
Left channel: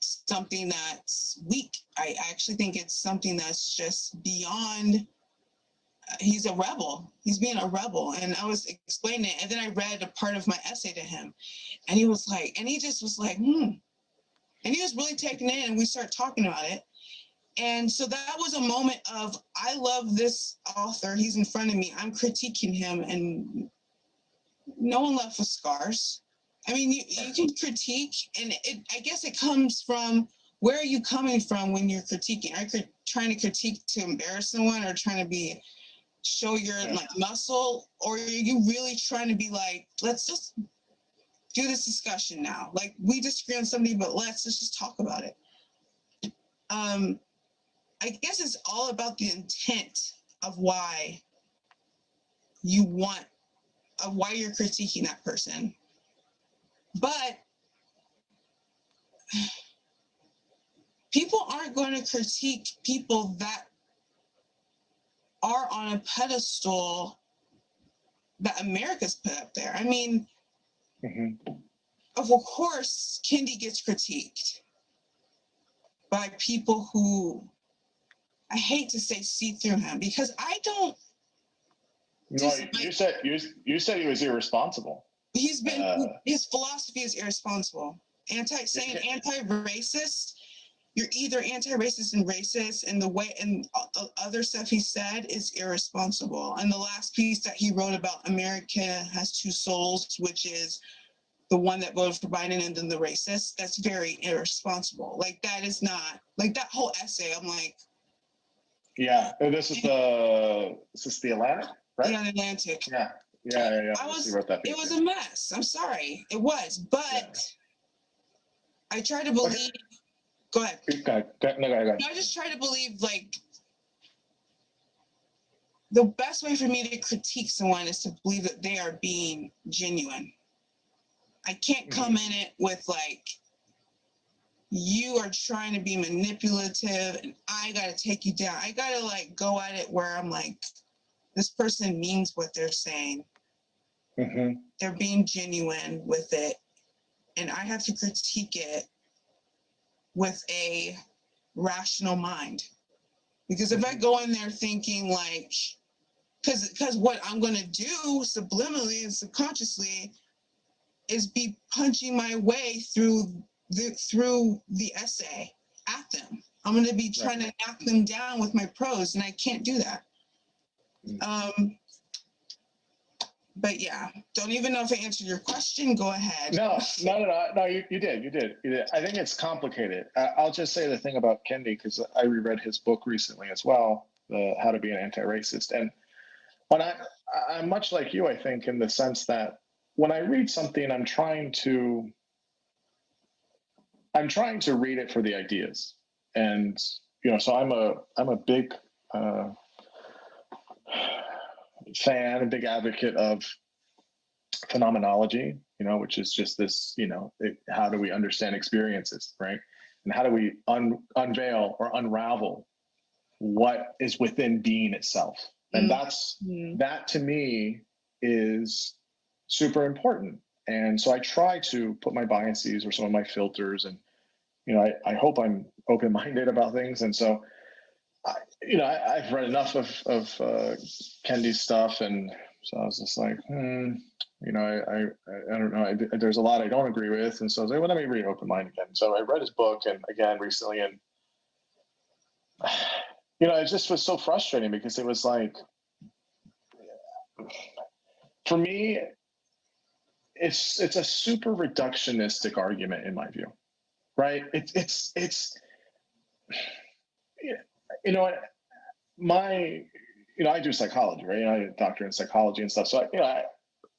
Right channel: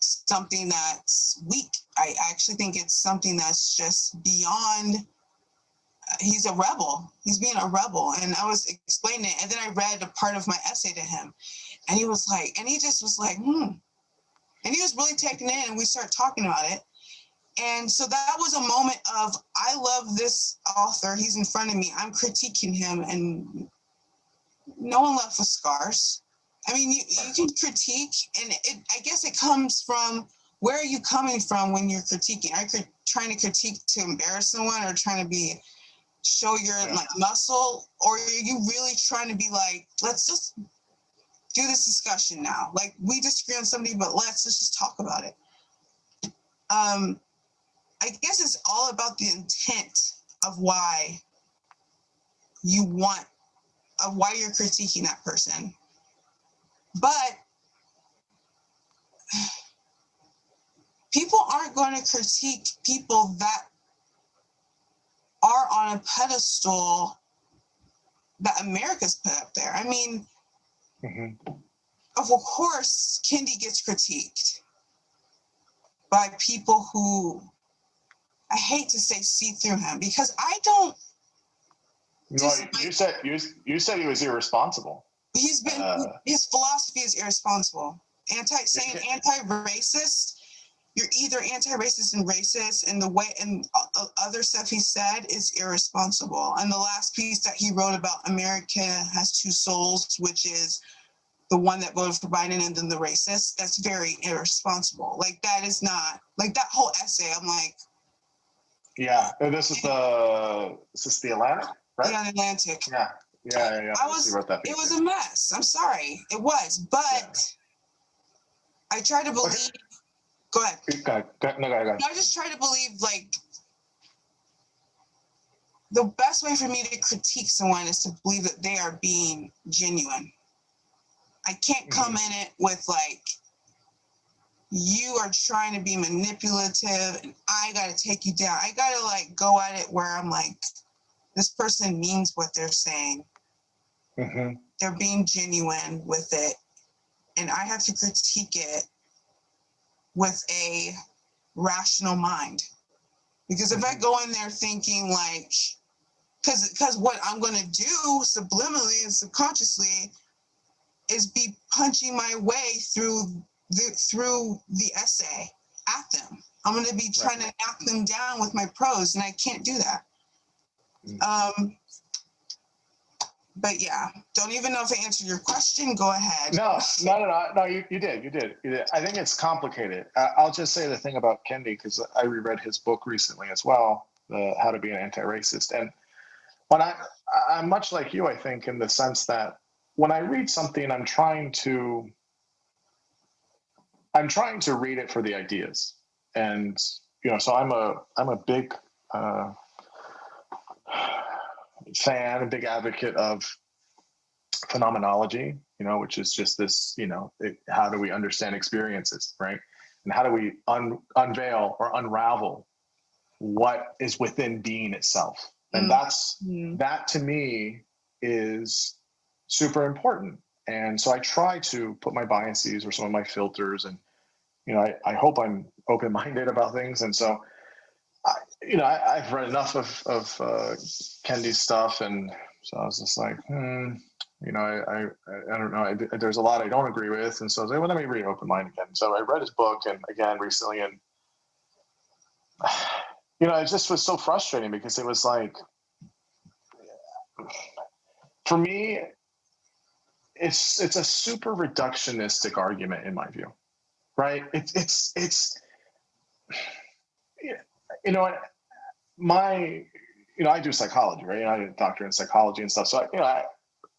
something that's weak. I actually think it's something that's just beyond. He's a rebel. He's being a rebel. And I was explaining it. And then I read a part of my essay to him. And he was like, and he just was like, And he was really taking it in, and we started talking about it. And so that was a moment of, I love this author. He's in front of me. I'm critiquing him, and no one left with scars. I mean, you can critique, and I guess it comes from, where are you coming from when you're critiquing? Are you trying to critique to embarrass someone, or trying to show your muscle, or are you really trying to be like, let's just do this discussion now? Like, we disagree on somebody, but let's just talk about it. I guess it's all about the intent of why you're critiquing that person. But people aren't going to critique people that are on a pedestal that America's put up there. I mean, of course, Kendi gets critiqued by people who, I hate to say, see through him, because I don't. No, you said he was irresponsible. He's been, his philosophy is irresponsible. Anti-racist. You're either anti-racist and racist, and the way and other stuff he said is irresponsible. And the last piece that he wrote about America has two souls, which is the one that voted for Biden and then the racist, that's very irresponsible. Like, that is not, like, that whole essay, I'm like. Yeah, this is the Atlantic, right? Yeah, the Atlantic. Yeah. It was a mess. I'm sorry. It was, but I try to believe. Go ahead. Go ahead. I just try to believe, like, the best way for me to critique someone is to believe that they are being genuine. I can't come in it with, like, you are trying to be manipulative and I got to take you down. I got to, like, go at it where I'm like, this person means what they're saying. They're being genuine with it. And I have to critique it with a rational mind. Because if I go in there thinking, like, because what I'm going to do subliminally and subconsciously is be punching my way through the essay at them. I'm going to be trying to knock them down with my prose, and I can't do that. But yeah, don't even know if I answered your question. Go ahead. No, you did. I think it's complicated. I'll just say the thing about Kendi, because I reread his book recently as well, How to Be an Anti-Racist. And when I'm much like you, I think, in the sense that when I read something, I'm trying to read it for the ideas. And, so I'm a big fan, a big advocate of phenomenology, which is just this, how do we understand experiences, right? And how do we unveil or unravel what is within being itself? And that to me is super important. And so I try to put my biases or some of my filters, and, I hope I'm open-minded about things. And so, I've read enough of Kendi's stuff, and so I was just like, I don't know. There's a lot I don't agree with, and so I was like, well, let me read Open Mind again. So I read his book, and again recently, and it just was so frustrating because it was like, for me, it's a super reductionistic argument in my view, right? It's I do psychology, right? I'm a doctor in psychology and stuff. So,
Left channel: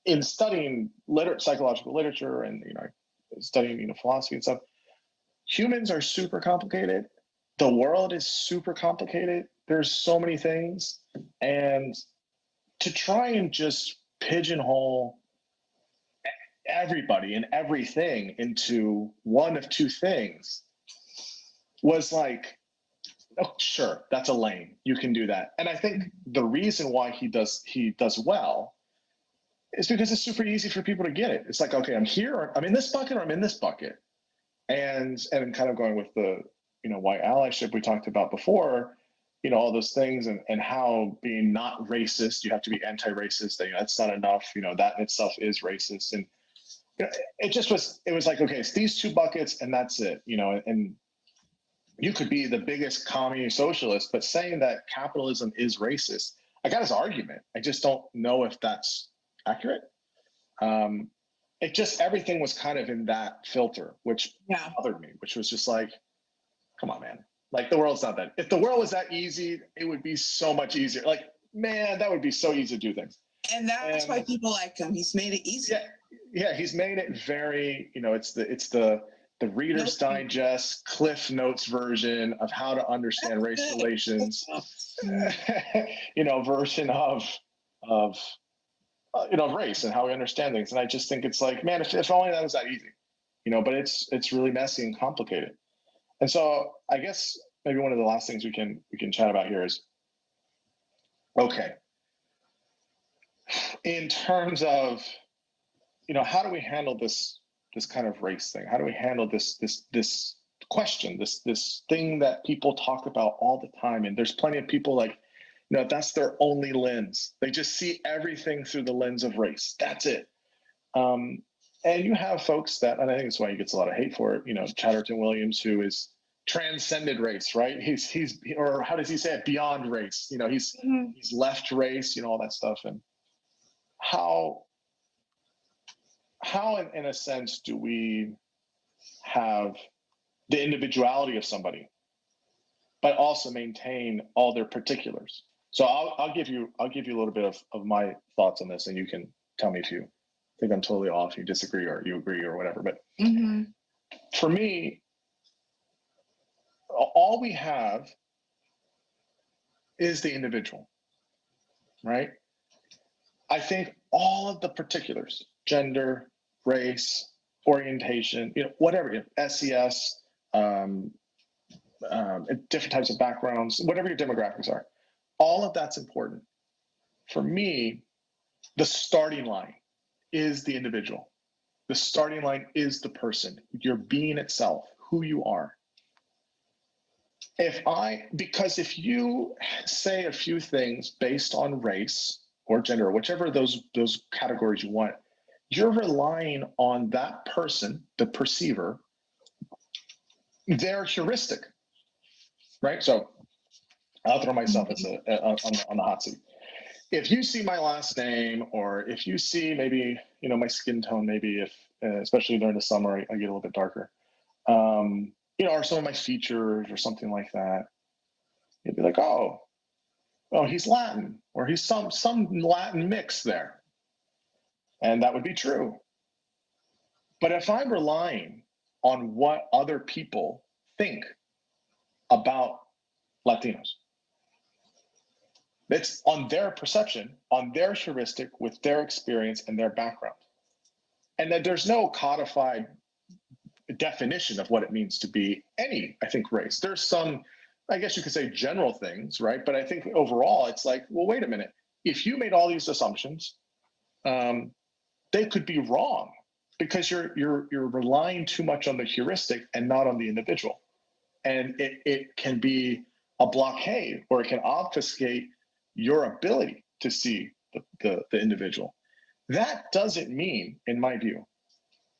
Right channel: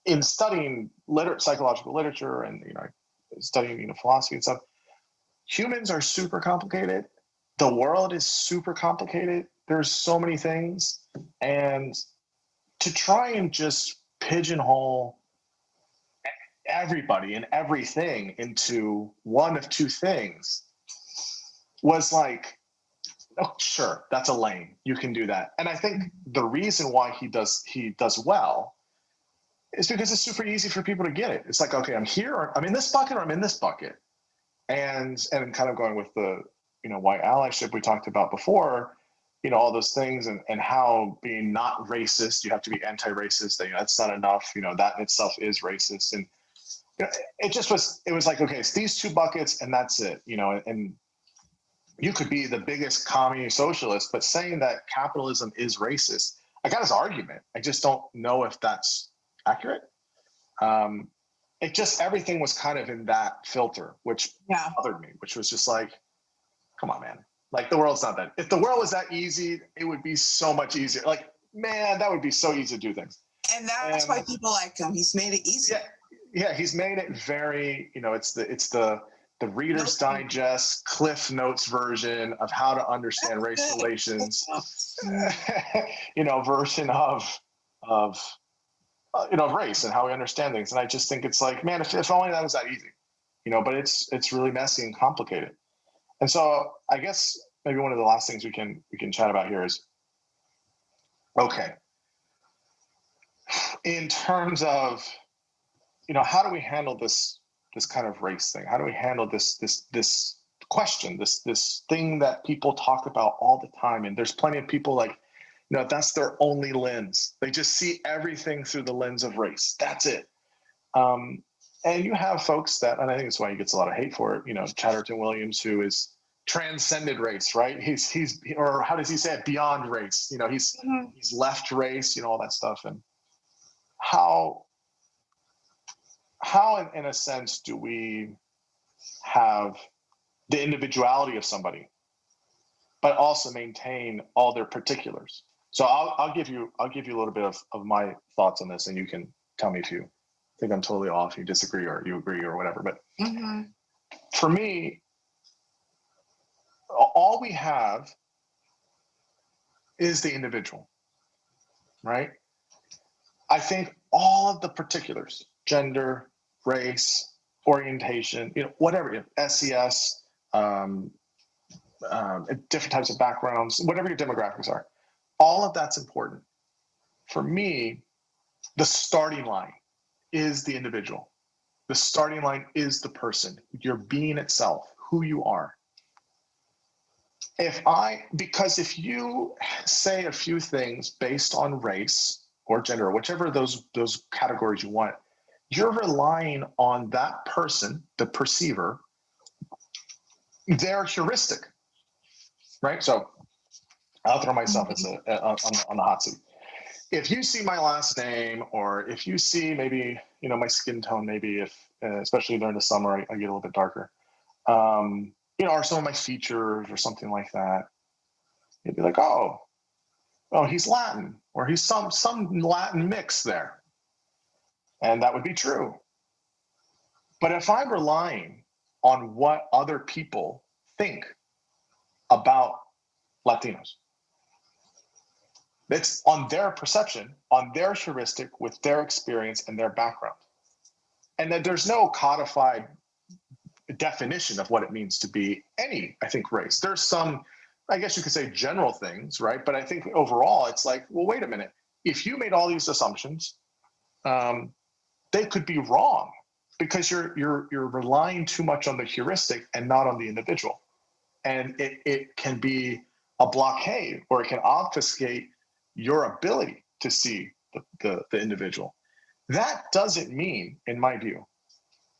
in studying psychological literature and, studying, philosophy and stuff, humans are super complicated. The world is super complicated. There's so many things. And to try and just pigeonhole everybody and everything into one of two things was like, oh, sure, that's a lane. You can do that. And I think the reason why he does well is because it's super easy for people to get it. It's like, okay, I'm here, or I'm in this bucket, or I'm in this bucket. And kind of going with the, white allyship we talked about before, all those things, and how being not racist, you have to be anti-racist, that's not enough, that in itself is racist. And it was like, okay, it's these two buckets and that's it, and you could be the biggest commie socialist, but saying that capitalism is racist, I got his argument. I just don't know if that's accurate. Everything was kind of in that filter, which bothered me, which was just like, come on, man. Like, the world's not that. If the world was that easy, it would be so much easier. Like, man, that would be so easy to do things. And that's why people like him. He's made it easy. Yeah, he's made it very, it's the Reader's Digest, Cliff Notes version of how to understand race relations, version of race and how we understand things. And I just think it's like, man, if only that was that easy, but it's really messy and complicated. And so I guess maybe one of the last things we can chat about here is, okay, in terms of, how do we handle this kind of race thing? How do we handle this question, this thing that people talk about all the time? And there's plenty of people like, that's their only lens. They just see everything through the lens of race. That's it. And you have folks that, and I think that's why he gets a lot of hate for it, Chatterton Williams, who is transcended race, right? He's or how does he say it? Beyond race. He's left race, all that stuff. And how in a sense do we have the individuality of somebody, but also maintain all their particulars? So I'll give you a little bit of my thoughts on this, and you can tell me if you think I'm totally off, you disagree, or you agree, or whatever. But for me, all we have is the individual, right? I think all of the particulars, gender, race, orientation, whatever, SES, different types of backgrounds, whatever your demographics are, all of that's important. For me, the starting line is the individual. The starting line is the person, your being itself, who you are. Because if you say a few things based on race or gender, or whichever those categories you want, you're relying on that person, the perceiver, their heuristic, right? So I'll throw myself on the hot seat. If you see my last name, or if you see maybe, my skin tone, maybe if, especially during the summer, I get a little bit darker, or some of my features or something like that, you'd be like, oh, he's Latin, or he's some Latin mix there. And that would be true. But if I'm relying on what other people think about Latinos, it's on their perception, on their heuristic, with their experience and their background. And that there's no codified definition of what it means to be any, I think, race. There's some, I guess you could say, general things, right? But I think overall, it's like, well, wait a minute. If you made all these assumptions, they could be wrong, because you're relying too much on the heuristic and not on the individual. And it can be a blockade, or it can obfuscate your ability to see the individual. That doesn't mean, in my view,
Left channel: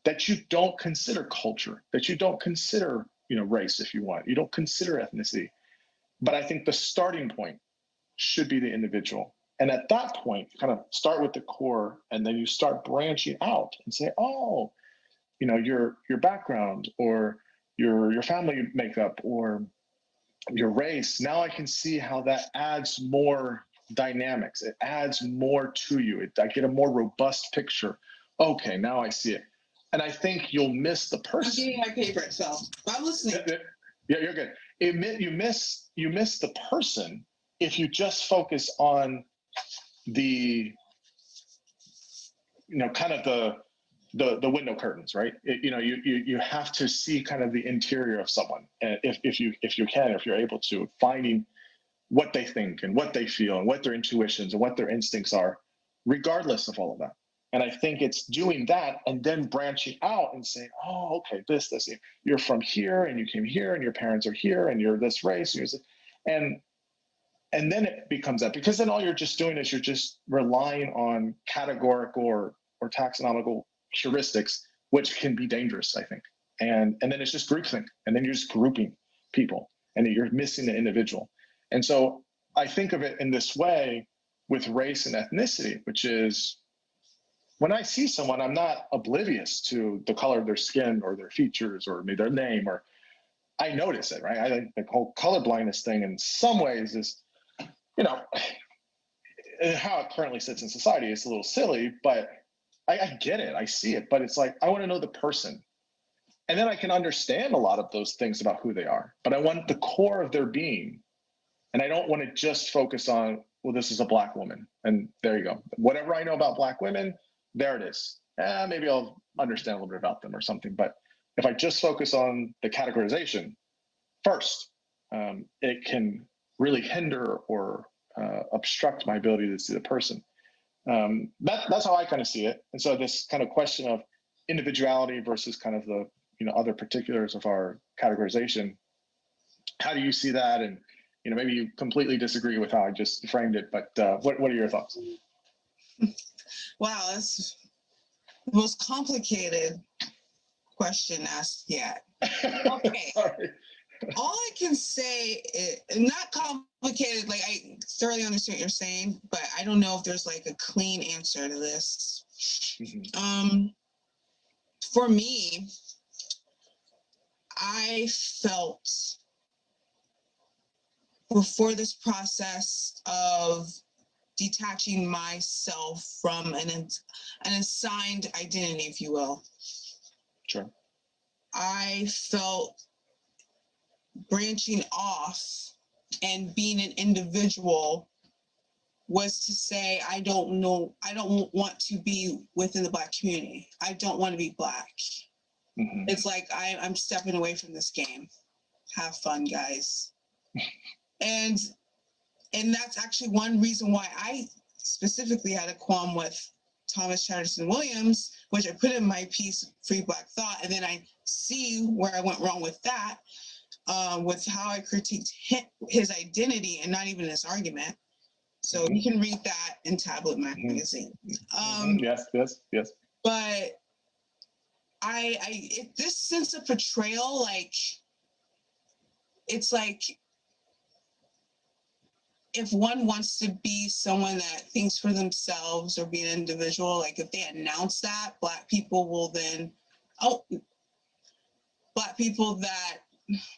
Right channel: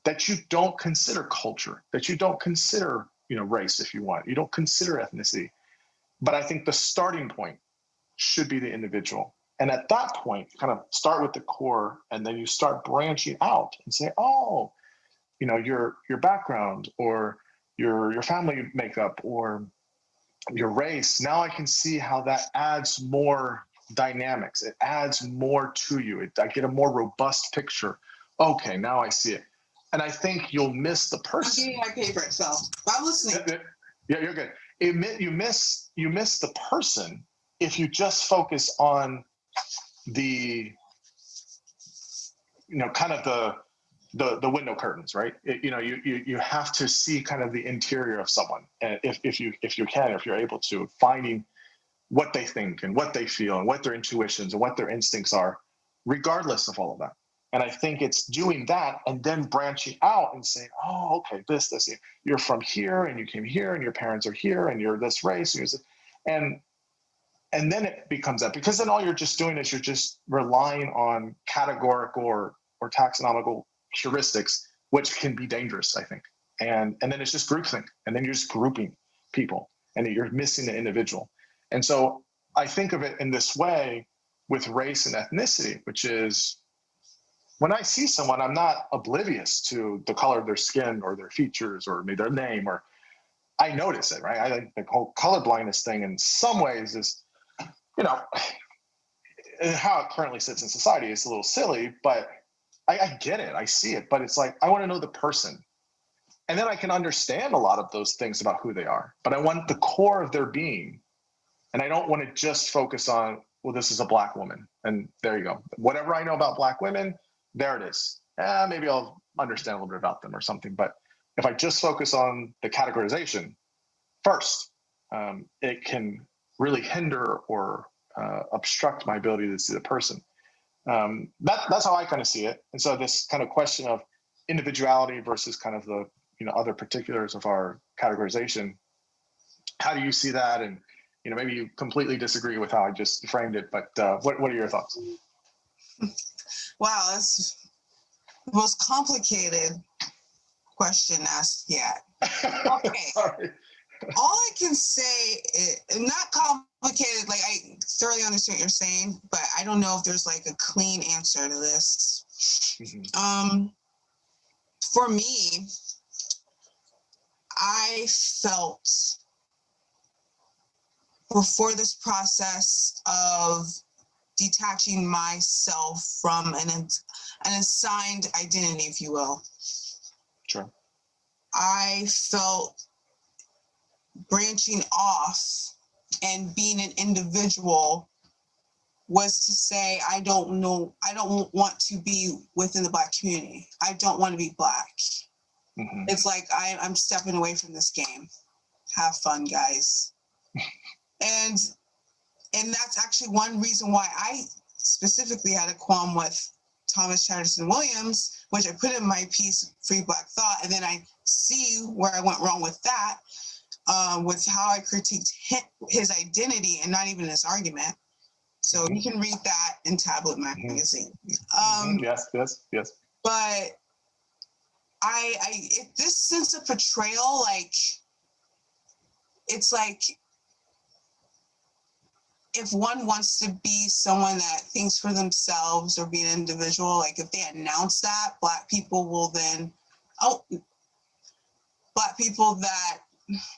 that you don't consider culture, that you don't consider, race, if you want, you don't consider ethnicity. But I think the starting point should be the individual. And at that point, kind of start with the core, and then you start branching out and say, oh, your background, or your family makeup, or your race. Now I can see how that adds more dynamics. It adds more to you. I get a more robust picture. Okay, now I see it. And I think you'll miss the person. I'm getting my favorite, so I'm listening. Yeah, you're good. You miss the person if you just focus on the, kind of the window curtains, right? You have to see kind of the interior of someone, and if you can, if you're able to, finding what they think and what they feel and what their intuitions and what their instincts are, regardless of all of that. And I think it's doing that and then branching out and saying, oh, okay, this, you're from here and you came here and your parents are here and you're this race. And then it becomes that, because then all you're just doing is you're just relying on categorical or taxonomical heuristics, which can be dangerous, I think. And then it's just groupthink. And then you're just grouping people and you're missing the individual. And so I think of it in this way with race and ethnicity, which is when I see someone, I'm not oblivious to the color of their skin or their features or maybe their name, or I notice it, right? I think the whole color blindness thing in some ways is, how it currently sits in society is a little silly, but I get it. I see it, but it's like, I want to know the person. And then I can understand a lot of those things about who they are, but I want the core of their being. And I don't want to just focus on, well, this is a Black woman. And there you go. Whatever I know about Black women, there it is. Maybe I'll understand a little bit about them or something. But if I just focus on the categorization first, it can really hinder or obstruct my ability to see the person. That's how I kind of see it. And so this kind of question of individuality versus kind of the other particulars of our categorization, how do you see that? And maybe you completely disagree with how I just framed it, but what are your thoughts? Wow, that's the most complicated question asked yet. Okay. Sorry. All I can say is not complicated. Like, I thoroughly understand what you're saying, but I don't know if there's like a clean answer to this. Mm-hmm. For me, I felt before this process of detaching myself from an assigned identity, if you will. Sure. I felt branching off and being an individual was to say, I don't want to be within the Black community. I don't want to be Black. Mm-hmm. It's like, I'm stepping away from this game. Have fun, guys. And that's actually one reason why I specifically had a qualm with Thomas Chatterton Williams, which I put in my piece, Free Black Thought, and then I see where I went wrong with that, with how I critiqued his say and not even his argument. So you can read that in Tablet Magazine. Yes. But this sense of betrayal, like, it's like, if one wants to be someone that thinks for themselves or be an individual, like if they announce that, Black people will then, Black people that,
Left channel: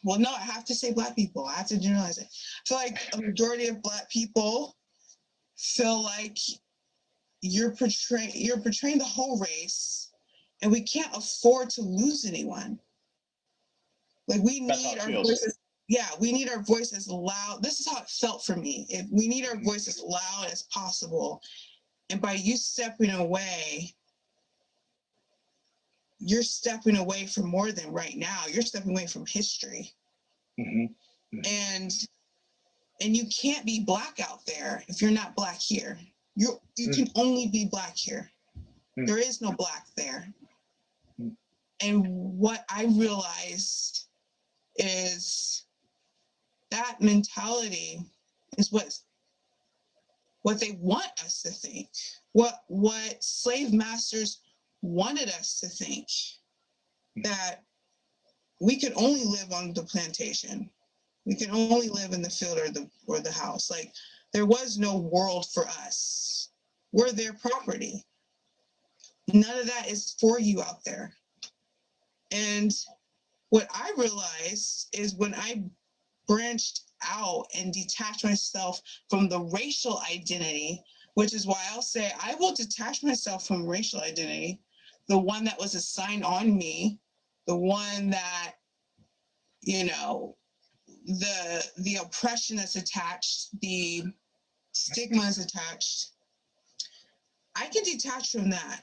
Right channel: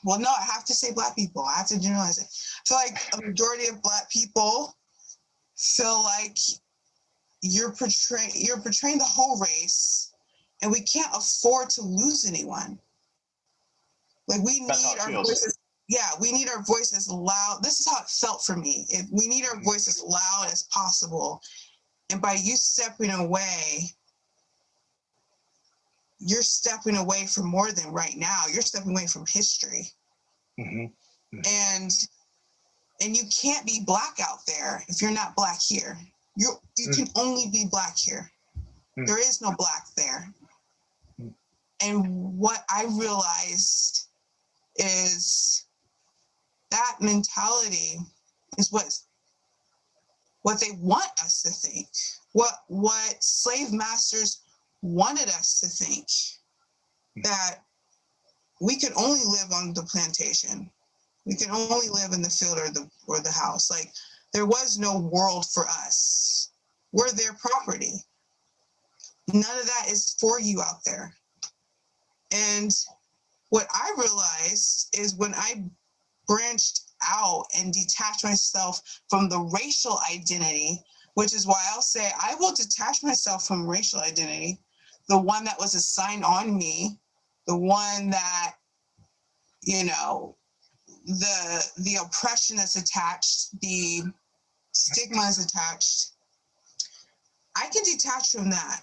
well, no, I have to say Black people. I have to generalize it. I feel like a majority of Black people feel like you're portraying the whole race, and we can't afford to lose anyone. Like, we need our voices. Yeah, we need our voices loud. This is how it felt for me. We need our voices as loud as possible. And by you stepping away, you're stepping away from more than right now. You're stepping away from history. Mm-hmm. Mm-hmm. And you can't be Black out there if you're not Black here. You can only be Black here. There is no Black there. And what I realized is that mentality is what they want us to think, what slave masters wanted us to think, that we could only live on the plantation, we can only live in the field or the house. Like, there was no world for us. We're their property. None of that is for you out there. And what I realized is when I branched out and detached myself from the racial identity, which is why I'll say I will detach myself from racial identity, the one that was assigned on me, the one that, the oppression that's attached, the stigma is attached. I can detach from that.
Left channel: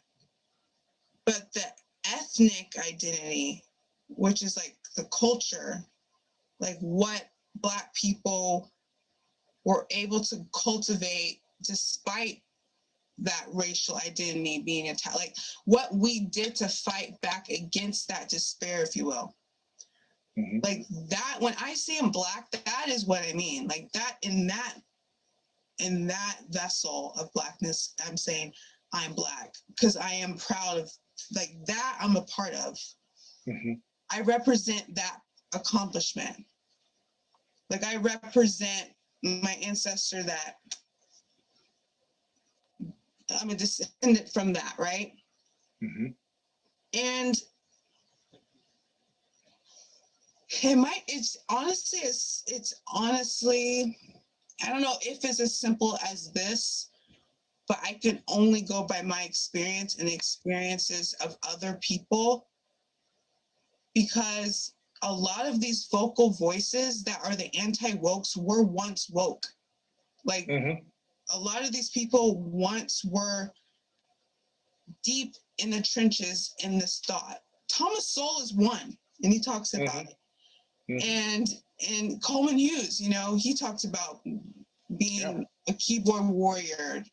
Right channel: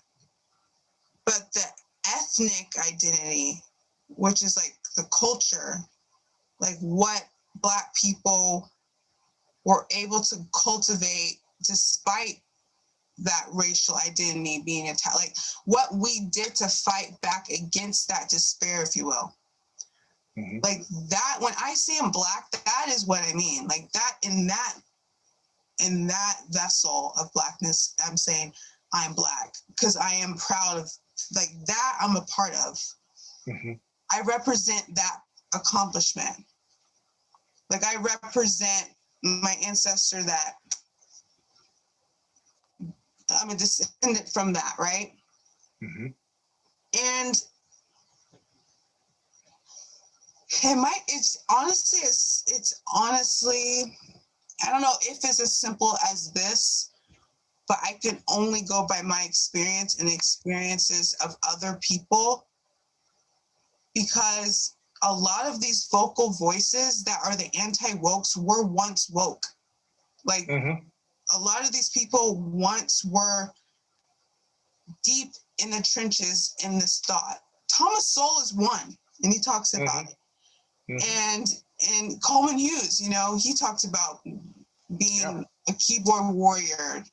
But the ethnic identity, which is like the culture, like what Black people were able to cultivate despite that racial identity being attacked, like what we did to fight back against that despair, if you will. Mm-hmm. Like that, when I say I'm Black, that is what I mean. Like that, in that vessel of Blackness, I'm saying I'm Black because I am proud of, like, that I'm a part of. Mm-hmm. I represent that accomplishment. Like I represent my ancestor, that I'm a descendant from that, right? Mm-hmm. And it's honestly, I don't know if it's as simple as this, but I can only go by my experience and the experiences of other people, because a lot of these vocal voices that are the anti-wokes were once woke. Like Mm-hmm. a lot of these people once were deep in the trenches in this thought. Thomas Sowell is one, and he talks about it. Mm-hmm. And Coleman Hughes, you know, he talks about being a keyboard warrior,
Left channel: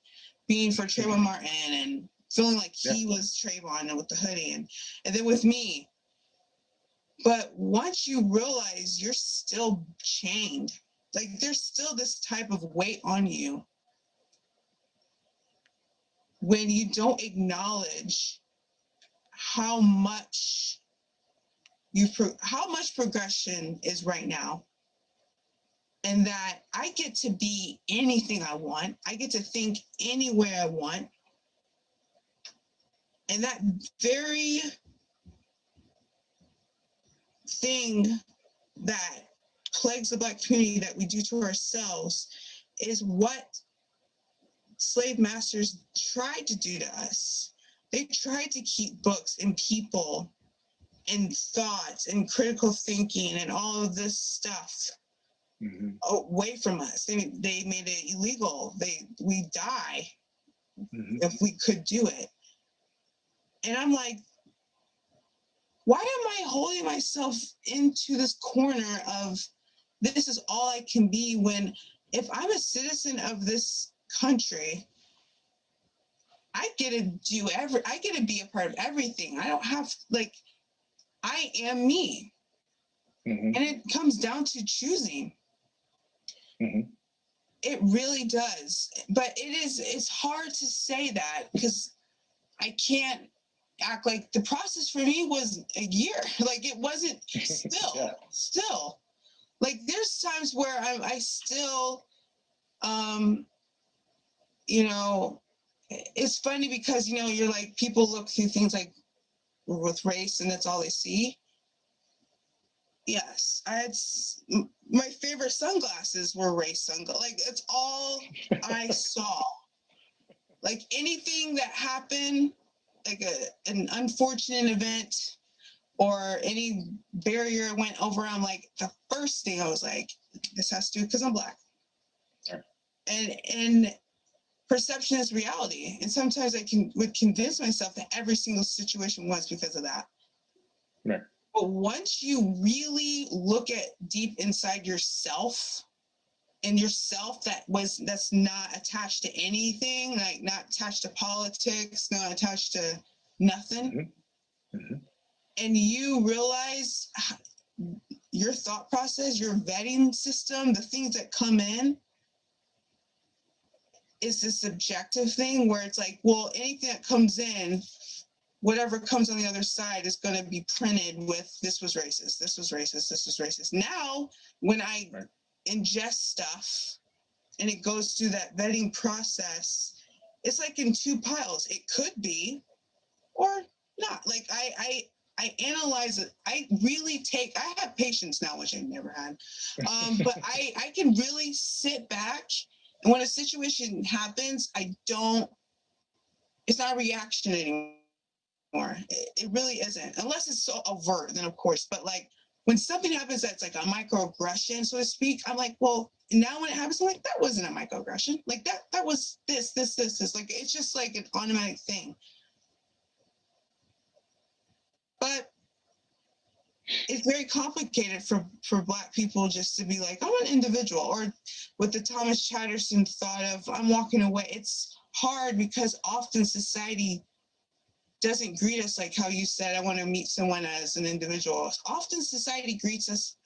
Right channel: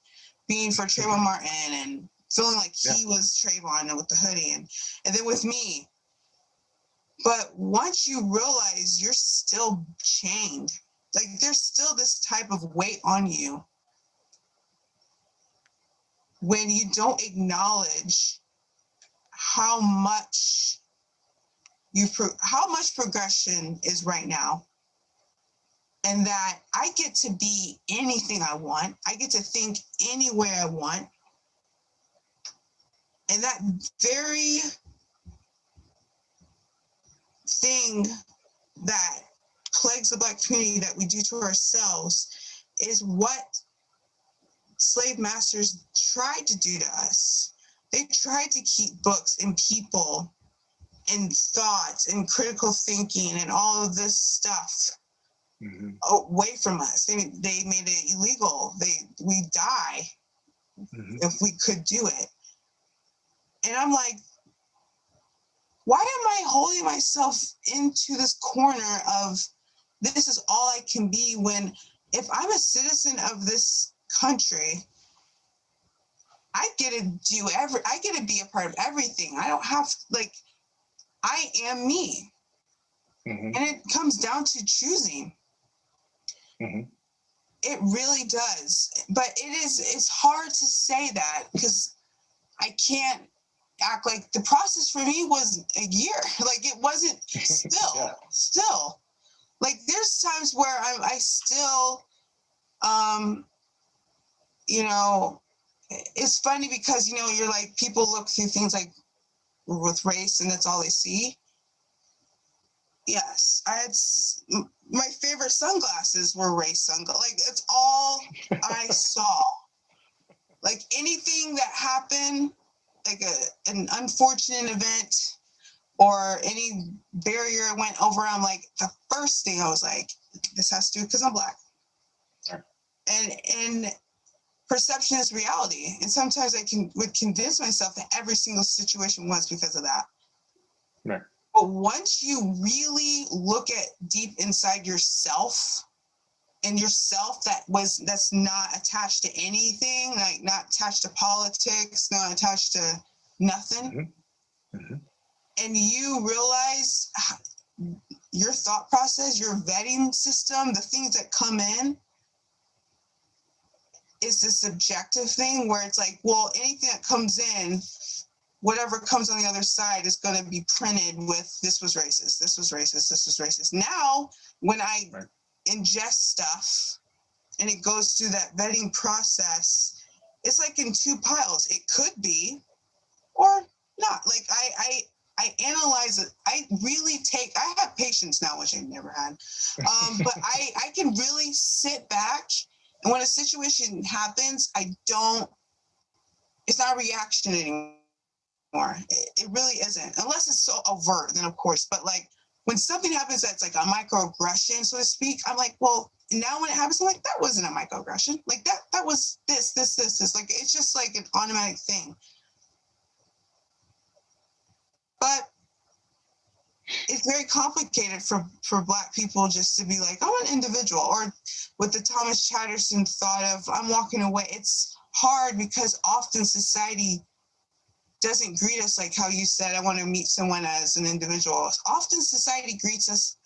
being for Trayvon Martin, and feeling like he was Trayvon with the hoodie, and then with me. But once you realize you're still chained, like there's still this type of weight on you when you don't acknowledge how much progression is right now, and that I get to be anything I want. I get to think any way I want. And that very thing that plagues the Black community that we do to ourselves is what slave masters tried to do to us. They tried to keep books and people and thoughts and critical thinking and all of this stuff away from us. They made it illegal. We die if we could do it. And I'm like, why am I holding myself into this corner of this is all I can be, when if I'm a citizen of this country, I get to be a part of everything. I don't have, like, I am me. And it comes down to choosing. It really does. But it's hard to say that because I can't act like the process for me was a year. Like it wasn't still. Like there's times where I still, you know, it's funny because, you know, you're like, people look through things like with race and that's all they see. Yes, my favorite sunglasses were race sunglasses. Like it's all I saw. Like anything that happened, like an unfortunate event or any barrier I went over, I'm like, the first thing I was like, this has to do because I'm Black. Sure. And perception is reality. And sometimes I would convince myself that every single situation was because of that. Right. But once you really look at deep inside yourself, and yourself that's not attached to anything, like not attached to politics, not attached to nothing, and you realize your thought process, your vetting system, the things that come in, is this subjective thing where it's like, well, anything that comes in, whatever comes on the other side is going to be printed with this was racist, this was racist, this was racist. Now, when I ingest stuff and it goes through that vetting process, it's like in two piles. It could be or not. Like I analyze it. I have patience now, which I never had. But I can really sit back, and when a situation happens, it's not a reaction anymore. It really isn't, unless it's so overt, then of course. But like when something happens that's like a microaggression, so to speak, I'm like, well, now when it happens, I'm like, that wasn't a microaggression. Like that was this. Like it's just like an automatic thing. but it's very complicated for Black people just to be like, I'm an individual, or with the Thomas Chatterton thought of, I'm walking away. It's hard because often society doesn't greet us like how you said, I want to meet someone as an individual. Often society greets us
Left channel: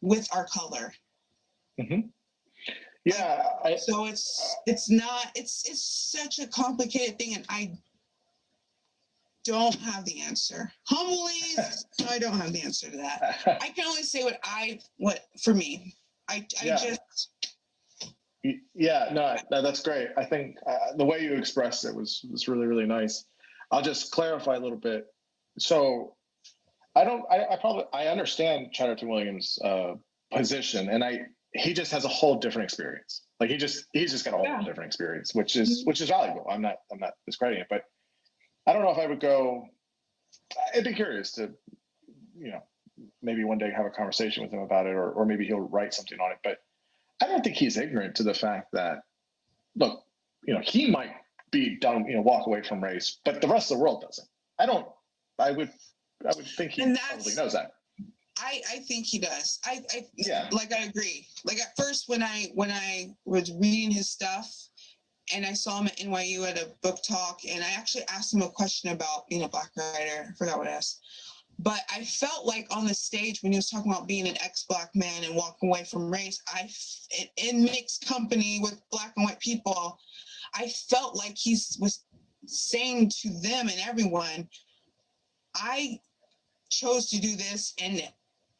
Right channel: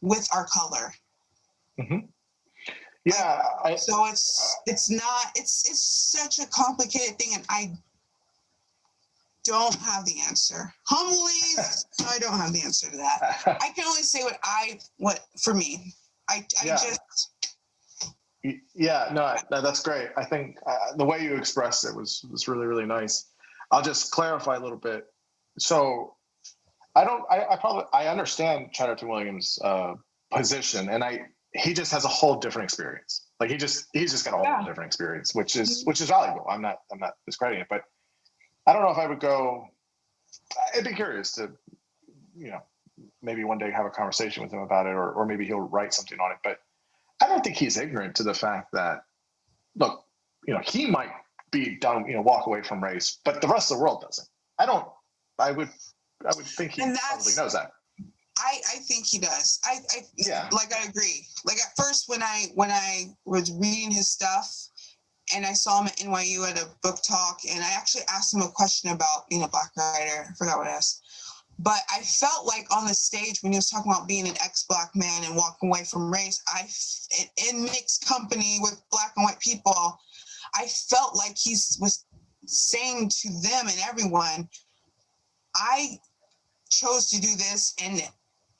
with our color. Mm-hmm. Yeah. So it's such a complicated thing, and I don't have the answer. Humbly, I don't have the answer to that. I can only say what for me. I just. Yeah, no, that's great. I think the way you expressed it was really, really nice. I'll just clarify a little bit. So I understand Chatterton Williams' position, and he just has a whole different experience. Like he's just got a whole different experience, which is valuable. I'm not discrediting it, but I don't know if I would go. I'd be curious to, maybe one day have a conversation with him about it, or maybe he'll write something on it. But I don't think he's ignorant to the fact that, look, he might be done, walk away from race, but the rest of the world doesn't. I would think he probably knows that. I think he does. I agree. Like at first when I was reading his stuff and I saw him at NYU at a book talk, and I actually asked him a question about being a Black writer. I forgot what I asked. But I felt like on the stage when he was talking about being an ex-Black man and walking away from race, in mixed company with Black and white people, I felt like he was saying to them and everyone, I chose to do this, and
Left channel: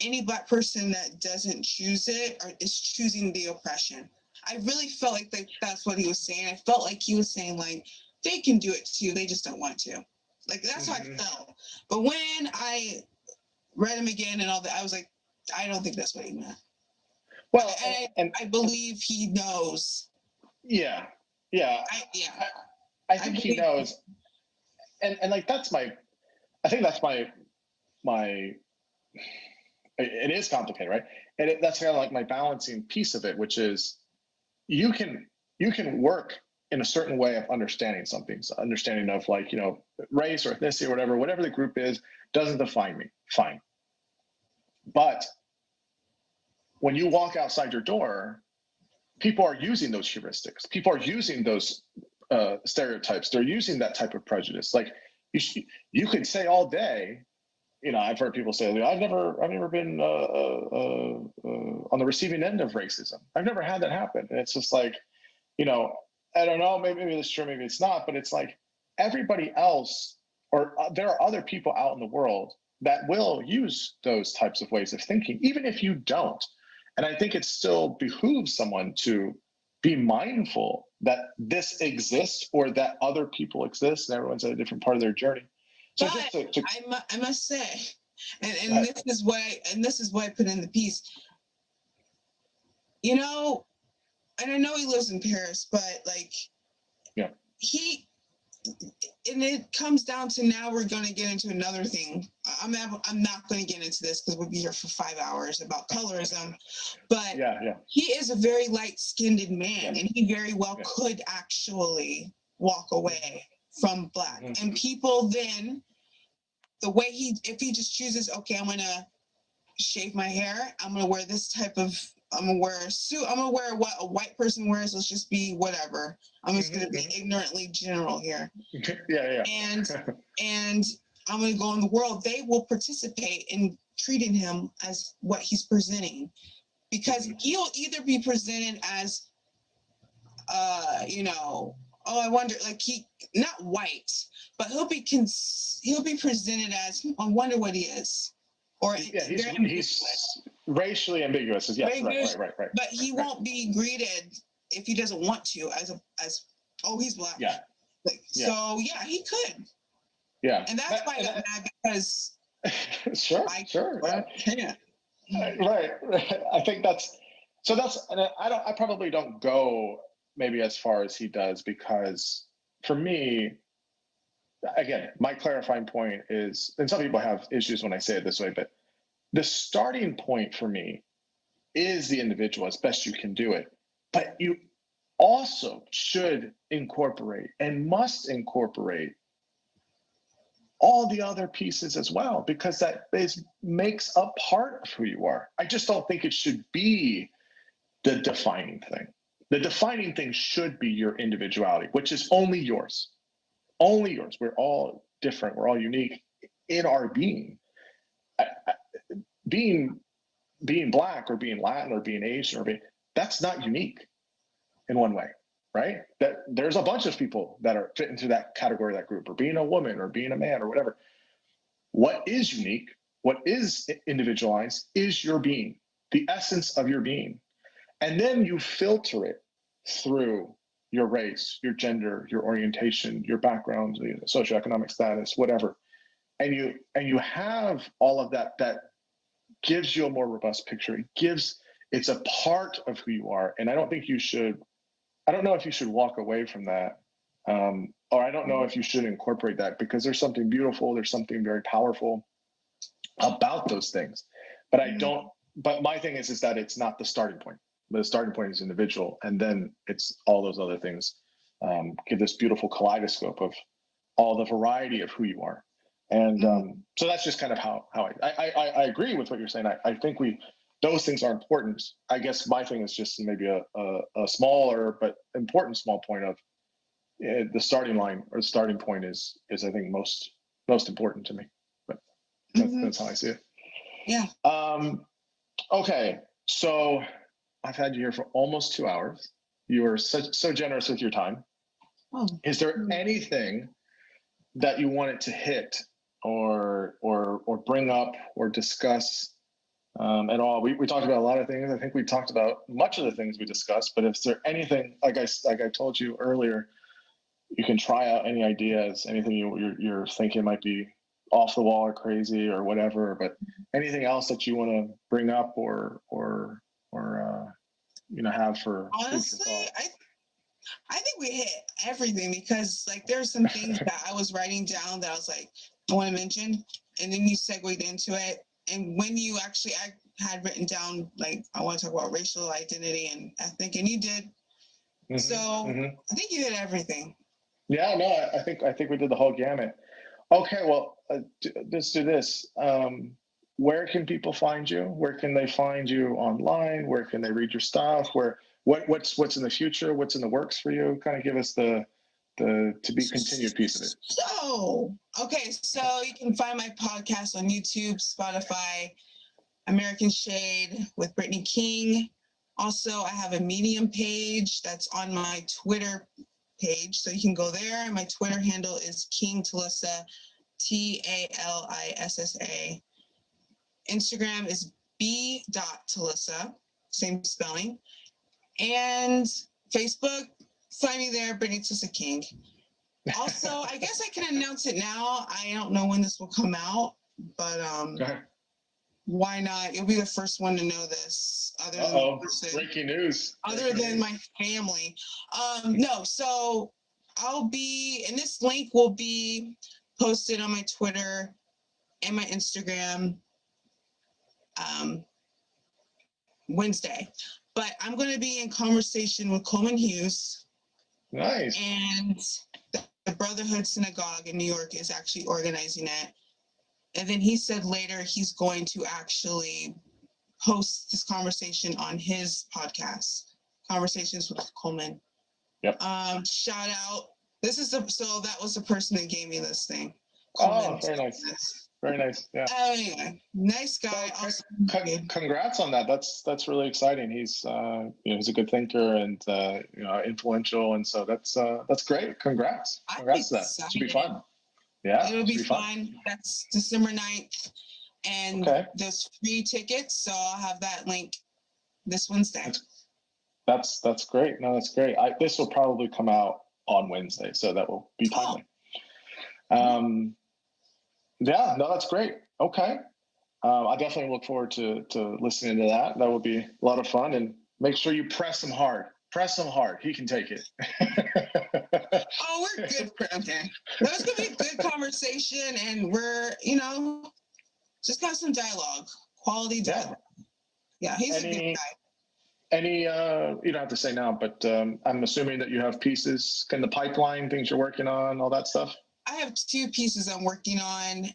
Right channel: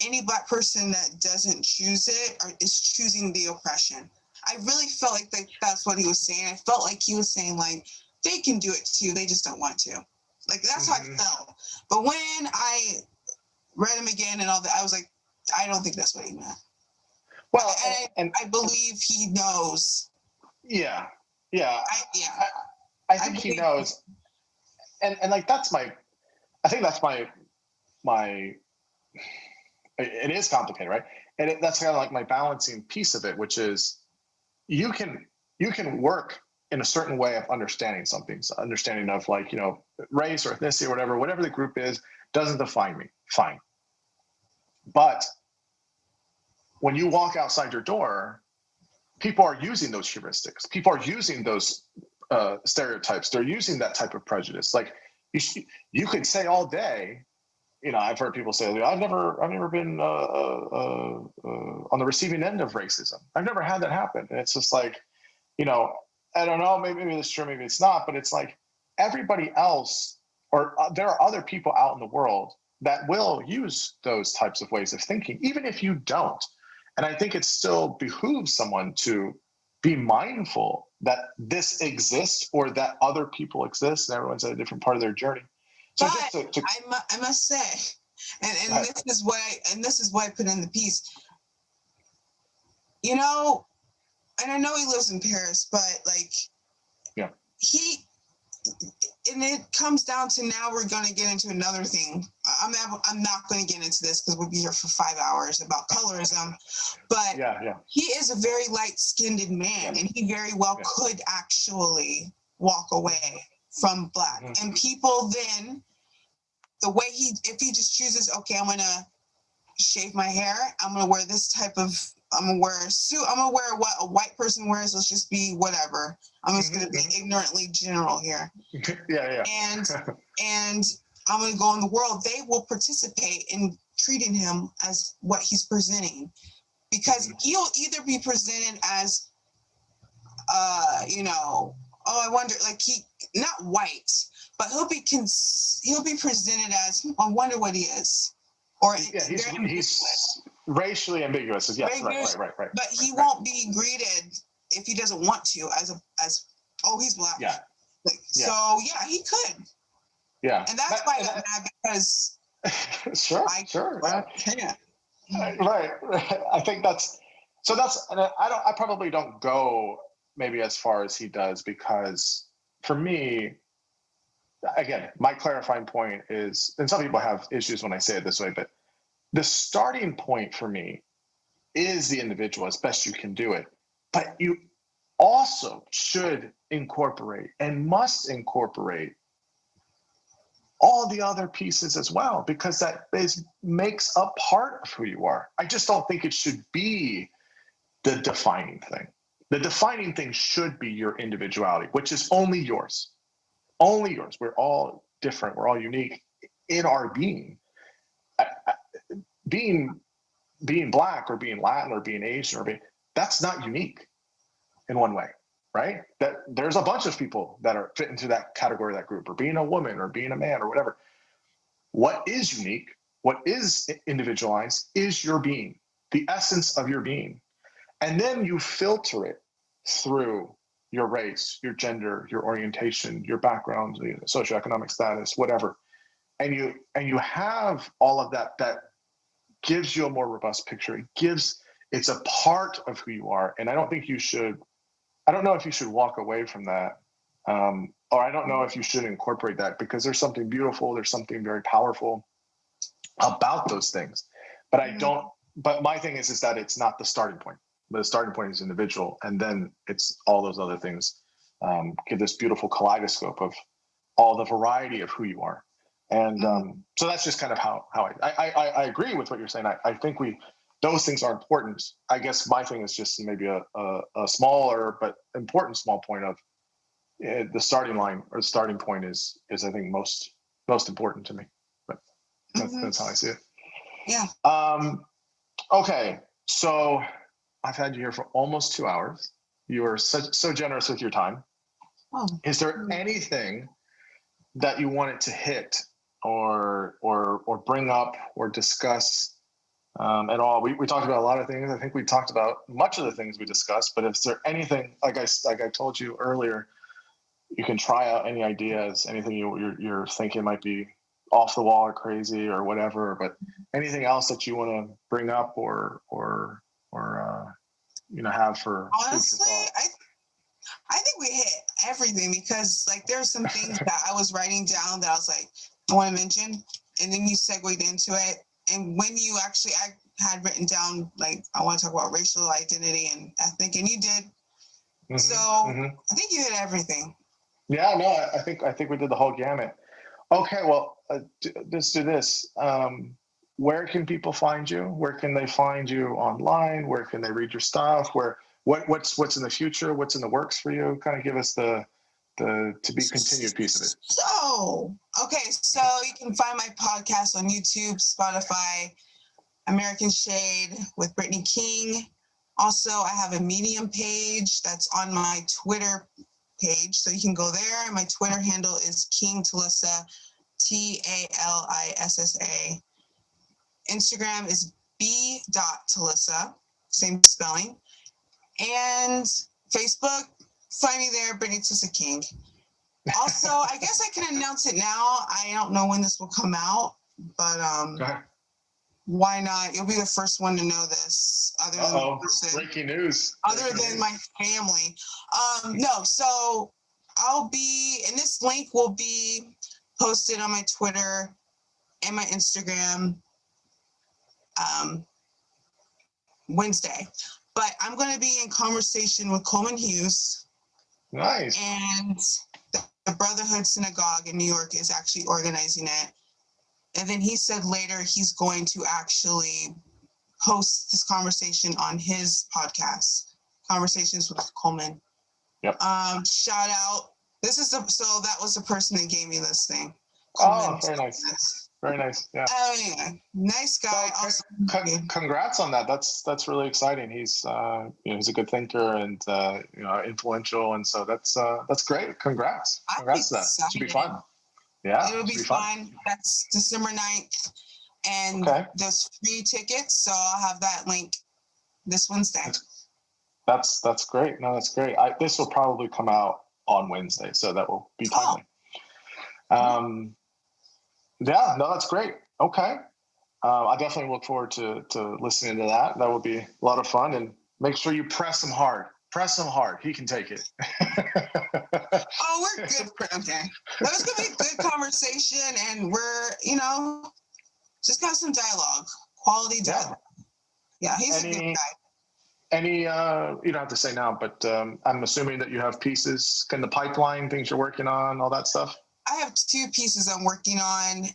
any Black person that doesn't choose it is choosing the oppression. I really felt like that's what he was saying. I felt like he was saying, like, they can do it too, they just don't want to. Like, that's how I felt. But when I read him again and all that, I was like, I don't think that's what he meant. Well, and I believe he knows. Yeah. I think he knows. And like, I think that's my, it is complicated, right? And that's kind of like my balancing piece of it, which is you can work in a certain way of understanding something, understanding of, like, race or ethnicity or whatever the group is, doesn't define me. Fine. But when you walk outside your door, people are using those heuristics. People are using those stereotypes. They're using that type of prejudice. Like you could say all day, I've heard people say, I've never been on the receiving end of racism. I've never had that happen. And it's just like, I don't know, maybe it's true, maybe it's not, but it's like everybody else, or there are other people out in the world that will use those types of ways of thinking, even if you don't. And I think it still behooves someone to be mindful that this exists, or that other people exist, and everyone's at a different part of their journey. So but I must say, and this is what I put in the piece. And I know he lives in Paris, but like, and it comes down to, now we're going to get into another thing. I'm not going to get into this because we'll be here for 5 hours about colorism, but he is a very light-skinned man, and he very well could actually walk away from Black. And people then, the way if he just chooses, okay, I'm going to shave my hair, I'm going to wear this type of, I'm going to wear a suit, I'm going to wear what a white person wears, let's just be whatever. I'm just going to be ignorantly general here. And I'm going to go in the world. They will participate in treating him as what he's presenting, because he'll either be presented as, oh, I wonder, like, he not white, but he'll be presented as, I wonder what he is. Or he's racially ambiguous. Yes, right. But he won't be greeted, if he doesn't want to, as he's Black. So he could. Yeah. And that's why I got mad, because sure. I can't. Right. I think I probably don't go maybe as far as he does, because for me, again, my clarifying point is, and some people have issues when I say it this way, but the starting point for me is the individual as best you can do it. But you also should incorporate and must incorporate all the other pieces as well, because that makes a part of who you are. I just don't think it should be the defining thing. The defining thing should be your individuality, which is only yours. Only yours. We're all different. We're all unique in our being. Being Black or being Latin or being Asian that's not unique in one way, right? That there's a bunch of people that are fit into that category, that group, or being a woman or being a man or whatever. What is unique, what is individualized is your being, the essence of your being. And then you filter it through your race, your gender, your orientation, your background, socioeconomic status, whatever. And you have all of that gives you a more robust picture. It's a part of who you are. And I don't know if you should walk away from that. Or I don't know if you should incorporate that, because there's something beautiful, there's something very powerful about those things. But my thing is that it's not the starting point. The starting point is individual, and then it's all those other things give this beautiful kaleidoscope of all the variety of who you are. And so that's just kind of how I agree with what you're saying. I think those things are important. I guess my thing is just maybe a smaller but important small point of the starting line or the starting point is I think most important to me. But that's how I see it. Yeah. Okay, so I've had you here for almost 2 hours. You are so generous with your time. Oh. Is there anything that you wanted to hit or bring up or discuss at all? We talked about a lot of things. I think we talked about much of the things we discussed. But is there anything, like I told you earlier, you can try out any ideas, anything you're thinking might be off the wall or crazy or whatever, but anything else that you want to bring up or have for honestly, I think we hit everything, because like there's some things that I was writing down that I was like, I want to mention, and then you segued into it. And when you actually, I had written down like, I want to talk about racial identity and ethnic, and you did. I think you hit everything. Yeah, no, I think we did the whole gamut. Okay, well, let's do this. Where can people find you? Where can they find you online? Where can they read your stuff? What's in the future? What's in the works for you? Kind of give us the to be continued piece of it. So you can find my podcast on YouTube, Spotify, American Shade with Brittany King. Also, I have a Medium page that's on my Twitter page, so you can go there. My Twitter handle is King Talissa, Talissa. Instagram is b.talissa, same spelling. And Facebook, find me there, Brittany Talissa King. Also, I guess I can announce it now. I don't know when this will come out, but why not? You'll be the first one to know this. Other than the person, breaking news. Other than my family. No, so I'll be, and this link will be posted on my Twitter and my Instagram Wednesday. But I'm going to be in conversation with Coleman Hughes. Nice. And the Brotherhood Synagogue in New York is actually organizing it. And then he said later he's going to actually host this conversation on his podcast, Conversations with Coleman. Yep. Shout out. So that was the person that gave me this thing. Coleman. Oh, very nice. Very nice. Yeah. Anyway, nice guy. Congrats on that. That's really exciting. He's he's a good thinker and influential, and so that's great. Congrats. Congrats to that. It should be fun. Yeah. It'll be fun. That's December 9th. And there's free tickets, so I'll have that link this Wednesday. That's great. No, that's great. This will probably come out on Wednesday, so that will be timely. Yeah, no, that's great. Okay. I definitely look forward to listening to that. That will be a lot of fun, and make sure you press him hard. Press him hard. He can take it. Oh, we're good. Okay. That was going to be a good conversation, and we're, just got some dialogue, quality dialogue. Yeah, he's a good guy. You don't have to say now, but I'm assuming that you have pieces in the pipeline, things you're working on, all that stuff. I have 2 pieces I'm working on,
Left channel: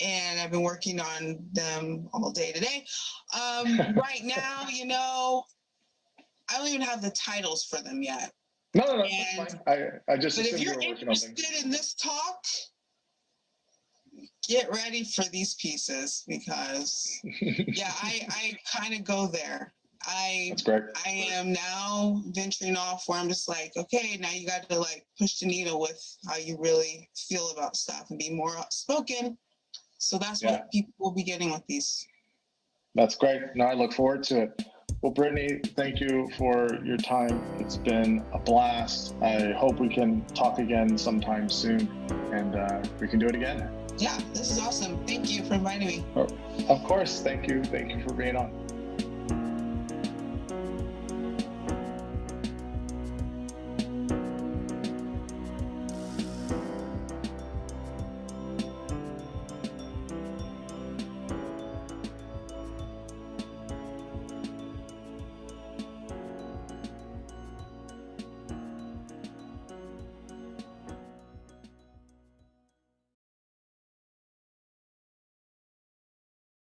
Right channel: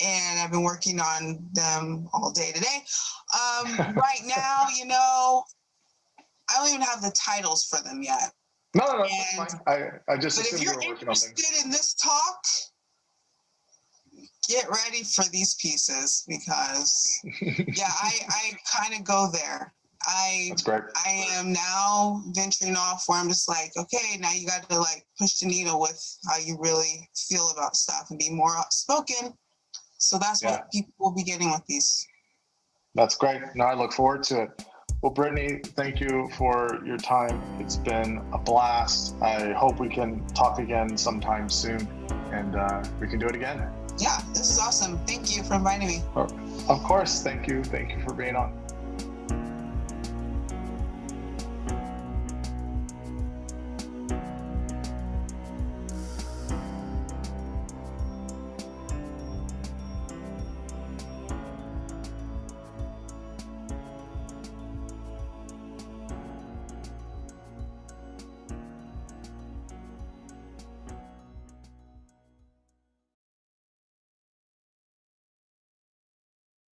and I've been working on them all day today. Right now, you know, I don't even have the titles for them yet. No, that's fine. I just But if assumed you you're were working on things. interested in this talk, get ready for these pieces, because yeah, I kind of go there. That's great. I am now venturing off where I'm just like, okay, now you got to like push the needle with how you really feel about stuff and be more outspoken. So that's what people will be getting with these. That's great. No, I look forward to it. Well, Brittany, thank you for your time. It's been a blast. I hope we can talk again sometime soon, and we can do it again. Yeah, this is awesome. Thank you for inviting me. Of course. Thank you. Thank you for being on.